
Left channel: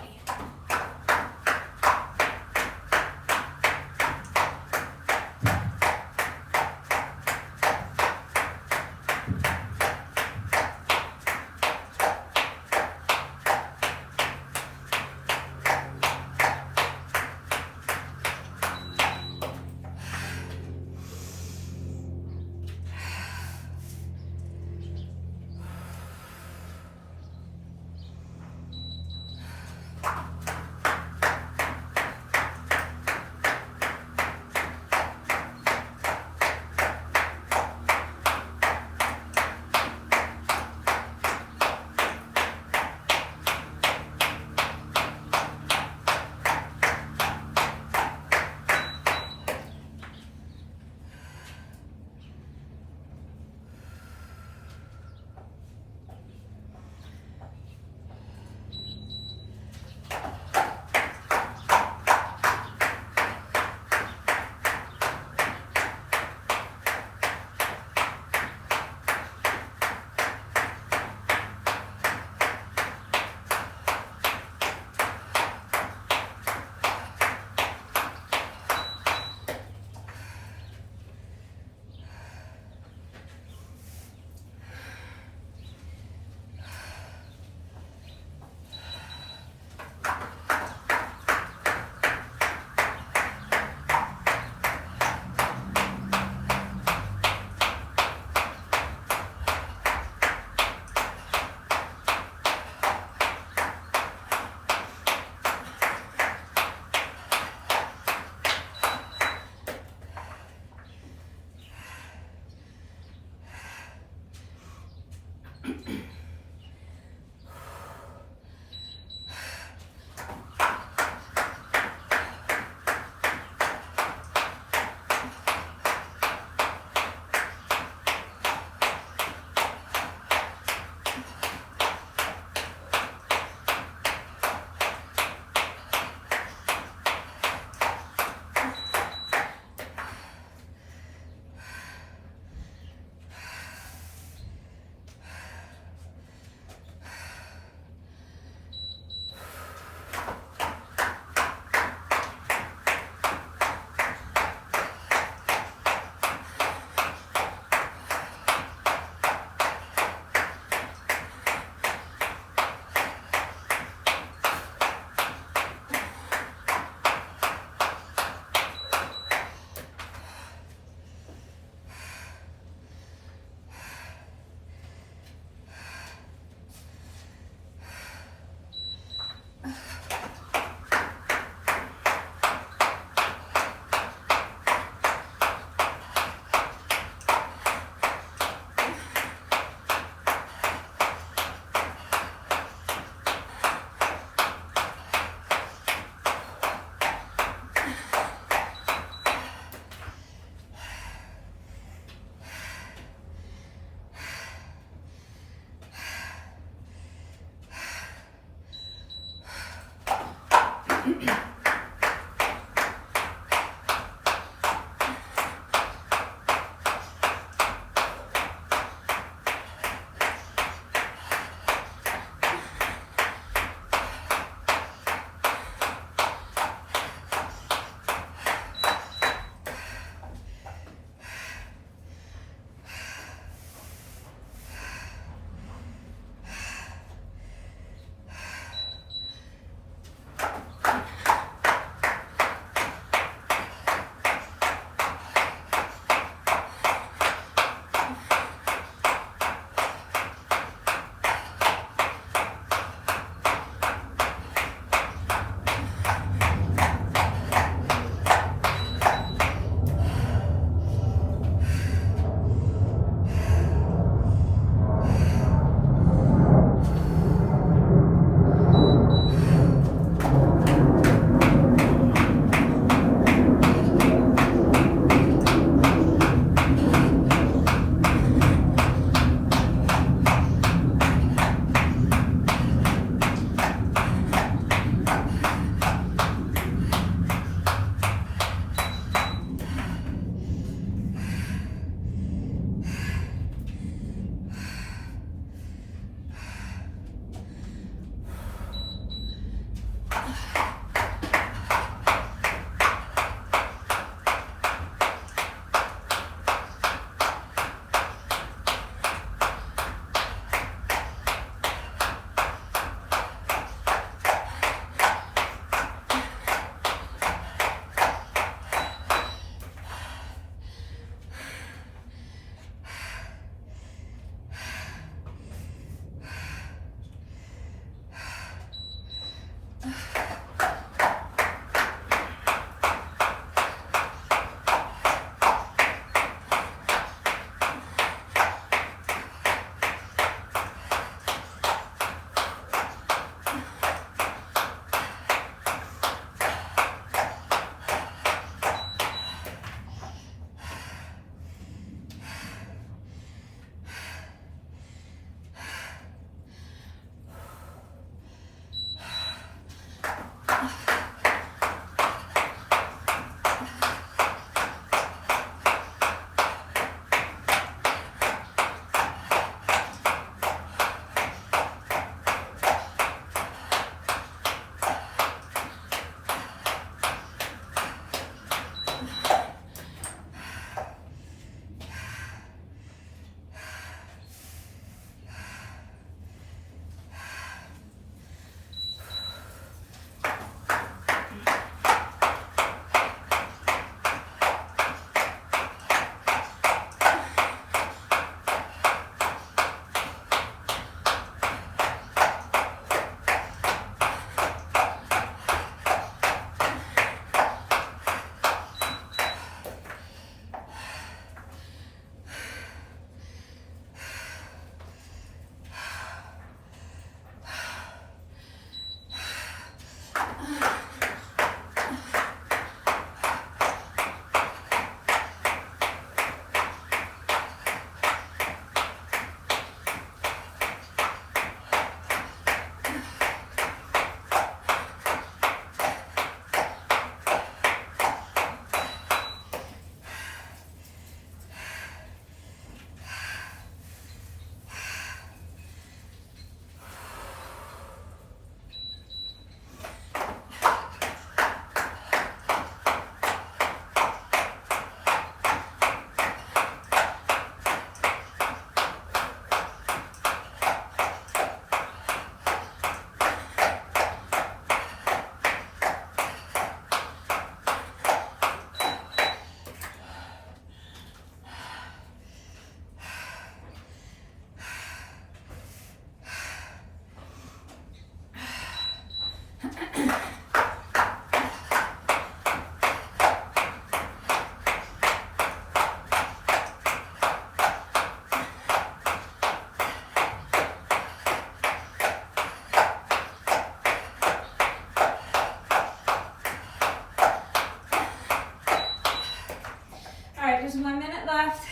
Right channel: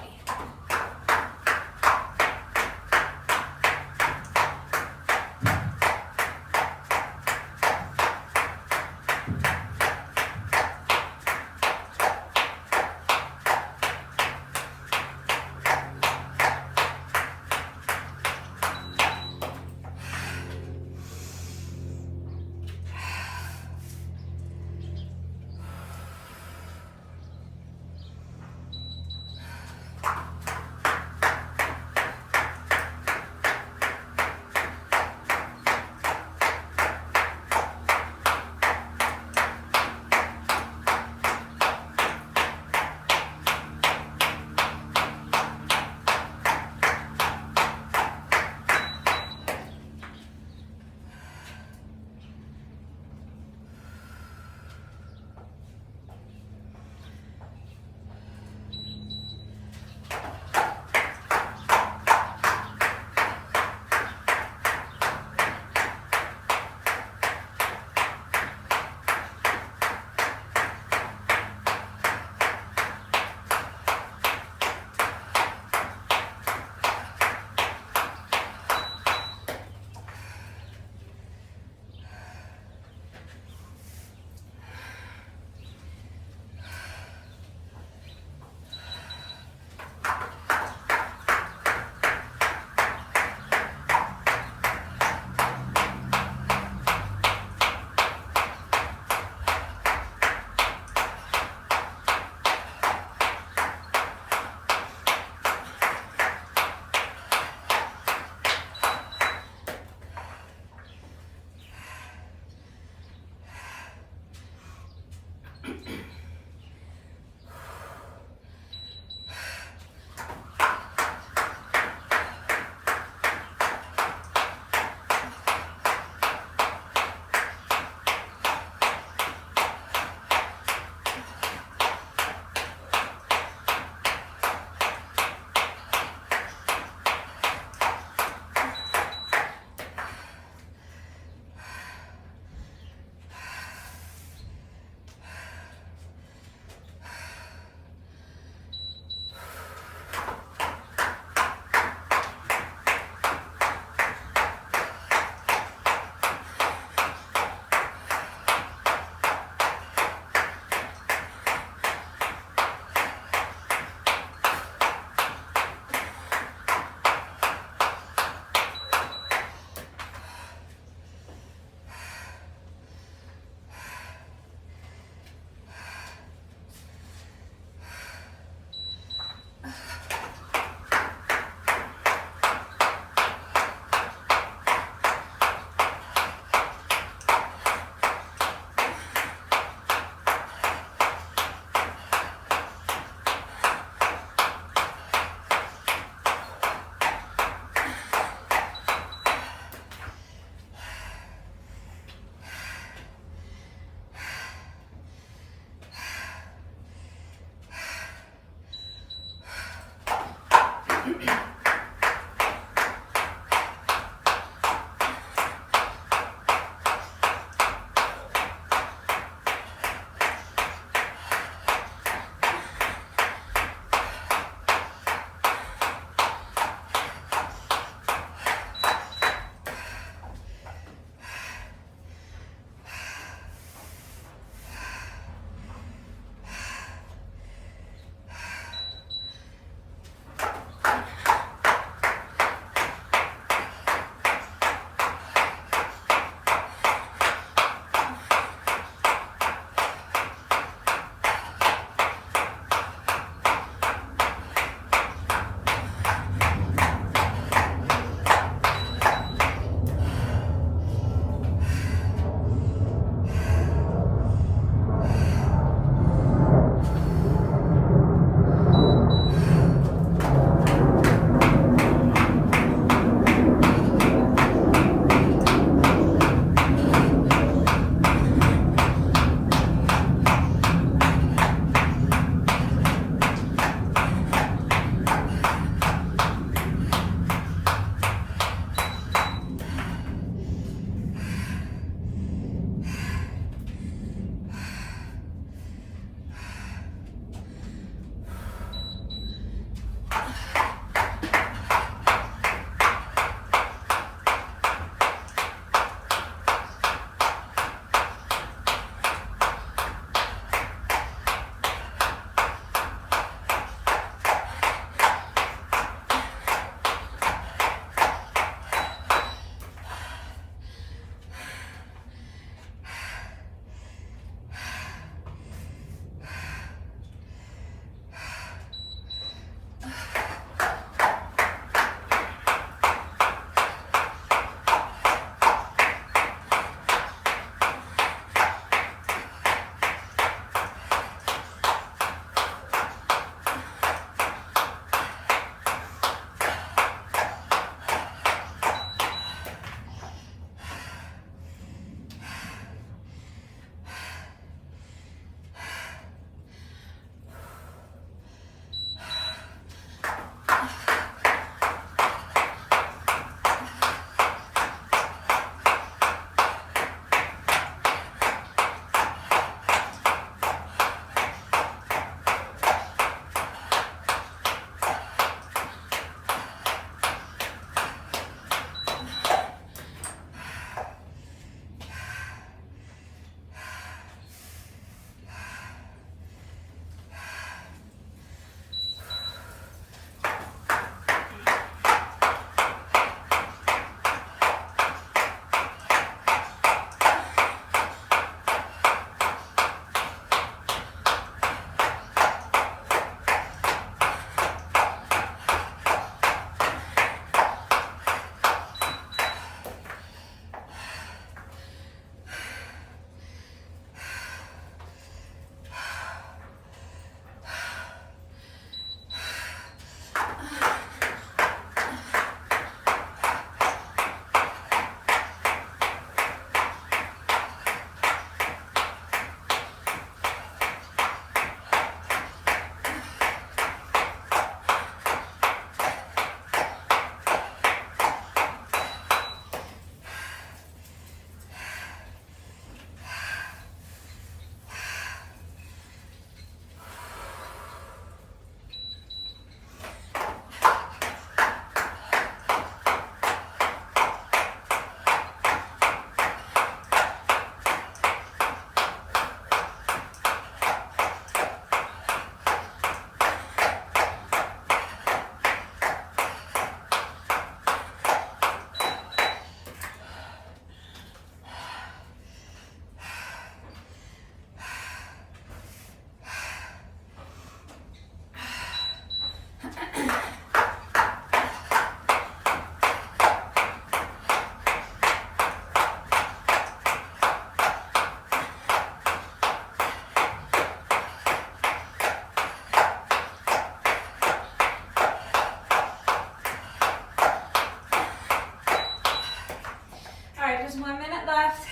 There's 1 minute left.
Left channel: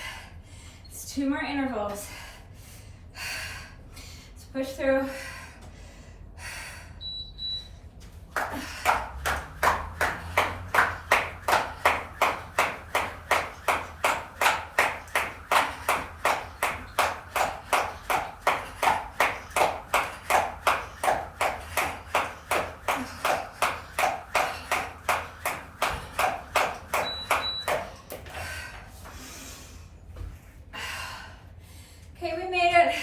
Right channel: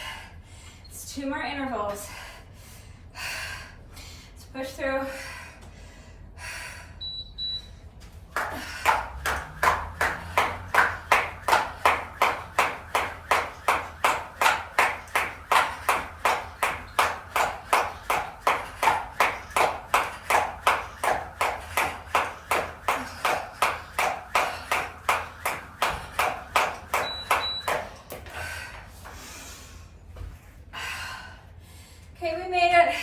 It's 2 more intervals. Let's push through. Okay, we made it.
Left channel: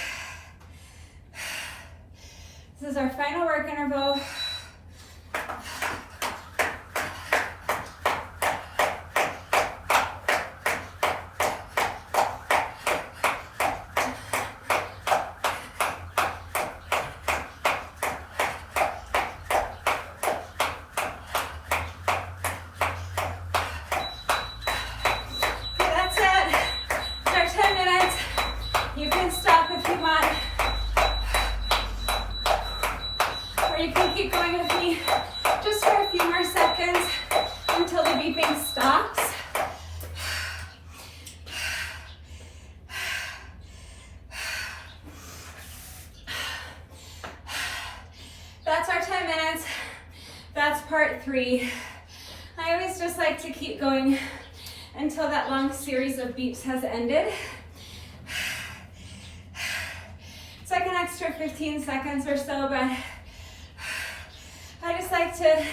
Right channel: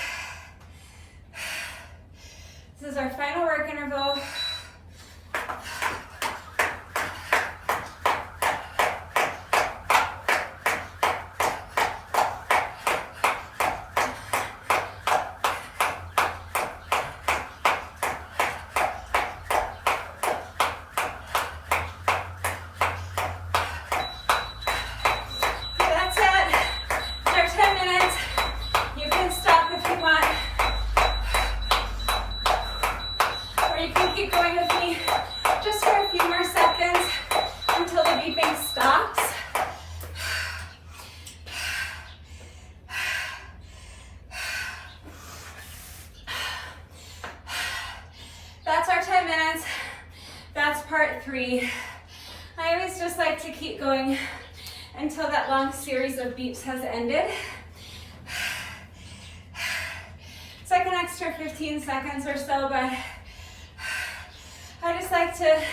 This is our final work interval. Keep going with me just for a few more seconds until the beeping stops. That's our 10 minutes. That's part 3. I always just like to keep going until that long series of beeps has ended. It's like an extra 15 seconds or so, but I just like to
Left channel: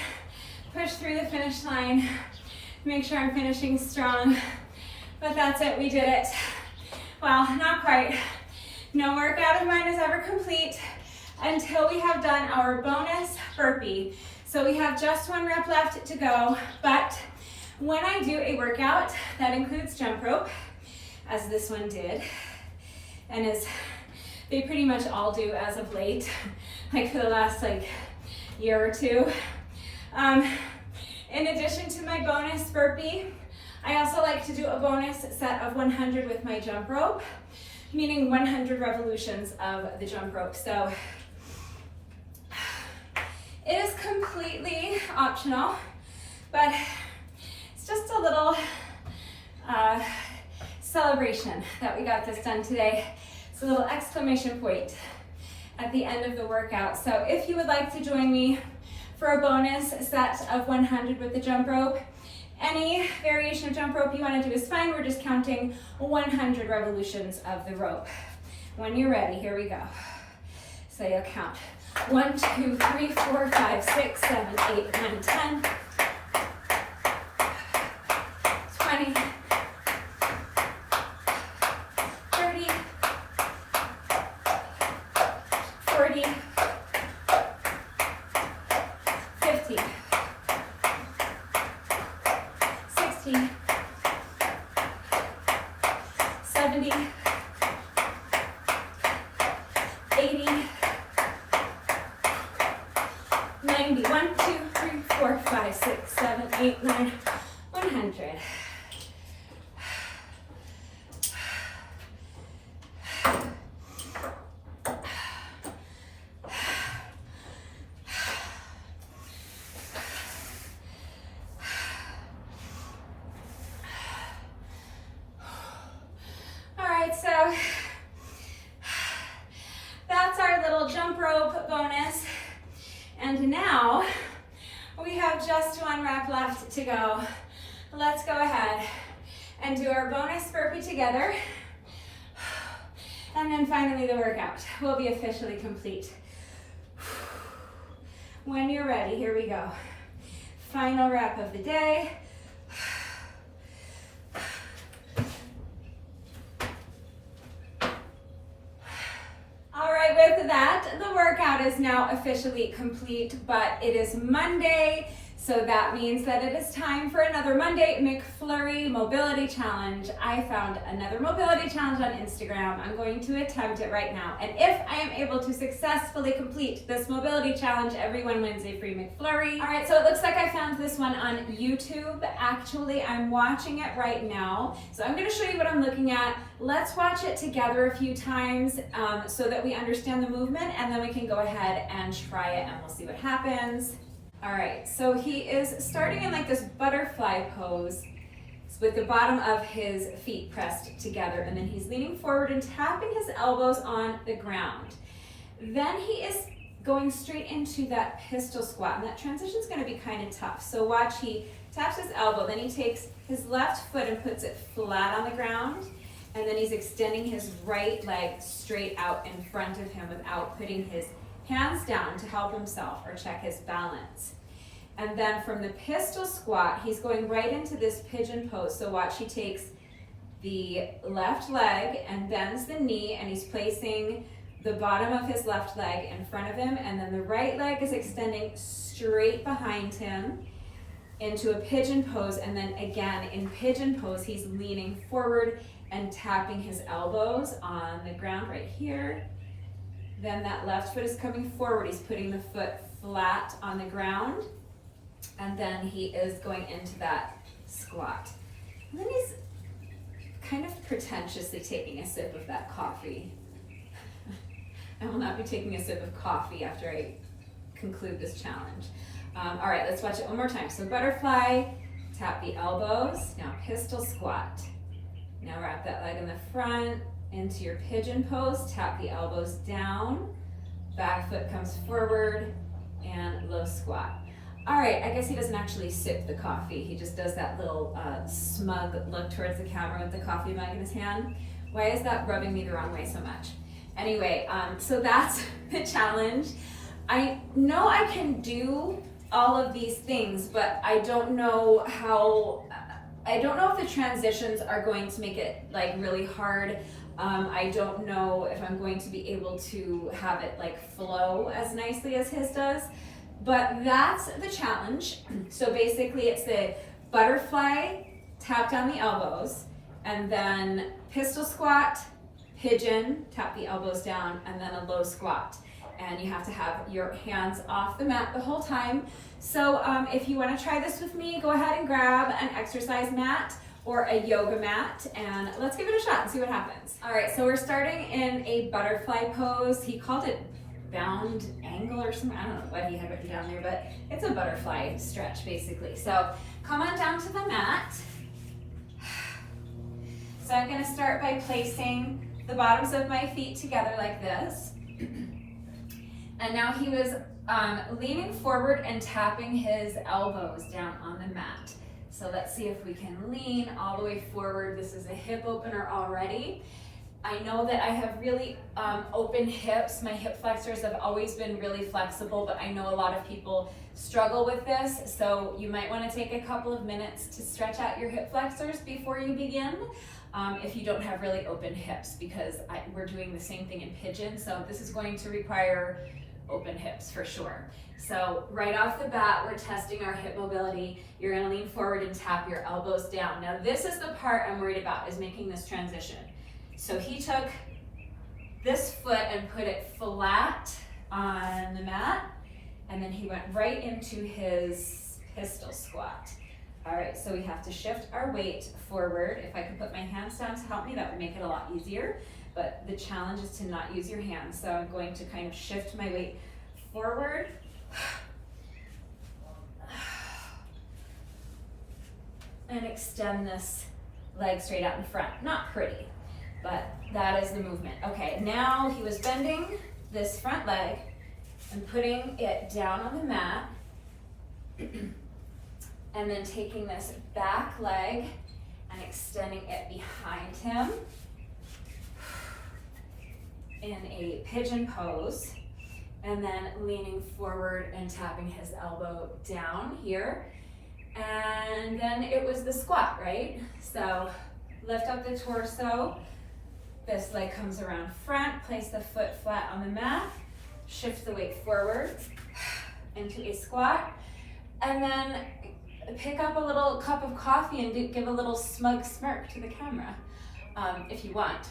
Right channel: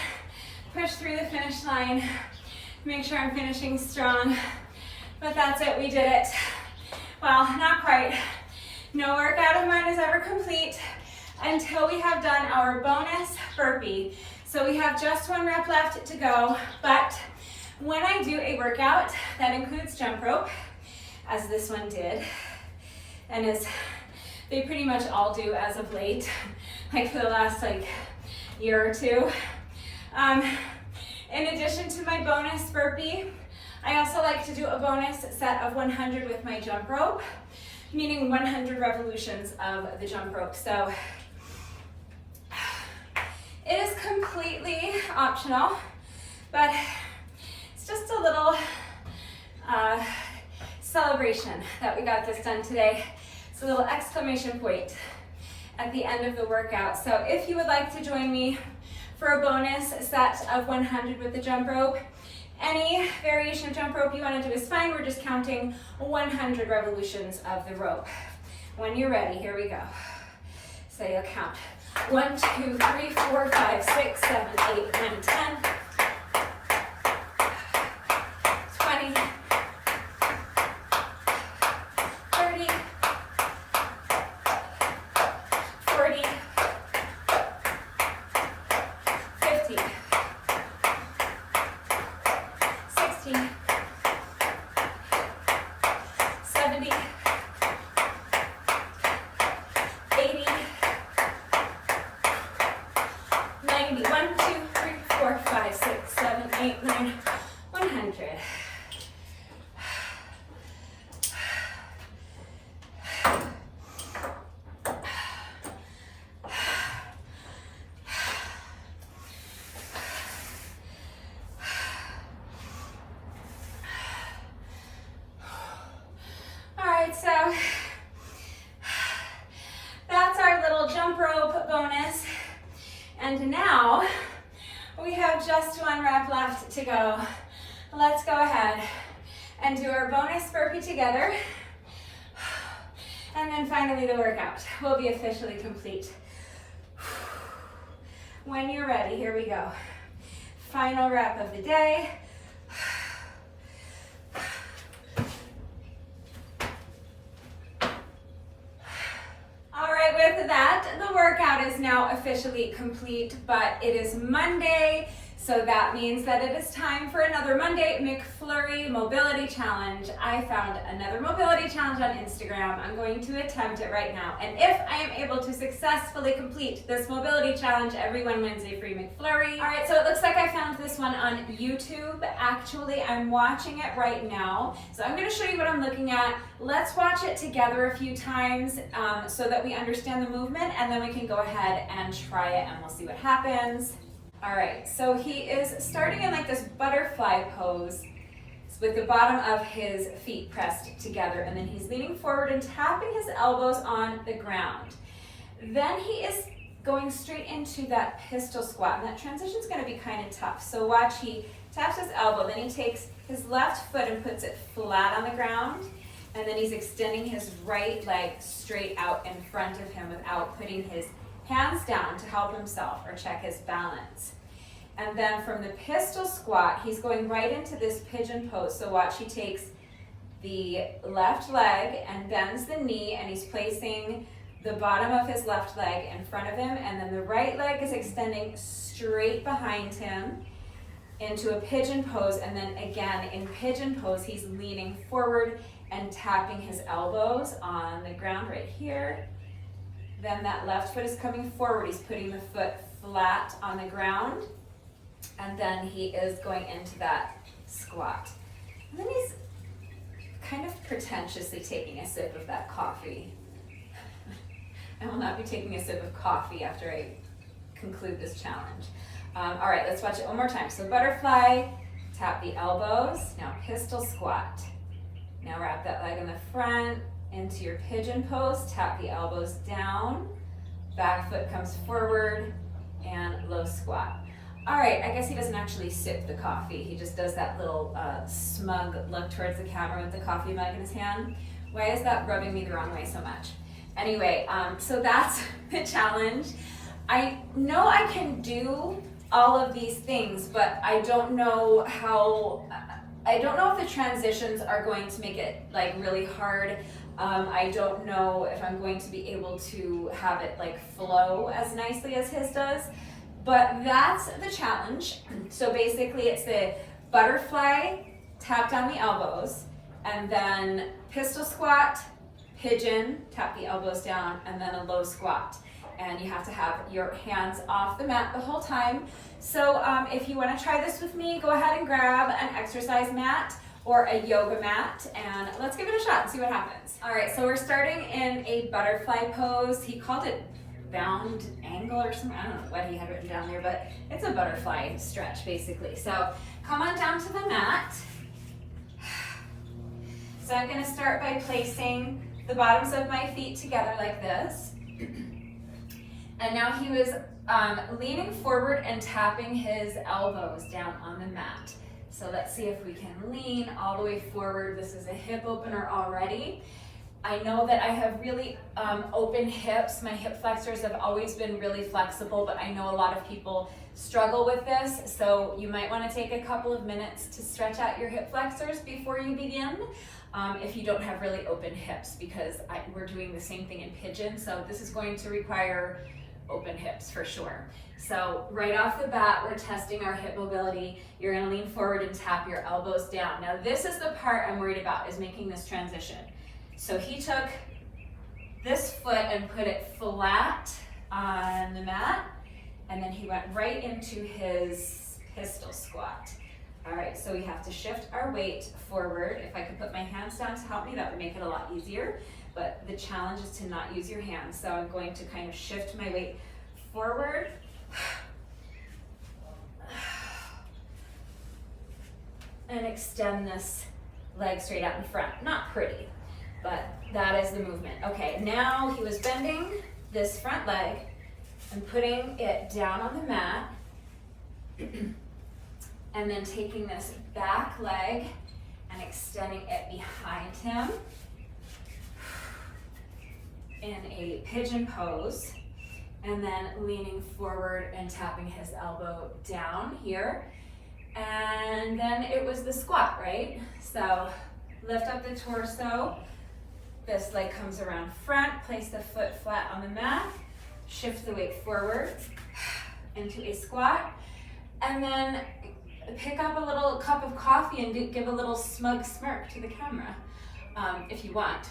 push through the finish line, make sure I'm finishing strong. But that's it, we did it. Well, not quite. No workout of mine is ever complete until we have done our bonus burpee. So we have just 1 rep left to go, but when I do a workout that includes jump rope, as this one did, and as they pretty much all do as of late, like for the last year or two. In addition to my bonus burpee, I also like to do a bonus set of 100 with my jump rope, meaning 100 revolutions of the jump rope. So it is completely optional, but it's just a little celebration that we got this done today. It's a little exclamation point at the end of the workout. So if you would like to join me for a bonus set of 100 with the jump rope, any variation of jump rope you want to do is fine. We're just counting 100 revolutions of the rope. When you're ready, here we go. So you'll count 1, 2, 3, 4, 5, 6, 7, 8, 9, 10, 20, 30, 40, 50, 60, 70, 80, 90, 1, 2, 3, 4, 5, 6, 7, 8, 9, 100. So that's our little jump rope bonus. And now we have just 1 rep left to go. Let's go ahead and do our bonus burpee together. And then finally the workout will be officially complete. When you're ready, here we go. Final rep of the day. With that, the workout is now officially complete, but it is Monday, so that means that it is time for another Monday McFlurry Mobility Challenge. I found another mobility challenge on Instagram. I'm going to attempt it right now, and if I am able to successfully complete this mobility challenge, everyone wins a free McFlurry. All right, so it looks like I found this one on YouTube. Actually, I'm watching it right now, so I'm going to show you what I'm looking at. Let's watch it together a few times so that we understand the movement, and then we can go ahead and try it, and we'll see what happens. All right, so he is starting in this butterfly pose with the bottom of his feet pressed together, and then he's leaning forward and tapping his elbows on the ground. Then he is going straight into that pistol squat, and that transition is going to be kind of tough. So watch, he taps his elbow, then he takes his left foot and puts it flat on the ground, and then he's extending his right leg straight out in front of him without putting his hands down to help himself or check his balance. And then from the pistol squat, he's going right into this pigeon pose. So watch, he takes the left leg and bends the knee, and he's placing the bottom of his left leg in front of him, and then the right leg is extending straight behind him into a pigeon pose, and then again in pigeon pose, he's leaning forward and tapping his elbows on the ground right here. Then that left foot is coming forward, he's putting the foot flat on the ground, and then he is going into that squat. And then he's kind of pretentiously taking a sip of that coffee. I will not be taking a sip of coffee after I conclude this challenge. All right, let's watch it one more time. So butterfly, tap the elbows. Now pistol squat. Now wrap that leg in the front into your pigeon pose. Tap the elbows down. Back foot comes forward and low squat. All right, I guess he doesn't actually sip the coffee. He just does that little smug look towards the camera with the coffee mug in his hand. Why is that rubbing me the wrong way so much? Anyway, so that's the challenge. I know I can do all of these things, but I don't know if the transitions are going to make it like really hard. I don't know if I'm going to be able to have it like flow as nicely as his does, but that's the challenge. So basically it's the butterfly, tap down the elbows, and then pistol squat, pigeon, tap the elbows down, and then a low squat. And you have to have your hands off the mat the whole time. So if you want to try this with me, go ahead and grab an exercise mat or a yoga mat, and let's give it a shot and see what happens. All right, so we're starting in a butterfly pose. He called it bound angle or something. I don't know what he had written down there, but it's a butterfly stretch basically. So come on down to the mat. So I'm gonna start by placing the bottoms of my feet together like this. And now he was leaning forward and tapping his elbows down on the mat. So let's see if we can lean all the way forward. This is a hip opener already. I know that I have really open hips. My hip flexors have always been really flexible, but I know a lot of people struggle with this. So you might want to take a couple of minutes to stretch out your hip flexors before you begin. If you don't have really open hips, because we're doing the same thing in pigeon. So this is going to require open hips for sure. So right off the bat, we're testing our hip mobility. You're gonna lean forward and tap your elbows down. Now this is the part I'm worried about, is making this transition. So he took this foot and put it flat on the mat, and then he went right into his pistol squat. All right, so we have to shift our weight forward. If I could put my hands down to help me, that would make it a lot easier. But the challenge is to not use your hands. So I'm going to kind of shift my weight forward. And extend this leg straight out in front. Not pretty, but that is the movement. Okay, now he was bending this front leg and putting it down on the mat. And then taking this back leg and extending it behind him in a pigeon pose, and then leaning forward and tapping his elbow down here. And then it was the squat, right? So lift up the torso, this leg comes around front, place the foot flat on the mat, shift the weight forward into a squat, and then pick up a little cup of coffee and give a little smug smirk to the camera if you want.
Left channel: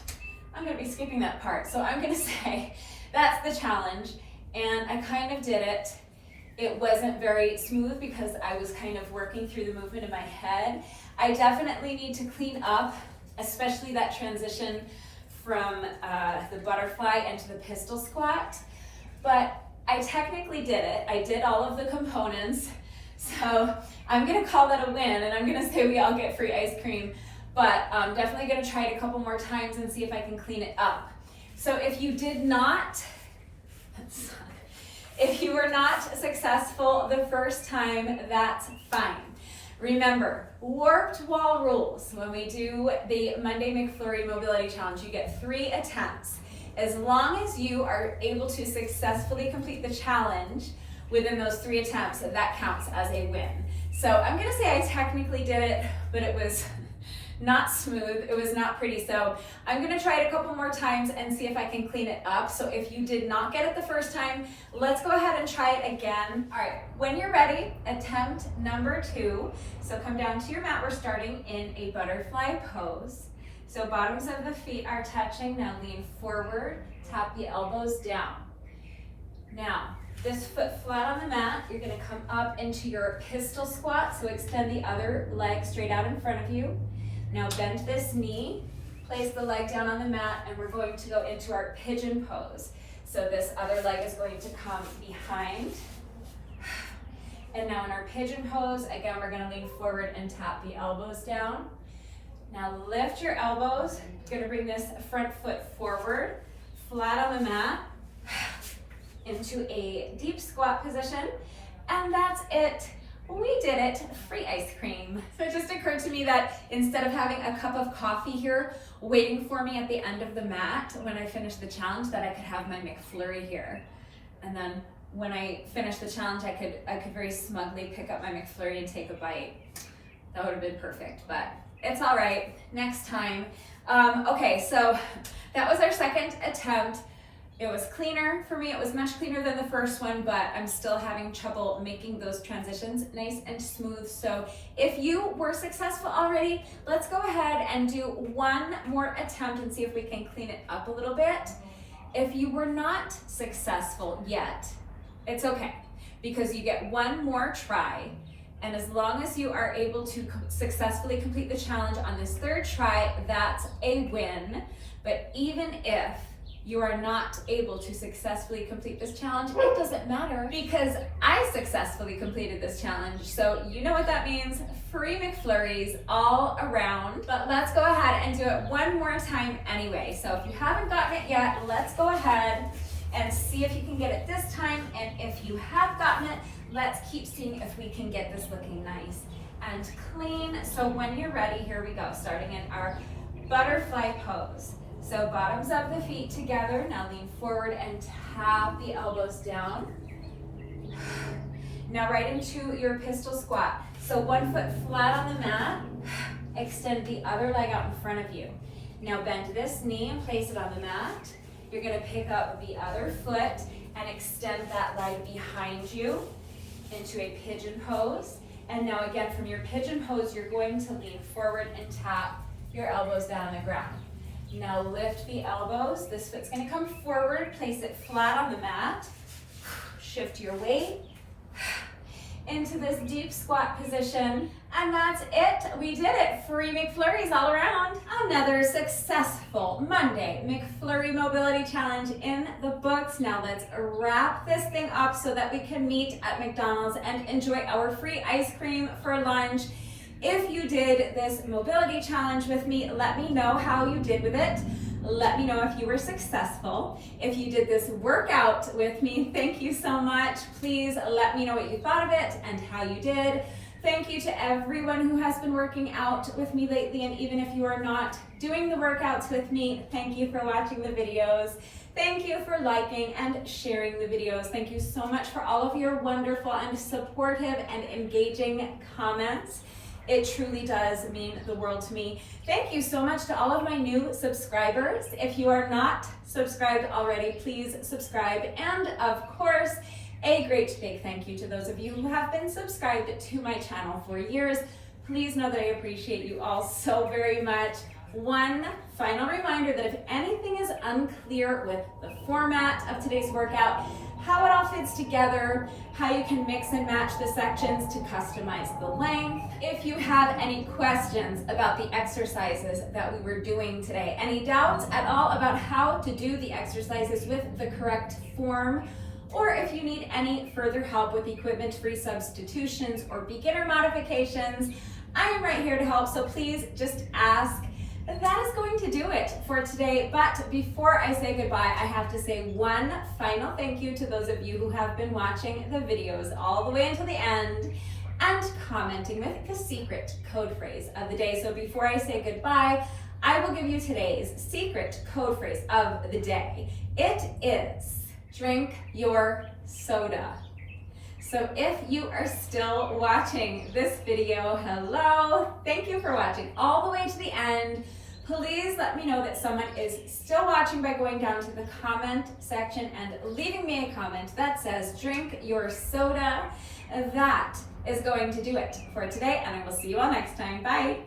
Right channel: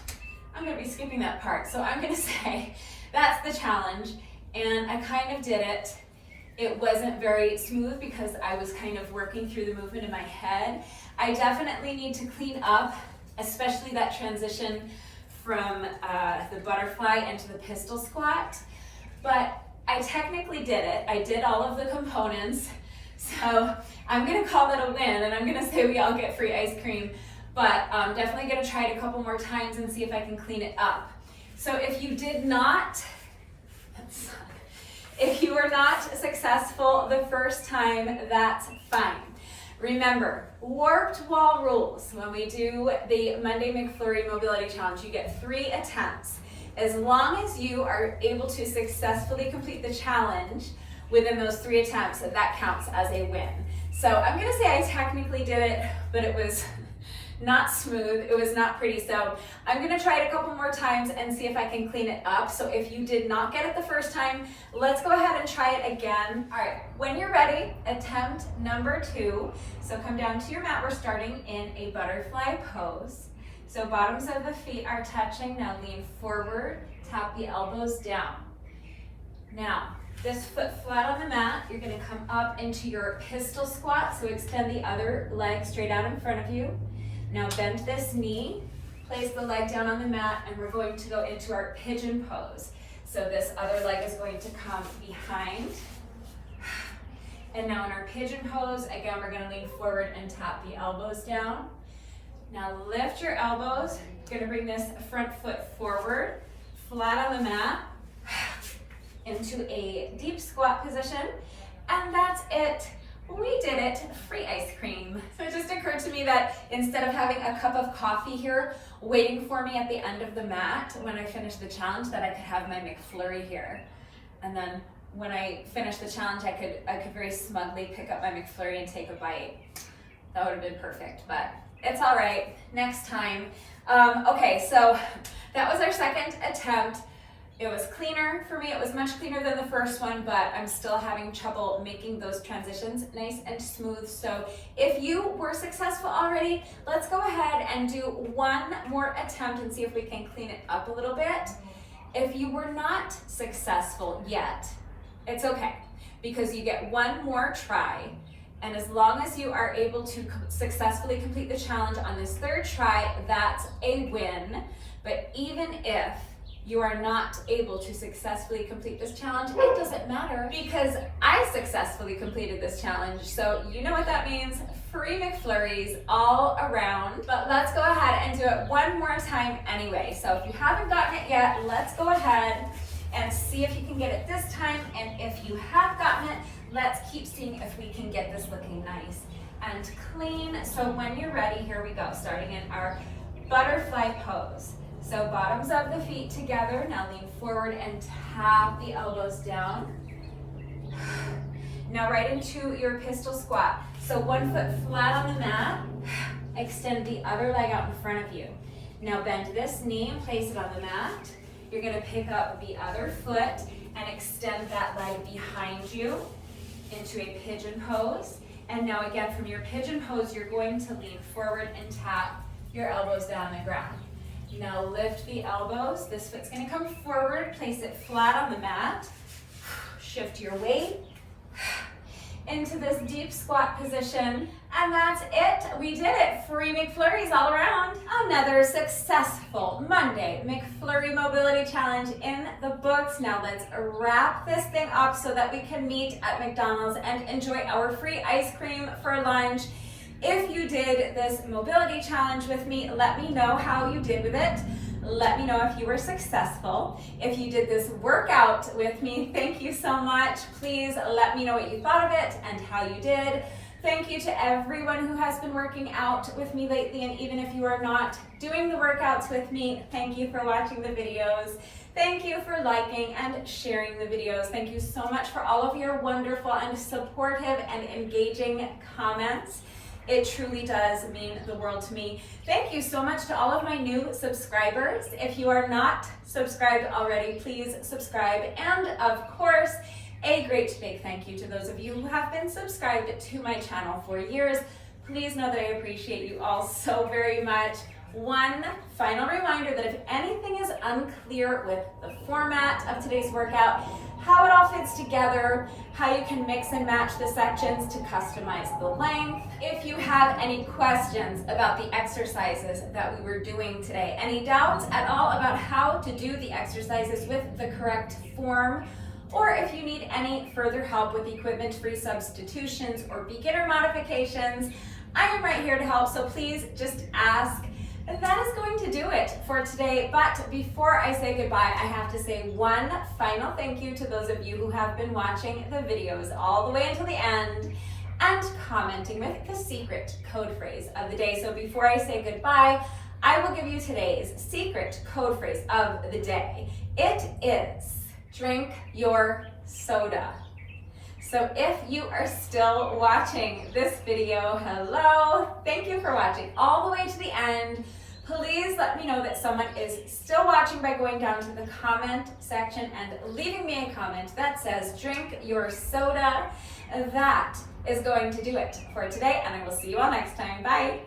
I'm gonna be skipping that part. So I'm gonna say that's the challenge, and I kind of did it. It wasn't very smooth because I was kind of working through the movement in my head. I definitely need to clean up, especially that transition from the butterfly into the pistol squat, but I technically did it. I did all of the components. So I'm gonna call that a win, and I'm gonna say we all get free ice cream, but I'm definitely gonna try it a couple more times and see if I can clean it up. So if you did not, if you were not successful the first time, that's fine. Remember, warped wall rules. When we do the Monday McFlurry Mobility Challenge, you get 3 attempts. As long as you are able to successfully complete the challenge within those 3 attempts, that counts as a win. So I'm gonna say I technically did it, but it was not smooth, it was not pretty. So I'm gonna try it a couple more times and see if I can clean it up. So if you did not get it the first time, let's go ahead and try it again. All right, when you're ready, attempt number 2. So come down to your mat, we're starting in a butterfly pose. So bottoms of the feet are touching, now lean forward, tap the elbows down. Now, this foot flat on the mat, you're gonna come up into your pistol squat, so extend the other leg straight out in front of you. Now bend this knee, place the leg down on the mat, and we're going to go into our pigeon pose. So this other leg is going to come behind. And now in our pigeon pose, again, we're gonna lean forward and tap the elbows down. Now lift your elbows, you're gonna bring this front foot forward, flat on the mat, into a deep squat position, and that's it. We did it, free ice cream. So it just occurred to me that instead of having a cup of coffee here waiting for me at the end of the mat when I finish the challenge, that I could have my McFlurry here. And then when I finished the challenge, I could very smugly pick up my McFlurry and take a bite. That would have been perfect, but it's all right, next time. Okay, so that was our second attempt. It was cleaner for me. It was much cleaner than the first one, but I'm still having trouble making those transitions nice and smooth. So if you were successful already, let's go ahead and do one more attempt and see if we can clean it up a little bit. If you were not successful yet, it's okay, because you get one more try. And as long as you are able to successfully complete the challenge on this third try, that's a win. But even if you are not able to successfully complete this challenge, it doesn't matter, because I successfully completed this challenge. So you know what that means, free McFlurries all around. But let's go ahead and do it one more time anyway. So if you haven't gotten it yet, let's go ahead and see if you can get it this time. And if you have gotten it, let's keep seeing if we can get this looking nice and clean. So when you're ready, here we go, starting in our butterfly pose. So bottoms of the feet together. Now lean forward and tap the elbows down. Now right into your pistol squat. So one foot flat on the mat. Extend the other leg out in front of you. Now bend this knee and place it on the mat. You're gonna pick up the other foot and extend that leg behind you into a pigeon pose. And now again, from your pigeon pose, you're going to lean forward and tap your elbows down on the ground. Now lift the elbows. This foot's gonna come forward, place it flat on the mat. Shift your weight into this deep squat position. And that's it, we did it. Free McFlurries all around. Another successful Monday McFlurry Mobility Challenge in the books. Now let's wrap this thing up so that we can meet at McDonald's and enjoy our free ice cream for lunch. If you did this mobility challenge with me, let me know how you did with it. Let me know if you were successful. If you did this workout with me, thank you so much. Please let me know what you thought of it and how you did. Thank you to everyone who has been working out with me lately, and even if you are not doing the workouts with me, thank you for watching the videos. Thank you for liking and sharing the videos. Thank you so much for all of your wonderful and supportive and engaging comments. It truly does mean the world to me. Thank you so much to all of my new subscribers. If you are not subscribed already, please subscribe. And of course, a great big thank you to those of you who have been subscribed to my channel for years. Please know that I appreciate you all so very much. One final reminder that if anything is unclear with the format of today's workout, how it all fits together, how you can mix and match the sections to customize the length. If you have any questions about the exercises that we were doing today, any doubts at all about how to do the exercises with the correct form, or if you need any further help with equipment-free substitutions or beginner modifications, I am right here to help, so please just ask. That is going to do it for today, but before I say goodbye, I have to say one final thank you to those of you who have been watching the videos all the way until the end and commenting with the secret code phrase of the day. So before I say goodbye, I will give you today's secret code phrase of the day. It is drink your soda. So if you are still watching this video, hello, thank you for watching all the way to the end. Please let me know that someone is still watching by going down to the comment section and leaving me a comment that says drink your soda. That is going to do it for today, and I will see you all next time. Bye.